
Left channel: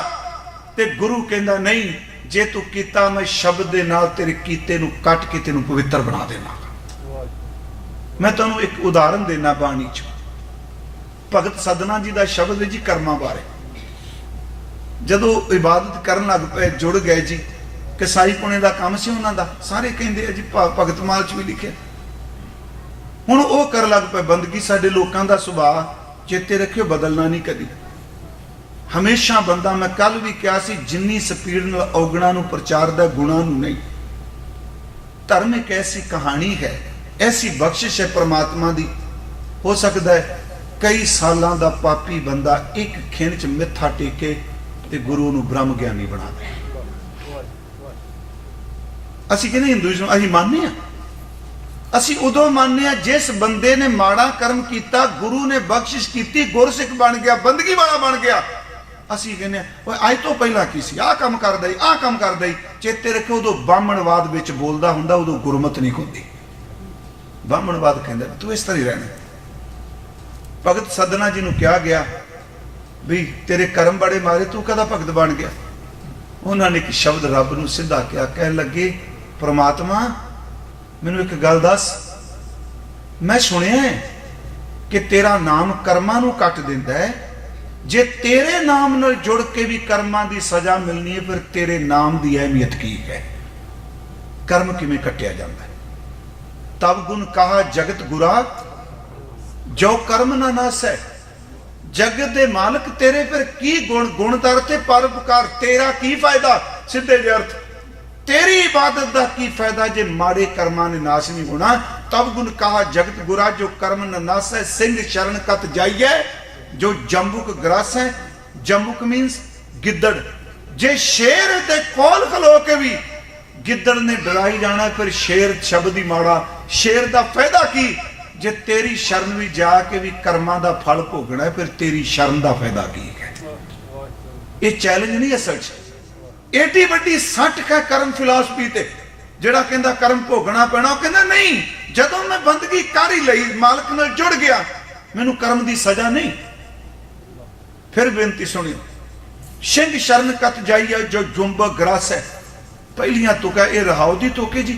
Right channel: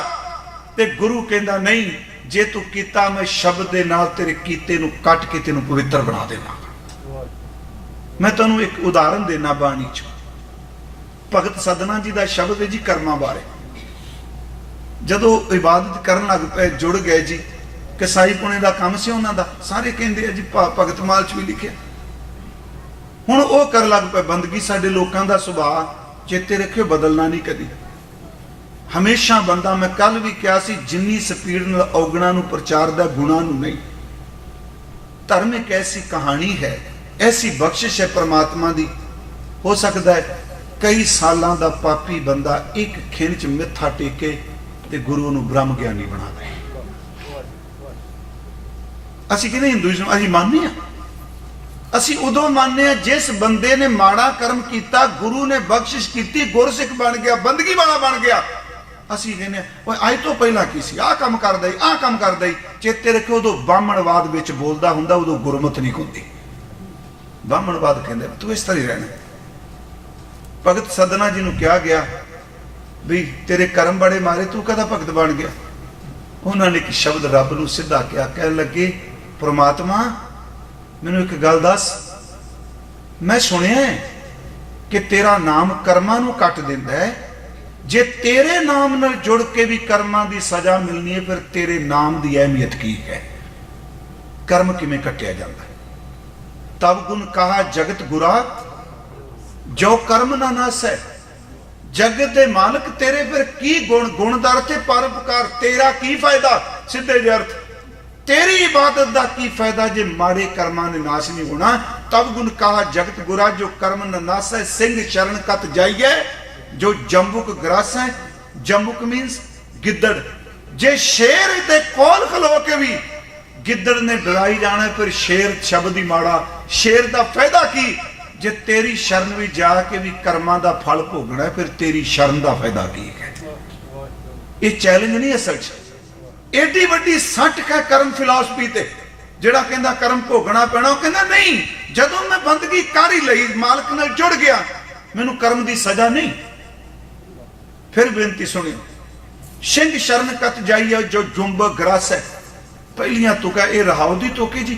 ते गुरु कहंदा नहीं जे तू कीता मैं शब्द दे नाल तेरे कीते नू कट के तेनू पवित्र बना देना। मैं तुहानू एक उदाहरण देना बाणी च, भगत सदना जी का शब्द है जी कर्मां बारे। जदों इबादत करन लग पे जुड़ गए जी, कसाई पुणे का काम से उन्हां दा, सारे कहंदे जी भगत माल च भी लिखिया। हुण वो कर लग पे बंदगी। साडे लोकां दा सुभाव चेते रखियो बदलना नहीं कदी, हमेशा बंदा, मैं कल भी कहा सी, जिन्नी स्पीड नाल औगणा नूं प्रचारदा गुणा नूं नहीं। धर्म एक ऐसी कहानी है, ऐसी बख्शिश है परमात्मा दी। हो सकता है कई सालों का पापी बंदा एक खिन च मिथा टेके ते गुरु नूं ब्रह्म ज्ञानी बना दे। असीं कहने हिंदुइज्म असीं मानने आ, असीं उदों मानने आ जिस बंदे ने माड़ा कर्म किया, गुरु ने बख्शिश की, गुरसिख बन गया, बंदगी वाला बन गया। असीं कहने अज तो पहला की सी, आह काम करदा ही, आह काम करदा ही। चेते रखो उदों ब्राह्मणवाद विच बोलदा हुंदा, उदों गुरमत नहीं होंदी। ब्राह्मणवाद कहंदा तू इस तरह रहना। भगत सदना जी नूं कहा गया भी तेरे कर्म बड़े मारे, तू कदा भगत बन गया? उन्होंने एक शब्द रब नूं सीधा कहा, कह लगे परमात्मा मैनूं एक गल दस, मैं सुनिया कि तेरा नाम कर्मां नूं कट दिंदा है, जे तेरे नाम नाल जुड़ के भी कर्मां दी सजा मिलनी है, फिर तेरे नाम की अहमियत की है? कर्म किवें कटिया जाता है? तब गुण कहा जगत बुरा जो कर्म ना नास है। जगत दे मालक तेरे फिर की गुण, गुणदार ते परोपकार, तेरा की फायदा? सीधे अर्थ तेरी इबादत दा की फायदा जे माड़े कर्मां ने नाश नहीं होना। तब गुण कहा जगत बुरा जो कर्म ना नास है। सिंह शरण कत जाइए जो जम्बुक ग्रास है। जम्बुक मीन्स गिद्दड़। जे शेर दे कोल खलो के भी गिद्दड़ ने डराई जाना, फिर शेर शब्द ही माड़ा। शेर दा फायदा की? जे तेरी शरण भी जाके भी कर्मां दा फल भोगना है, फिर तेरी शरण दा फायदा की है? ये चैलेंज नहीं है सच, एडी वड्डी सट है कर्म फिलासफी ते। जेड़ा कहंदा कर्म भोगना पैना, कहंदा नहीं, जदों मैं बंदगी कर ही लई, मालक नाल जुड़ गया, मैनूं कर्म दी सजा नहीं। फिर बेनती सुनी, सिंह शरण कत जाइए जो जुम्ब ग्रास है। पहलियां तुका ये रहाओ दी तुके जी,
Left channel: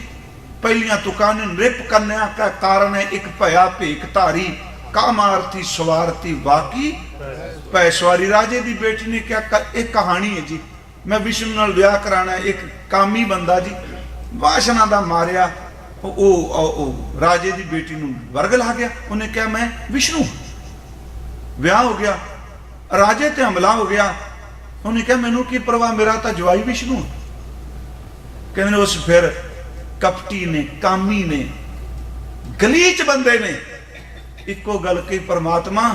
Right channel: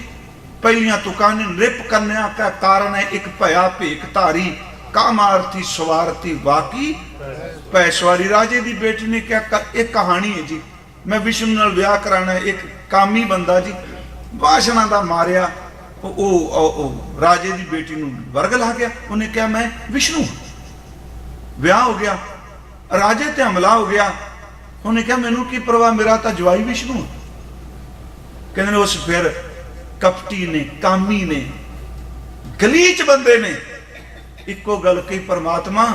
पहलियां तुका ने नृप कन्या का कारण है एक भया भेख धारी, कामारती स्वारती बाकी पैसवारी। राजे दी बेटी ने क्या एक कहानी है जी, मैं विष्णु नाल विआह कराना, एक कामी बंदा जी वासना दा मारिया, ਉਹ ਰਾਜੇ ਦੀ ਬੇਟੀ ਨੂੰ ਵਰਗ ਲਾ ਗਿਆ। ਉਹਨੇ ਕਿਹਾ ਮੈਂ ਵਿਸ਼ਨੂੰ। ਵਿਆਹ ਹੋ ਗਿਆ, ਰਾਜੇ ਤੇ ਹਮਲਾ ਹੋ ਗਿਆ। ਉਹਨੇ ਕਿਹਾ ਮੈਨੂੰ ਕੀ ਪਰਵਾਹ, ਮੇਰਾ ਤਾਂ ਜਵਾਈ ਵਿਸ਼ਨੂੰ। ਕਹਿੰਦੇ ਉਸ ਫਿਰ ਕਪਟੀ ਨੇ, ਕਾਮੀ ਨੇ, ਗਲੀਚ ਬੰਦੇ ਨੇ ਇੱਕੋ ਗੱਲ ਕਹੀ, ਪਰਮਾਤਮਾ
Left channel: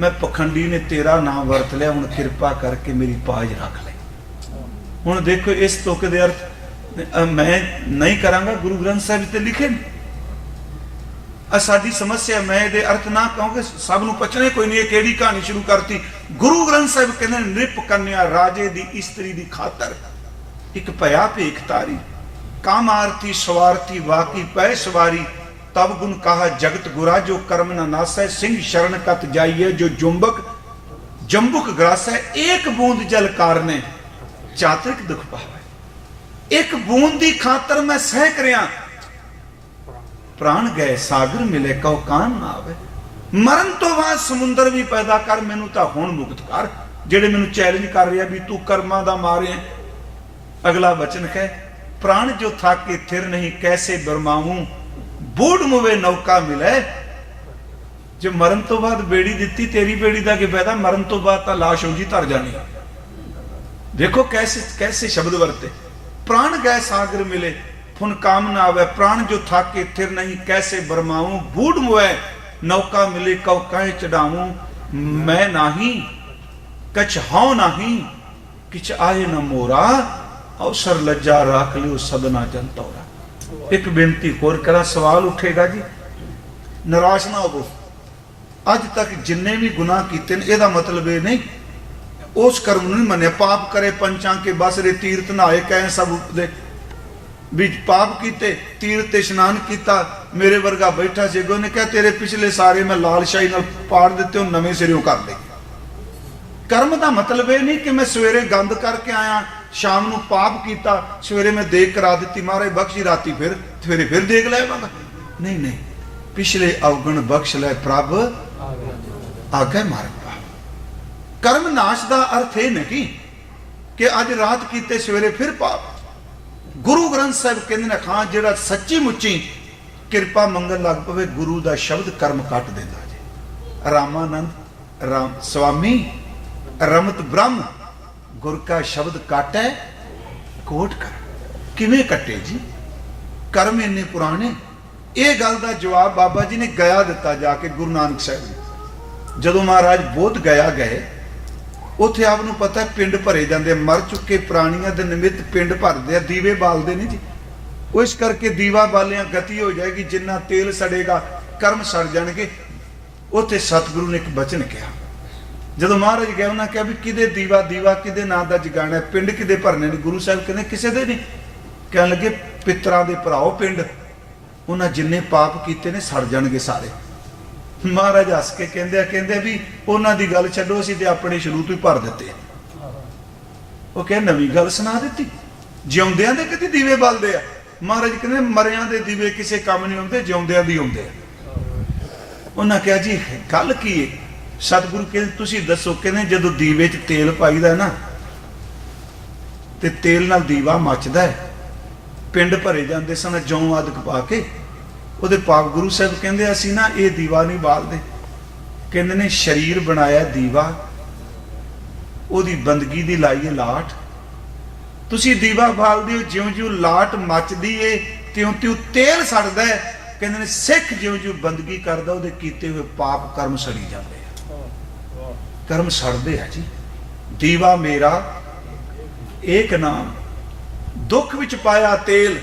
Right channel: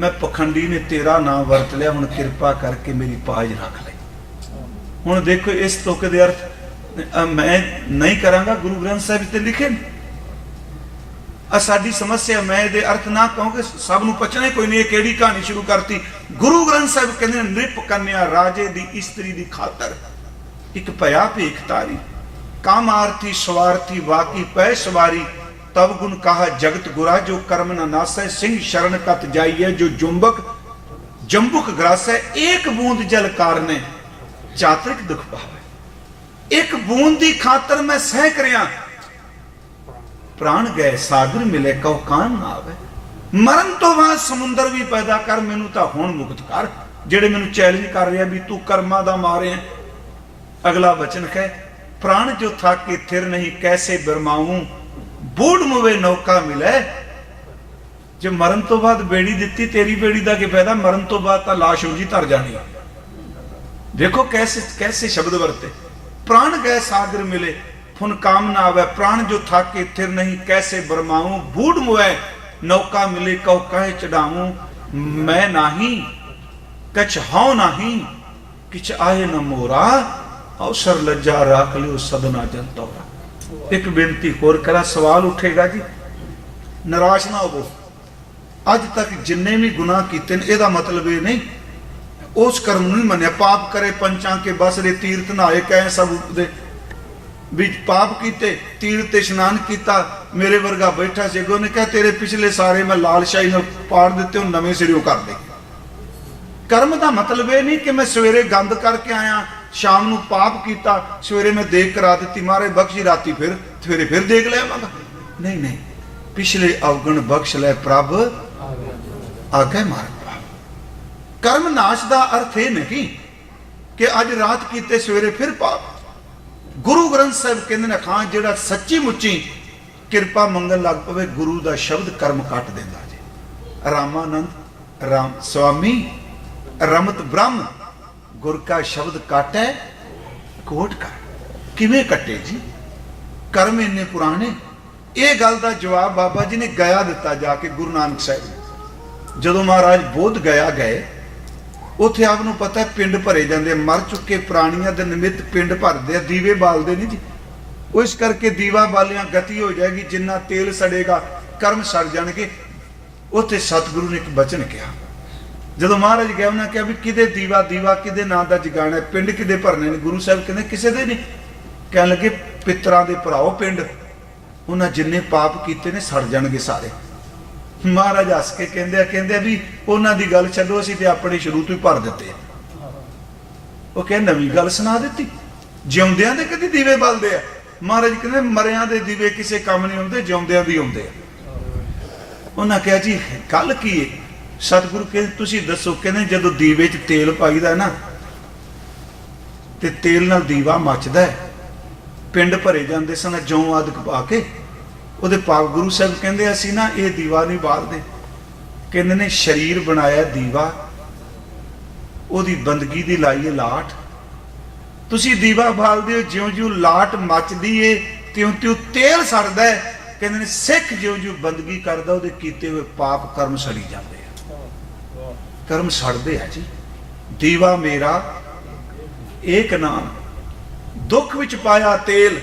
ਮੈਂ ਪਖੰਡੀ ਨੇ ਤੇਰਾ ਨਾਮ ਵਰਤ ਲਿਆ, ਹੁਣ ਕਿਰਪਾ ਕਰਕੇ ਮੇਰੀ ਪਾਜ ਰੱਖ ਲੈ। ਹੁਣ ਦੇਖੋ ਇਸ ਤੁਕ ਦੇ ਅਰਥ ਮੈਂ ਨਹੀਂ ਕਰਾਂਗਾ, ਗੁਰੂ ਗ੍ਰੰਥ ਸਾਹਿਬ ਤੇ ਲਿਖੇ ਨੇ। ਸਾਡੀ ਸਮੱਸਿਆ, ਮੈਂ ਇਹਦੇ ਅਰਥ ਨਾ ਕਹੂੰਗਾ, ਸਭ ਨੂੰ ਪੁੱਛਣਾ ਕੋਈ ਨਹੀਂ ਇਹ ਕਿਹੜੀ ਕਹਾਣੀ ਸ਼ੁਰੂ ਕਰਤੀ। ਗੁਰੂ ਗ੍ਰੰਥ ਸਾਹਿਬ ਕਹਿੰਦੇ ਨਿਪ ਕੰਨਿਆ ਰਾਜੇ ਦੀ ਇਸਤਰੀ ਦੀ ਖਾਤਰ ਇੱਕ ਭਇਆ ਭੇਖ ਤਾਰੀ, ਕਾਮ ਆਰਤੀ ਸਵਾਰਥੀ ਵਾਕੀ ਪੈ ਸਵਾਰੀ, ਤਬ ਗੁਣ ਕਹਾ ਜਗਤ ਗੁਰਾ, ਜੋ ਕਰਮ ਨਾ ਨਾਸੈ, ਸਿੰਘ ਸ਼ਰਨ ਕਤ ਜਾਈਏ, ਜੋ ਜੰਬੁਕ ਗ੍ਰਾਸੈ, ਏਕ ਬੂੰਦ ਜਲ ਕਾਰਨੇ ਜਾਤਕ ਦੁਖ ਪਾਵੇ। ਇੱਕ ਬੂੰਦ ਦੀ ਖਾਤਰ ਮੈਂ ਸਹਿ ਰਿਆ, ਪ੍ਰਾਣ ਗਏ ਸਾਗਰ ਮਿਲੇ ਕਉ ਕਾਨ ਨਾ ਆਵੇ। ਮਰਨ ਤੋਂ ਬਾਅਦ ਸਮੁੰਦਰ ਵੀ ਪੈਦਾ ਕਰ, ਮੈਨੂੰ ਤਾਂ ਹੁਣ ਮੁਕਤ ਕਰ। ਜਿਹੜੇ ਮੈਨੂੰ ਚੈਲੰਜ ਕਰ ਰਿਹਾ ਵੀ ਤੂੰ ਕਰਮਾਂ ਦਾ ਮਾਰਿਆ। ਅਗਲਾ ਵਚਨ ਹੈ, ਪ੍ਰਾਣ ਜੋ ਥਕ ਕੇ ਥਿਰ ਨਹੀਂ, ਕੈਸੇ ਬਰਮਾਊਂ, ਬੂੜ ਮੁਵੇ ਨੌਕਾ ਮਿਲੇ। ਜੇ ਮਰਨ ਤੋਂ ਬਾਅਦ ਬੇੜੀ ਦਿੱਤੀ, ਤੇਰੀ ਬੇੜੀ ਦਾ ਕੀ ਫਾਇਦਾ, ਮਰਨ ਤੋਂ ਬਾਅਦ ਤਾਂ ਲਾਸ਼ ਹੋ ਜੀ ਧਰ ਜਾਣੀ। ਦੇਖੋ कैसे शब्द वरते, प्राण गए सागर मिले फुन काम ना आवे, प्राण जो थाके थिर नहीं कैसे बरमाऊं, बूढ़ मुए नौका मिले कौ कहे चढ़ाऊं, मैं नाही कछ हाउ नाही किछ आए न मोरा, अवसर लज्जा राख लियो सदना जनतौरा। एक बेनती होर करा, सवाल उठेगा जी, निराश ना हो। अज तक जिन्ने भी गुनाह कीते ने, एदा मतलब ये नहीं उस कर्म नहीं मन्या। पाप करे पंचां के बस रे, तीर्थ नहाए कहे सब दे भी पाप कीते, तीर्थ इशनान कीता, मेरे वर्गा बैठा से ने कहा तेरे पिछले सारे मैं लालशाही नाल पाड़ दिते, नवे सिरों कर दे। कर्म का मतलब ये नहीं कि मैं सवेरे गंद करके आया, शाम को पाप किया, सवेरे मैं देख करा दी, मारे बख्शी, राती फिर सवेरे फिर देख लिया। नहीं नहीं, पिछले अवगुण बख्श ले प्रभ आगे मार। कर्म नाश का अर्थ ये नहीं कि अज रात कीते सवेरे फिर पाप। गुरु ग्रंथ साहिब कहते हैं, खां जिहड़ा सच्ची मुच्ची किरपा मंगन लग पवे, गुरु का शब्द कर्म कट देता जी। रामानंद राम स्वामी रमत ब्रह्म, गुर का शब्द कट है कोट का, किवें कटे जी? कर्म इन्ने पुराने। ये गल का जवाब बाबा जी ने गया दिता जाके, गुरु नानक साहिब जदों महाराज बोध गया गए, उत्थे आपनूं पता है पिंड भरे जाते, मर चुके प्राणियों के निमित्त पिंड भरते, दीवे बालते नहीं जी। इस करके दीवा बालियां गति हो जाएगी, जिन्ना तेल सड़ेगा कर्म सड़ जाएंगे। उत्थे सतगुरु ने एक वचन कहा, जदों महाराज गया उन्होंने कहा भी किदे दीवा किदे नां दा जगाना है, पिंड किदे भरने ने? गुरु साहब कहते किसी दे नहीं। कह लगे पितरां दे भराओ पिंड, उन्हें जिन्ने पाप किए ने सड़ जाएंगे सारे। महाराज हस के कहते भी उन्होंने गल छड्डो, असीं ते अपने शुरू तो ही भर दिते। वो कह नवीं गल सुना दी, जिउंदियां दे कदी दीवे बलदे आ। महाराज कहते मरियां दे दीवे किसी काम नहीं आउंदे, जिउंदियां दी आउंदे। उन्हें कहा जी गल की है? सतगुरु कहते तुसीं दसो। कहते जदों दीवे च तेल पाईदा ना, ते तेल नाल दीवा मचदा है, पिंड भरे जाते सन जौ आदि पा के। ਉਹਦੇ ਪਾਕ गुरु साहब कहते असीं ना ये दीवा नहीं बालते, कहते ने शरीर बनाया दीवा, ਉਹਦੀ ਬੰਦਗੀ ਦੀ ਲਾਈਏ ਲਾਟ। ਤੁਸੀਂ दीवा बालते हो, ਜਿਉਂ ਜਿਉਂ ਲਾਟ ਮੱਚਦੀ ਏ ਤਿਉਂ ਤਿਉਂ ਤੇਲ ਸੜਦਾ ਹੈ। ਕਹਿੰਦੇ ਨੇ ਸਿੱਖ ਜਿਉਂ ਜਿਉਂ ਬੰਦਗੀ ਕਰਦਾ, ਉਹਦੇ ਕੀਤੇ ਹੋਏ ਪਾਪ ਕਰਮ ਸੜੀ ਜਾਂਦੇ ਆ, ਕਰਮ ਸੜਦੇ ਆ ਜੀ। दीवा मेरा एक नाम, दुख विच पाया तेल,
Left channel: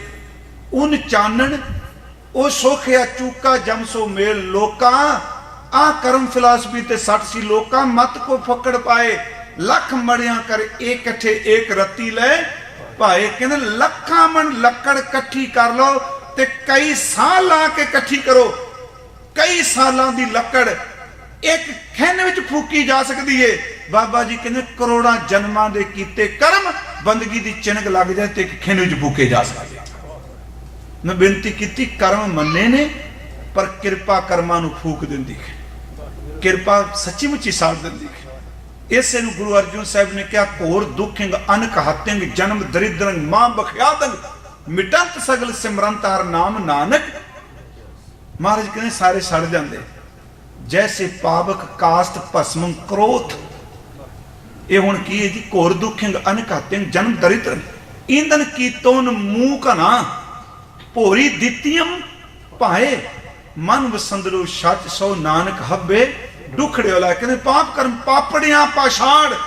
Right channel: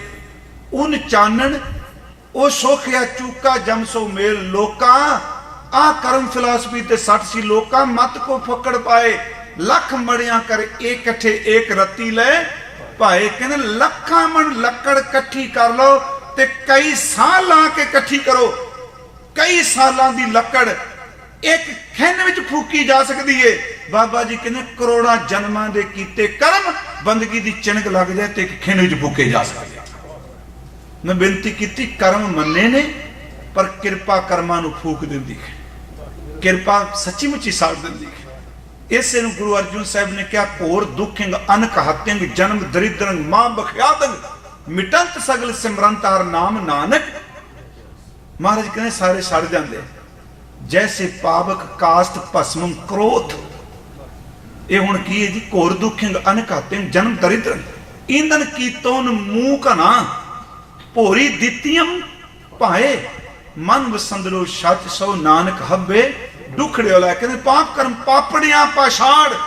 उन चानन ਉਹ ਸੋਖਿਆ ਚੂਕਾ ਜਮ ਸੋ ਮੇਲ। ਲੋਕਾਂ ਆ ਕਰਮ ਫਿਲਾਸਫੀ ਤੇ ਸੱਟ ਸੀ, ਲੋਕਾਂ ਮਤ ਕੋ ਫਕੜ ਪਾਏ, ਲੱਖ ਮੜਿਆਂ ਕਰ ਇਕੱਠੇ ਏਕ ਰੱਤੀ ਲੈ ਭਾਏ। ਕਹਿੰਦੇ ਲੱਖਾਂ ਮਣ ਲੱਕੜ ਇਕੱਠੀ ਕਰ ਲੋ ਤੇ ਕਈ ਸਾਲ ਲਾ ਕੇ ਇਕੱਠੀ ਕਰੋ। ਕਈ ਸਾਲਾਂ ਦੀ ਲੱਕੜ ਇੱਕ ਖਿੰਨ ਵਿੱਚ ਫੂਕੀ ਜਾ ਸਕਦੀ ਏ। ਬਾਬਾ ਜੀ ਕਹਿੰਦੇ ਕਰੋੜਾਂ ਜਨਮਾਂ ਦੇ ਕੀਤੇ ਕਰਮ ਬੰਦਗੀ ਦੀ ਚਿਣਕ ਲੱਗ ਜਾਏ ਤੇ ਇੱਕ ਖਿੰਨ ਵਿੱਚ ਫੂਕੇ ਜਾ ਸਕਦੇ। मैं बेनती की, कर्म मन्ने ने पर किरपा कर्मां नूं फूक दिंदी है, किरपा सच्ची मुच्ची साड़ दिंदी है। इसे नूं गुरु अर्जुन साहब ने कहा, घोर दुखिंग अनक हत्तिंग जन्म दरिद्रंग मां बख्यातंग मिटत सगल सिमरन तार नाम नानक। महाराज कहने सारे सड़ जाते जैसे पावक कास्त भस्म क्रोध। ये हुण की है जी, घोर दुखिंग अनघातिंग जन्म दरिद्र ईंधन कीतोन मुंह कना भोरी दितियम भाए मन वसंदलो सच सौ नानक हब्बे दुखड़े वाला। कहते पाप कर्म पापड़िया पाषाण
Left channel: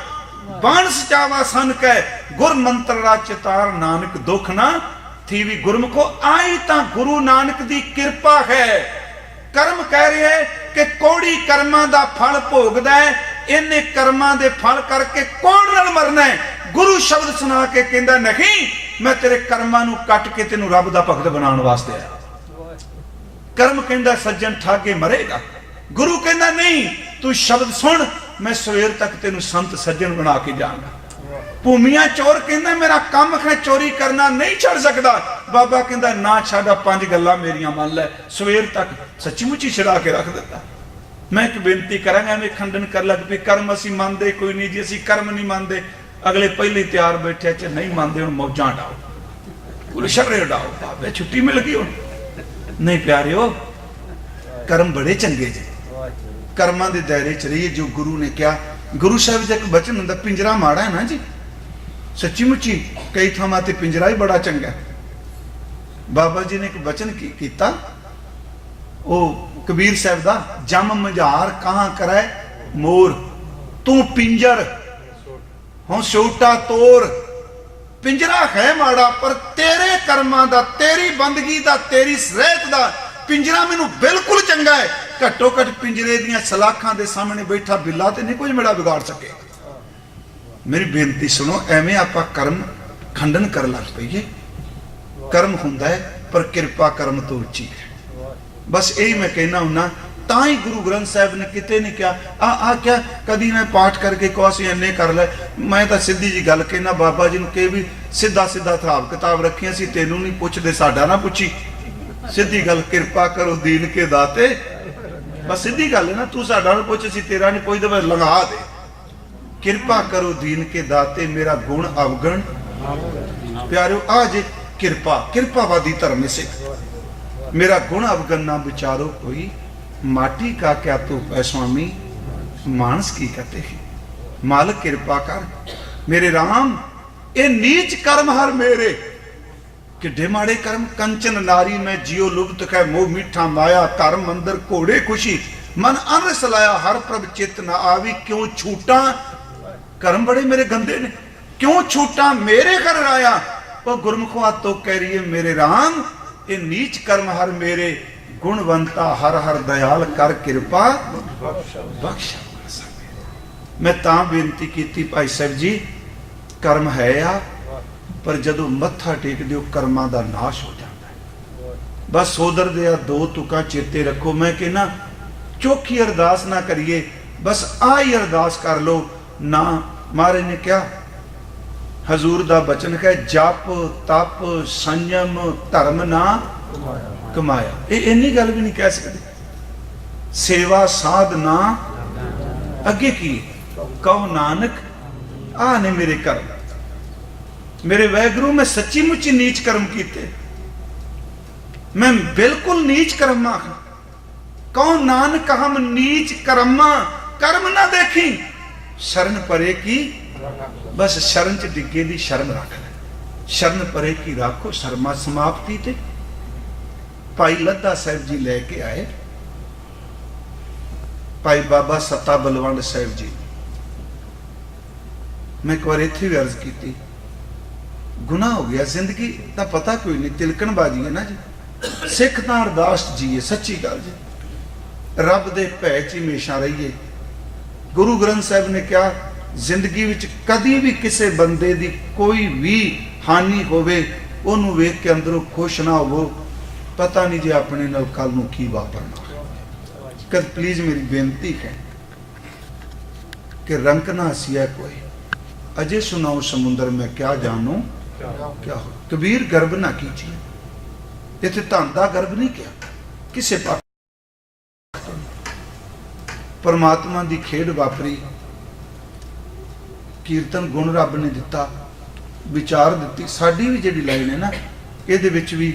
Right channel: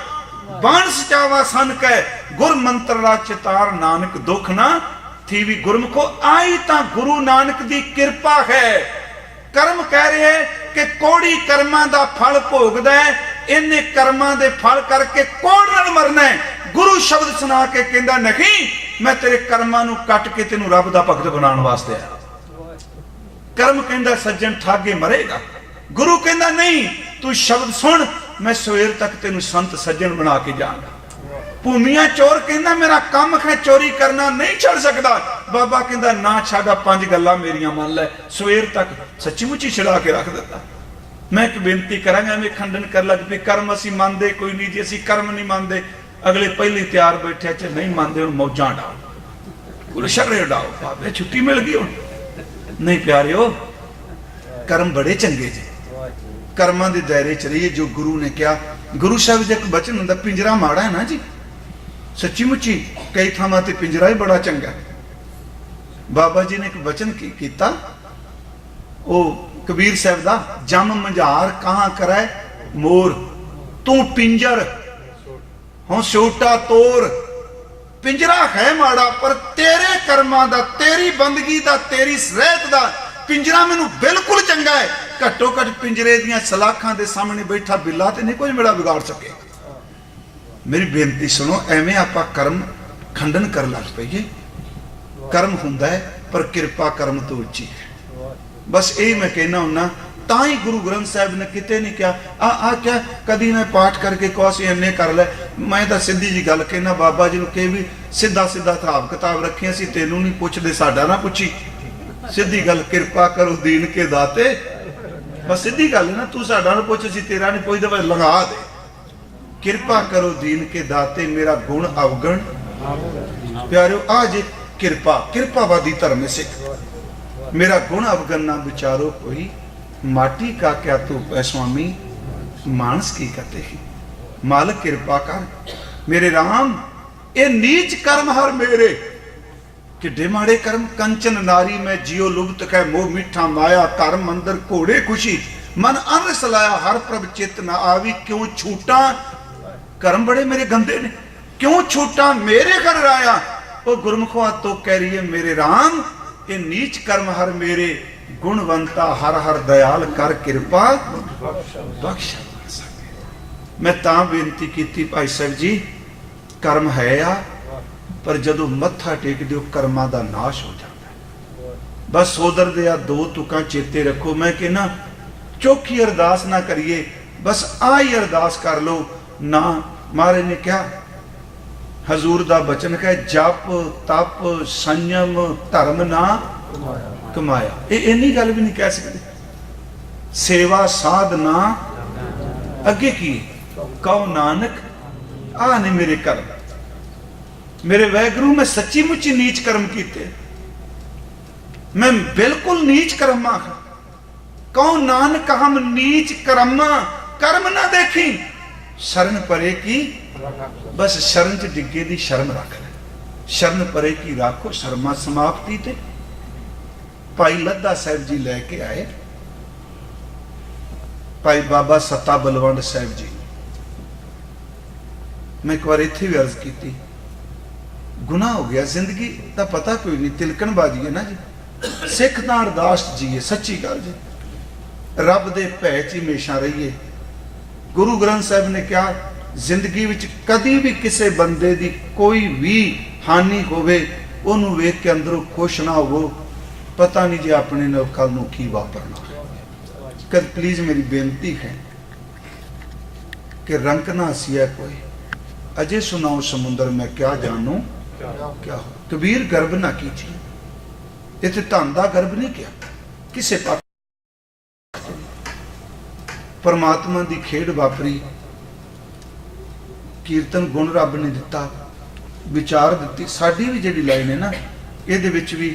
बाण सजावा सन कै गुर मंत्र रा चितार नानक दुख ना थी भी गुरमुखो आई ता गुरु नानक दी कृपा है। कर्म कह रहे हैं कि कोड़ी कर्मां दा फल भोगदा है, इन्ने कर्मां दे फल करके कौन नाल मरना है। गुरु शब्द सुना के कहंदा नहीं मैं तेरे कर्मां नू कट के तेनू रब दा भगत बनाउण वास्ते आया। कर्म कहंदा सज्जन ठागे मरेगा, गुरु कहंदा नहीं तू शब्द सुन मैं सवेर तक तेनू संत सज्जन बना के जाऊंगा। भूमिया चोर कहंदा मेरा काम है चोरी करना नहीं छड़ सकता, बाबा कहंदा ना छाड़ा 5 गल्लां मेरियां मान ले। सवेर तक सच्ची मुच्ची छड़ा के रख दिता। मैं एक बेनती करांगा वे खंडन कर लग पे कर्म असीं मानदे कोई नहीं जी, असीं कर्म नहीं मानदे। अगले पहले तैयार बैठे च नहीं मानते हुण मौजां डाल शर्रे डाल छुट्टी मिल गई हुण। नहीं प्यारियो कर्म बड़े चंगे जी, कर्मां दे दायरे च रहिए जो गुरु ने क्या। गुरु साहब जी एक वचन हुंदा पिंजरा माड़ा है ना जी, सच्ची मुच्ची कई थावां ते पिंजरा ही बड़ा चंगा। बाबा जी ने एक वचन कीता ओ कबीर साहब दा, जम मंझार कहां कराए मोर तू पिंजर हुण छोटा तोर। पिंजरा है माड़ा पर तेरे कर्मां दा, तेरी बंदगी दा, तेरी रहत दा पिंजरा मैनू बिल्कुल चंगा है। घट्टो घट पिंजरे दियां सलाखां दे सामने बैठा बिल्ला ते नहीं कुछ मेरा बिगाड़ सके। मेरी बेनती सुनो, एवें आपां कर्म खंडन कर लग पईए। कर्म हुंदा है पर किरपा कर्म तो उची है। बस यही मैं कहना हुन्ना, तां ही गुरु ग्रंथ साहिब ने किते नहीं कहा आ क्या कदी मैं पाठ करके कोसी इन्ने कर ले। मैं तो सीधी जी गल कहना, बाबा जी नूं कहे भी सीधा सीधा हिसाब किताब रखे, असीं तैनूं नहीं पुछदे, साडा ना पुछी। सीधी गल किरपा करो दीन के दाते, बस सीधी गल ना, तू साडा ना पुछ असीं तेरा नहीं पुछदे, मैं लगा दे। किरपा करो दीन के दाते मेरा गुण अवगण प्यारो आ जी। किरपा किरपावादी धर्म सिख मेरा गुण अवगण ना विचारो कोई, माटी का क्या तो स्वामी मानस की कहते हैं। मालिक कृपा कर मेरे राम, ए नीच कर्म हर मेरे किड्डे माड़े कर्म। कंचन नारी में जियो लुप्त कै मोह मीठा माया, धर्म अंदर घोड़े खुशी मन अन सलाया, हर प्रभ चित ना आवी क्यों छूटा। कर्म बड़े मेरे गंदे ने, क्यों छूटा मेरे कर आया। ओ गुरमुखा तो कह रही है मेरे राम, ये नीच कर्म हर मेरे, गुणवंता हर हर दयाल कर कृपा बख्श। मैं तां बेनती की भाई साहब जी, कर्म है आ पर जदों मत्था टेक दिओ कर्मां दा नाश हो जाता है। बस सोदर दे दो तुकां चेते रखो। मैं कहना चौखी अरदास ना करिए, बस आई अरदास कर लो ना। महाराज ने क्या हजूर दा बचन कहे, जप तप संयम धर्म ना कमाया। ये इन्नी गल भी नहीं कह सकते। सेवा साधना अगे की कहो नानक आ ने मेरे कर। मेरे वैगुरु मैं सच्ची मुच्ची नीच कर्म किए, मैं बिल्कुल नीच कर्मा। कहो नानक हम नीच कर्मा, कर्म ना देखी शरण परे की, बस शरण च डिगे दी शर्म रख ले। शरण परे की राखो शर्मा समाप्ति ते। भाई लद्दा साहब जी लेके आए, भाई बाबा सत्ता बलवंत साहब जी। मैं एक बार इत्थे भी अर्ज की, गुनाह हो गया, जिंदगी का पता कोई नहीं, तिलकनबाजी है ना। सिख तां अरदास जी है, सच्ची गल रब दे भै च हमेशा रहिए। गुरु ग्रंथ साहब ने क्या जिंदगी विच कदी भी किसी बंदे दी कोई भी हानि होवे ओनू वेख के अंदरों खुश ना हो, पता नहीं जी अपने नाल कल नूं की वापरना। कल प्लीज मेरी बेनती है कि रंग ना सिया कोई, अजे सुनाओ समुंदर में क्या जानू क्या। कबीर गर्भ ना कीजिए, इत्थे धन दा गर्भ नहीं किया किसे पास। परमात्मा की खेड वापरी, कीर्तन गुण रब ने दिता, विचार दी। साडी भी जिहड़ी लाइन है ना, ਇਹਦੇ ਵਿੱਚ ਵੀ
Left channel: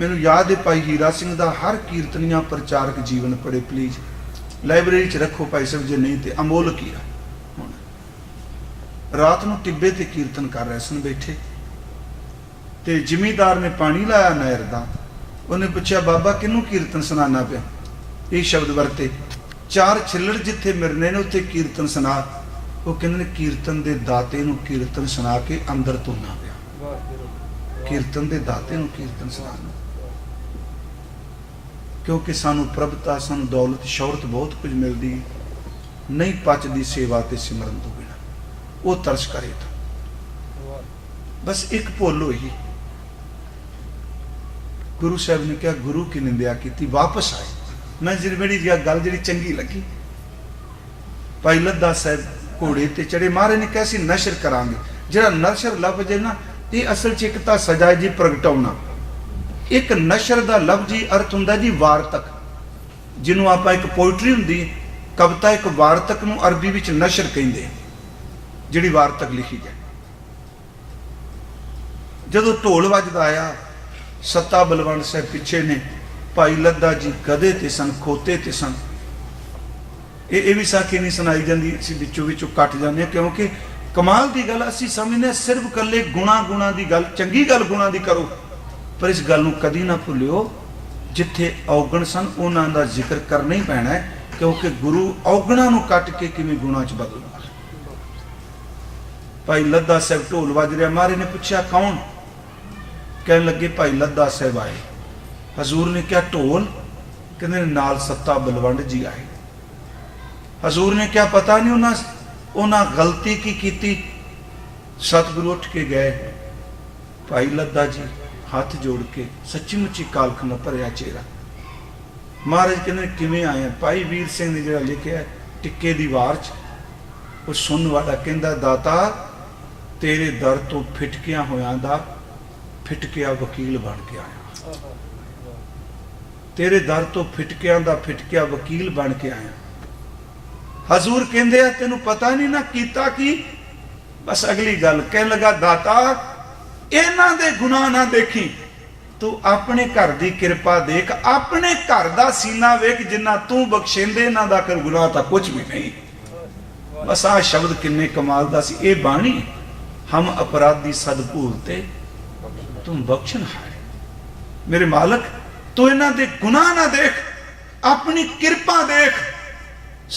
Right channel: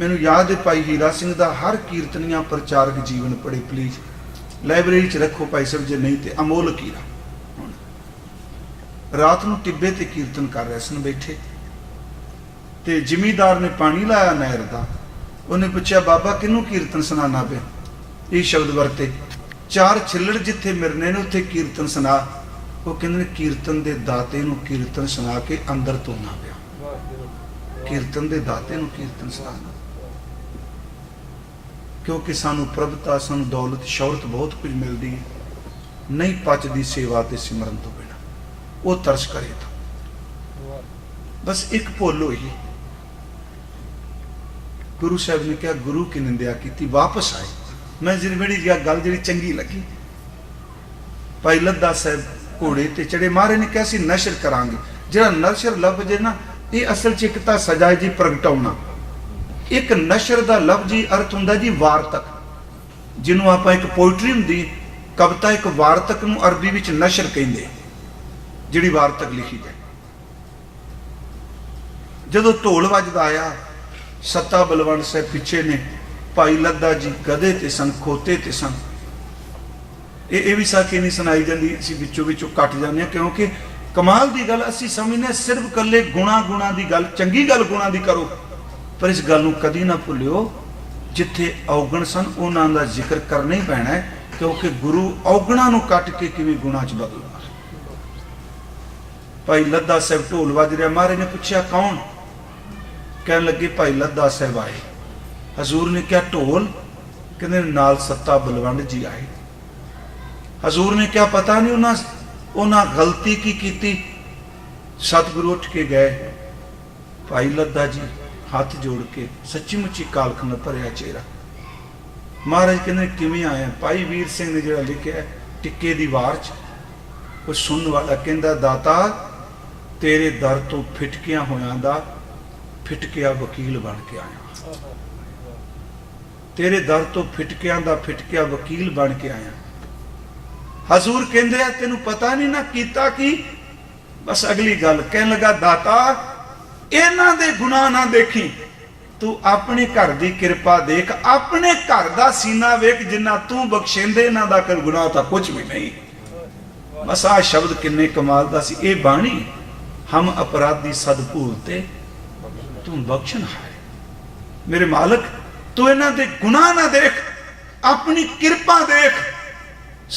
ਮੈਨੂੰ याद है भाई हीरा सिंह का हर कीर्तनिया प्रचारक जीवन पढ़े प्लीज लाइब्रेरी च रखो भाई साहब जो नहीं तो अमोलक ही रात को टिब्बे ते कीर्तन कर रहे सन बैठे ते जिमीदार ने पानी लाया नहर का उन्हें पूछा बाबा किनू कीर्तन सुनाना पे ये शब्द वरते 4 छिल्लड़ जिथे मिलने ने उत्थे कीर्तन सुना वो कहते कीर्तन के दाते नू कीर्तन सुना के अंदर धोना पिया कीर्तन के दाते नू कीर्तन सुना क्योंकि सानू प्रभुता सानू दौलत शौहरत बहुत कुछ मिलती नहीं पचती सेवा के सिमरन तो बिना वो तरस करे तो बस एक भुल हुई गुरु साहब ने क्या गुरु की निंदा की वापस आए मैं जिहड़ी गल जी चंगी लगी भाई लद्दा साहब घोड़े ते चढ़े महाराज ने कहा सी नशर करांगे जिहड़ा नशर लफ्ज है ना ये असल च एक तां सजा जी प्रगटाउणा एक नशर का लफ्ज ही अर्थ हुंदा जी वारतक जिन्हों आप एक पोइट्री हुंदी कविता एक वारतक नूं अरबी विच नशर कहिंदे जिहड़ी वारतक लिखी है जदों ढोल वजदा आया सत्ता बलवंत साहब पिछे ने भाई लद्दा जी गधे ते सन खोते ते सन ये भी साखी नहीं सुनाई जाती असीं विचों विचों कट जाते हैं क्योंकि कमाल की गल असीं समझने सिर्फ कल्ले गुणा की गल चंगी गल गुणा की करो पर इस गल कदी ना भुलियो जिथे औगण सन उन्हां दा जिक्र करना ही पैना है क्योंकि गुरु औगणा नूं कट के किवें गुणा च बदलूगा भाई लद्दा साहब ढोल वज रहा महाराज ने पूछा कौन कहने लगे भाई लद्दा साहब आए हजूर ने क्या ढोल कहते नाल सत्ता बलवंत जी आए हजूर ने क्या पता नहीं उन्हां गलती की सतगुरु उठ के गए भाई लद्दा जी हाथ जोड़ के सच्ची मुच्ची कालख न भरिया चेहरा महाराज कहने किवें आया भाई वीर सिंह ने जो लिखा टिक्के दी वार च सुनने वाला कहता दाता तेरे दर तो फिटकिया होया दा फिटकिया वकील बन के आया तेरे दर तो फिटकिया दा फिटकिया वकील बन के आया हजूर कहते तेनू पता नहीं ना कीता की बस अगली गल कह लगा दाता इन्हां दे गुनाह ना देखी तू अपने घर की कृपा देख अपने घर का सीना वेख जिन्ना तू बख्शेंदे इन्हां दा कर गुनाह तां कुछ भी नहीं बस आ शब्द किन्ने कमाल दा सी ए बाणी हम अपराधी सद भूलते तुम बख्शन हारे मेरे मालक तू इन्हां दे गुनाह ना देख अपनी कृपा देख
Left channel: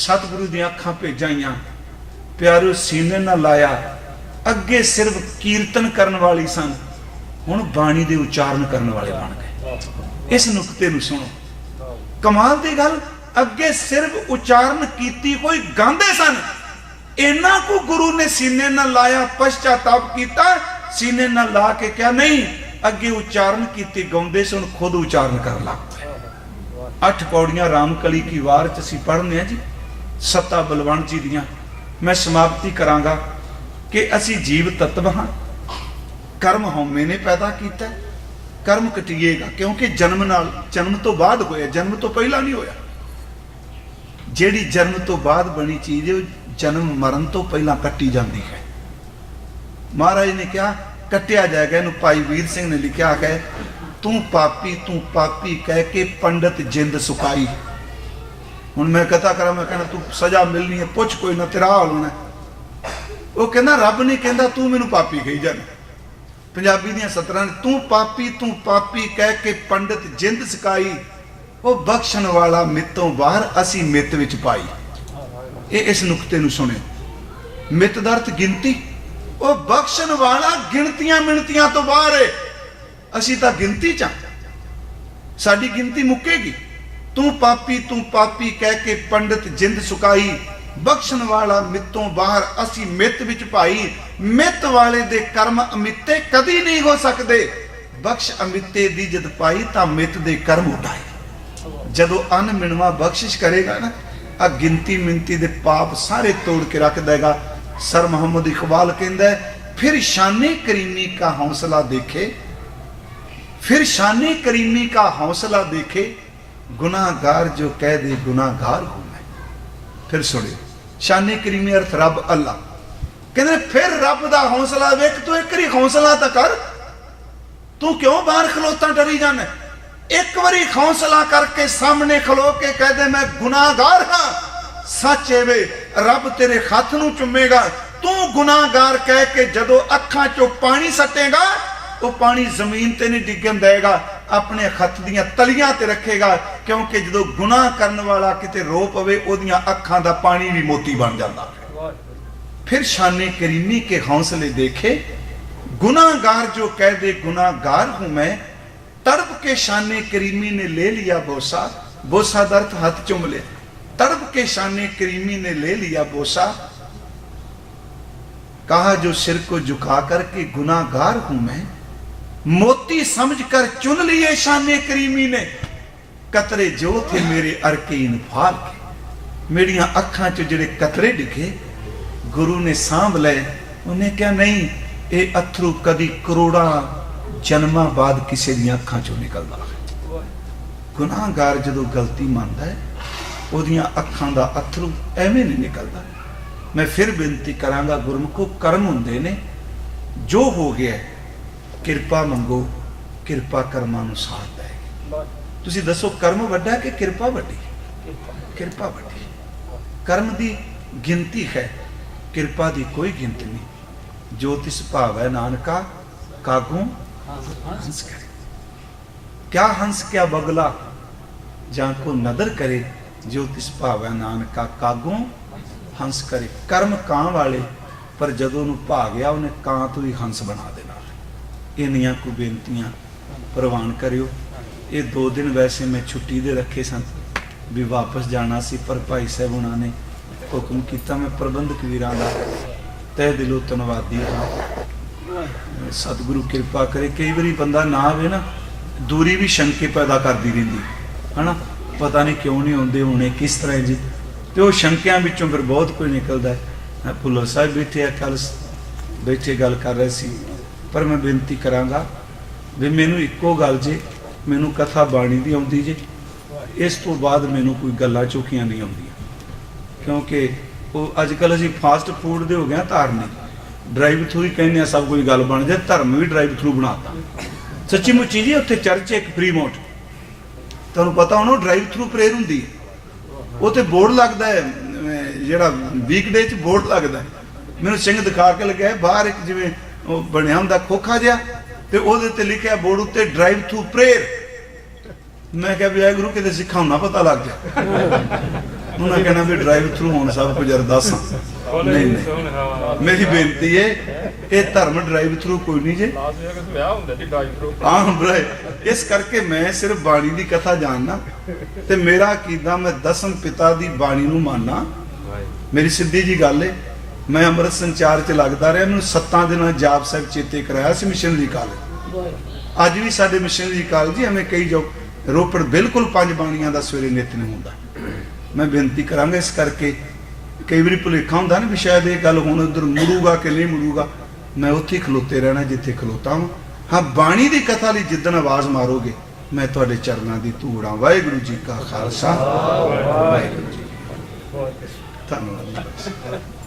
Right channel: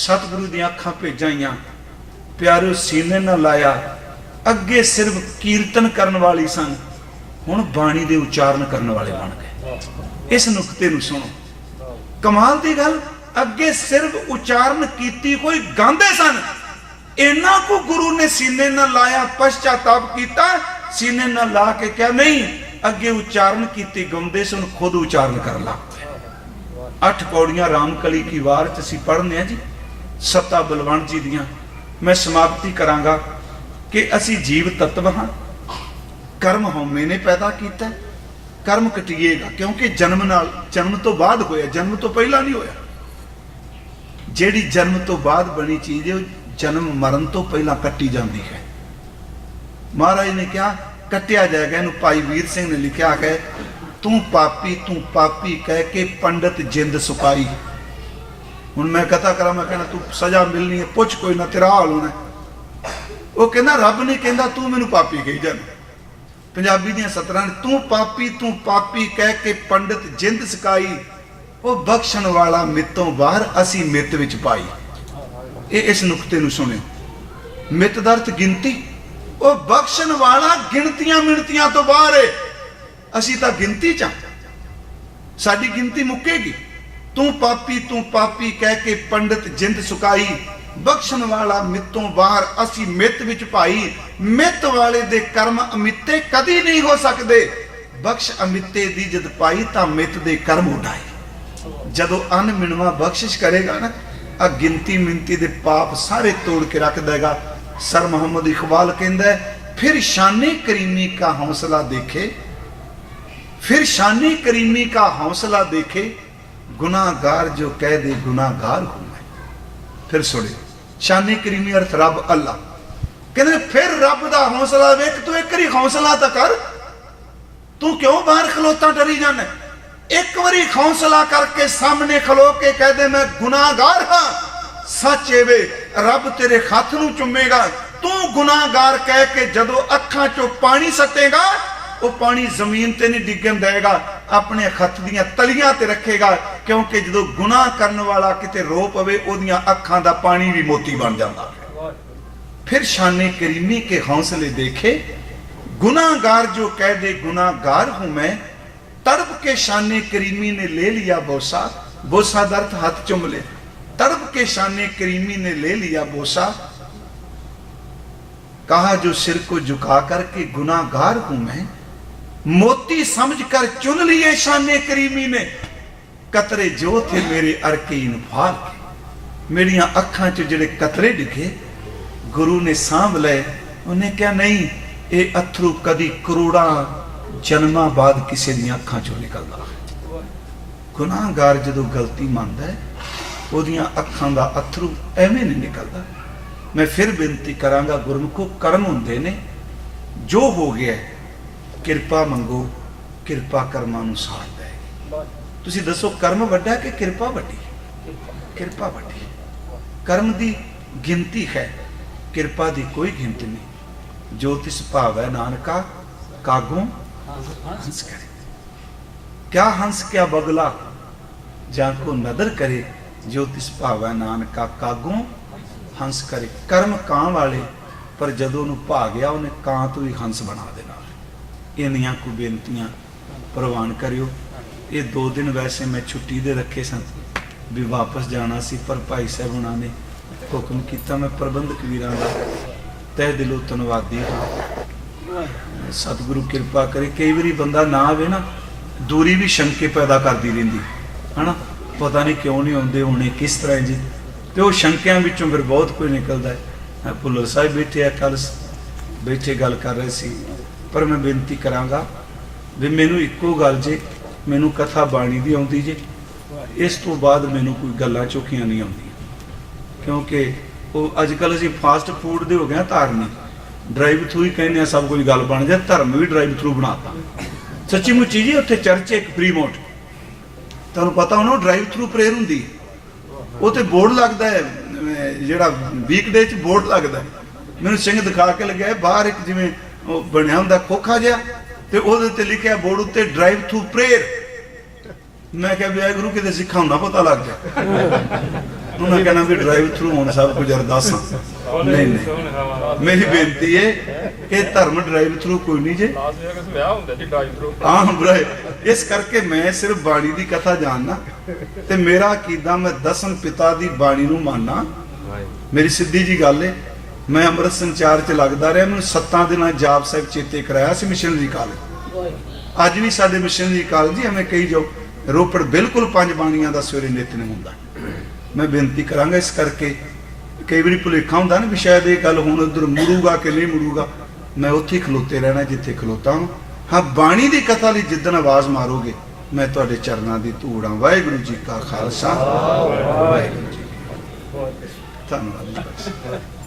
सतगुरु दी अखां भेजाइयां प्यारो सीने ना लाया अगे सिर्फ कीर्तन करने वाली सन हुण बाणी दे उच्चारण करने वाले बन गए इस नुकते नूं सुनो कमाल दी गल अगे सिर्फ उच्चारण कीती कोई गांदे सन इन्हां को गुरु ने सीने ना लाया पश्चाताप किया सीने ना ला के क्या नहीं अगे उच्चारण कीती गाउंदे सन खुद उच्चारण कर ला 8 पौड़ियां रामकली की वार च असीं पढ़ने जी सत्ता बलवंत जी दियां मैं समाप्ति करांगा कि असी जीव तत्व हाँ कर्म हौमे ने पैदा किया कर्म कटिएगा क्योंकि जन्म तो बाद होया जन्म तो पहला नहीं होया जेड़ी जन्म तो बाद बनी चीज जन्म मरण तो पहला कट्टी जाती है महाराज ने क्या कटिया जाएगा इन्हू भाई वीर सिंह ने लिखा है तू पापी कह के पंडित जिंद सुकाई हुण मैं कथा करा मैं कहना तू सजा मिलनी है पुछ कोई ना तेरा हाल होना वो कहना रब ने कहता तू मैनू पापी कही जाना पंजाबी दी सतरां तू पापी कह के पंडित जिंद सिखाई वो बख्शण वाला मितों बाहर असी मित विच पाई ये इस नुकते नूं सुने मित दा अर्थ गिनती वो बख्शण वाला गिनतियां मिनतियां तो बाहर है असी तां गिनती च साडी गिनती मुकेगी तू पापी कह के पंडित जिंद सुकाई बख्शण वाला मितों बाहर असी मित विच भाई मित वाले दे कर्म अमिते कदी नहीं हो सकते बख्श अमिते दी जद पाई तां मित दे कर्म उठाए जदों अन मिनवा बख्शिश करेगा ना आ गिनती मिनती दे पाप सारे तोड़ के रख देगा सर मोहम्मद इकबाल कहता है फिर शानी करीमी का हौसला देखे फिर शानी करीमी का हौसला देखे गुनाहगार जो कह दे गुनाहगार फिर सुनिए शानी करीमी अर्थ रब अल्लाह कहते फिर रब का हौसला देख तो एक हौसला तो कर तू क्यों बाहर खलोता डरी जाना? एक बारी हौसला करके सामने खलो के कह दे मैं गुनाहगार हाँ, सच एवे रब तेरे हथ नूं चुमेगा। तू गुनाहगार कह के जदों अखां चों पानी सटेगा, वो पानी जमीन ते नहीं डिगन देगा, अपने हथ दियां तलियां ते रखेगा, क्योंकि जदों गुनाह करने वाला किते रो पवे ओदियां अखां दा पानी भी मोती बन जाता है। फिर शाने करीमी के हौसले देखे। गुनाहगार जो कह दे गुनाहगार हूं मैं, तड़प के शाने करीमी ने ले लिया बोसा, बोसा दर्द हाथ चुम ले, तड़प के शाने करीमी ने ले लिया बोसा, कहा जो सिर को झुका करके गुनाहगार हूं मैं, मोती समझकर चुन लिए शाने करीमी ने, कतरे जो थे मेरे अरकीन भाग के, मेरिया अखां च जिहड़े कतरे दिखे गुरु ने सांभ ले। उन्हें क्या नहीं, ये अथरू कभी करोड़ा जन्मां बाद किसी दी अखां चों निकलदा है। गुनाहगार जदों गलती मानदा है ओदियां अखां दा अथरू एवें नहीं निकलदा। मैं फिर बेनती करांगा गुरु को, कर्म हुंदे ने, जो हो गया किरपा मंगो, किरपा कर्मां नूं साथ दे। तुसीं दसो कर्म वड्डा कि किरपा वड्डी? किरपा वड्डी। कर्म दी गिनती है, किरपा दी कोई गिनती नहीं। जो तिस भावै नानका कागों हंस करे, क्या हंस क्या बगला जान को नदर करे, जो तिस भावै नानका कागों हंस करे। कर्म कां वाले, पर जदों नूं भा गया उन्हें कां तो ही हंस बना देना। इन्नियां को बेनतियां प्रवान करियो। ये 2 दिन वैसे मैं छुट्टी दे रखे सन भी वापस जाना सी, पर भाई साहब उन्होंने ने हुक्म किया। मैं प्रबंधक वीरां दा तह दिलों धन्नवादी। सतगुरु कृपा करे। कई बारी बंदा ना आवे ना, दूरी भी शंके पैदा करती रही है ना, पता नहीं क्यों नहीं आते होने, किस तरह जी, तो शंकियां विचों फिर बहुत कुछ निकलता है। मैं भुल्लर साहब बैठे कल बैठे गल कर रहे सी, पर मैं बेनती करांगा भी मैनू इक्को गल जे, मैनू कथा बाणी भी आउंदी जी, इस तो बाद मैनू कोई गल्लां चौखियां नहीं आउंदियां, क्योंकि अजकल असीं फास्ट फूड दे हो गए धार्मिक, ड्राइव थ्रू ही कहने सब कोई गल बन जाए, धर्म भी ड्राइव थ्रू बनाता। सच्ची मुच्ची जी उत्थे चर्च एक फ्री मोट, तुहानूं पता होना ड्राइव थ्रू प्रेयर हुंदी है, उत्थे बोर्ड लगदा है, जिहड़ा वीकडे च बोर्ड लगदा है, मैनूं सिंह दिखा के लग्या बाहर एक जिवें ਉਹ ਬਣਿਆ ਹੁੰਦਾ ਕੋਖਾ ਜਿਹਾ ਤੇ ਉਹਦੇ ਤੇ ਲਿਖਿਆ ਬੋਰਡ ਉੱਤੇ ਡਰਾਈਵ ਥਰੂ ਪ੍ਰੇਅਰ। ਮੈਂ ਕਿਹਾ ਵਾਹਿਗੁਰੂ ਕਿਤੇ ਸਿੱਖਾਂ ਨਾ ਪਤਾ ਲੱਗ ਗਿਆ। ਉਹਨਾਂ ਕਹਿੰਦਾ ਵੀ ਡਰਾਈਵ ਥਰੂ ਹੁਣ ਸਾਹਿਬ ਕੋਲ ਜਰ ਦੱਸ। ਮੇਰੀ ਬੇਨਤੀ ਹੈ ਇਹ ਧਰਮ ਡਰਾਈਵ ਥਰੂ ਕੋਈ ਨਹੀਂ ਜੇ, ਵਿਆਹ ਹੁੰਦਾ ਜੀ ਡਰਾਈਵ ਥਰੂ। ਹਾਂ ਡਰਾਈਵ। ਇਸ ਕਰਕੇ ਮੈਂ ਸਿਰਫ ਬਾਣੀ ਦੀ ਕਥਾ ਜਾਣਨਾ ਤੇ ਮੇਰਾ ਅਕੀਦਾ ਮੈਂ ਦਸਮ ਪਿਤਾ ਦੀ ਬਾਣੀ ਨੂੰ ਮੰਨਣਾ। ਮੇਰੀ ਸਿੱਧੀ ਜੀ ਗੱਲ ਹੈ। मैं अमृत संचार च लगता रहा, मैं 7 दिन जाप साहब चेते कराया सी मिशनरी कॉलेज। अज भी साडे मिशनरी कॉलेज हमें कई जो रोपड़ बिल्कुल 5 बाणियां दा सवेरे नितनेम हुंदा। मैं बेनती करांगा इस करके कई बार भुलेखा हुंदा ना भी शायद ये गल हुण उधर मुड़ूगा कि नहीं मुड़ूगा, मैं उत्थे खलोते रहना जिथे खलोता हूँ। हाँ बाणी की कथा दी जिद्दन आवाज़ मारोगे मैं तुहाडे चरनां दी धूड़ा। वाहिगुरू जी का खालसा, वाहिगुरू जी धन्नवाद।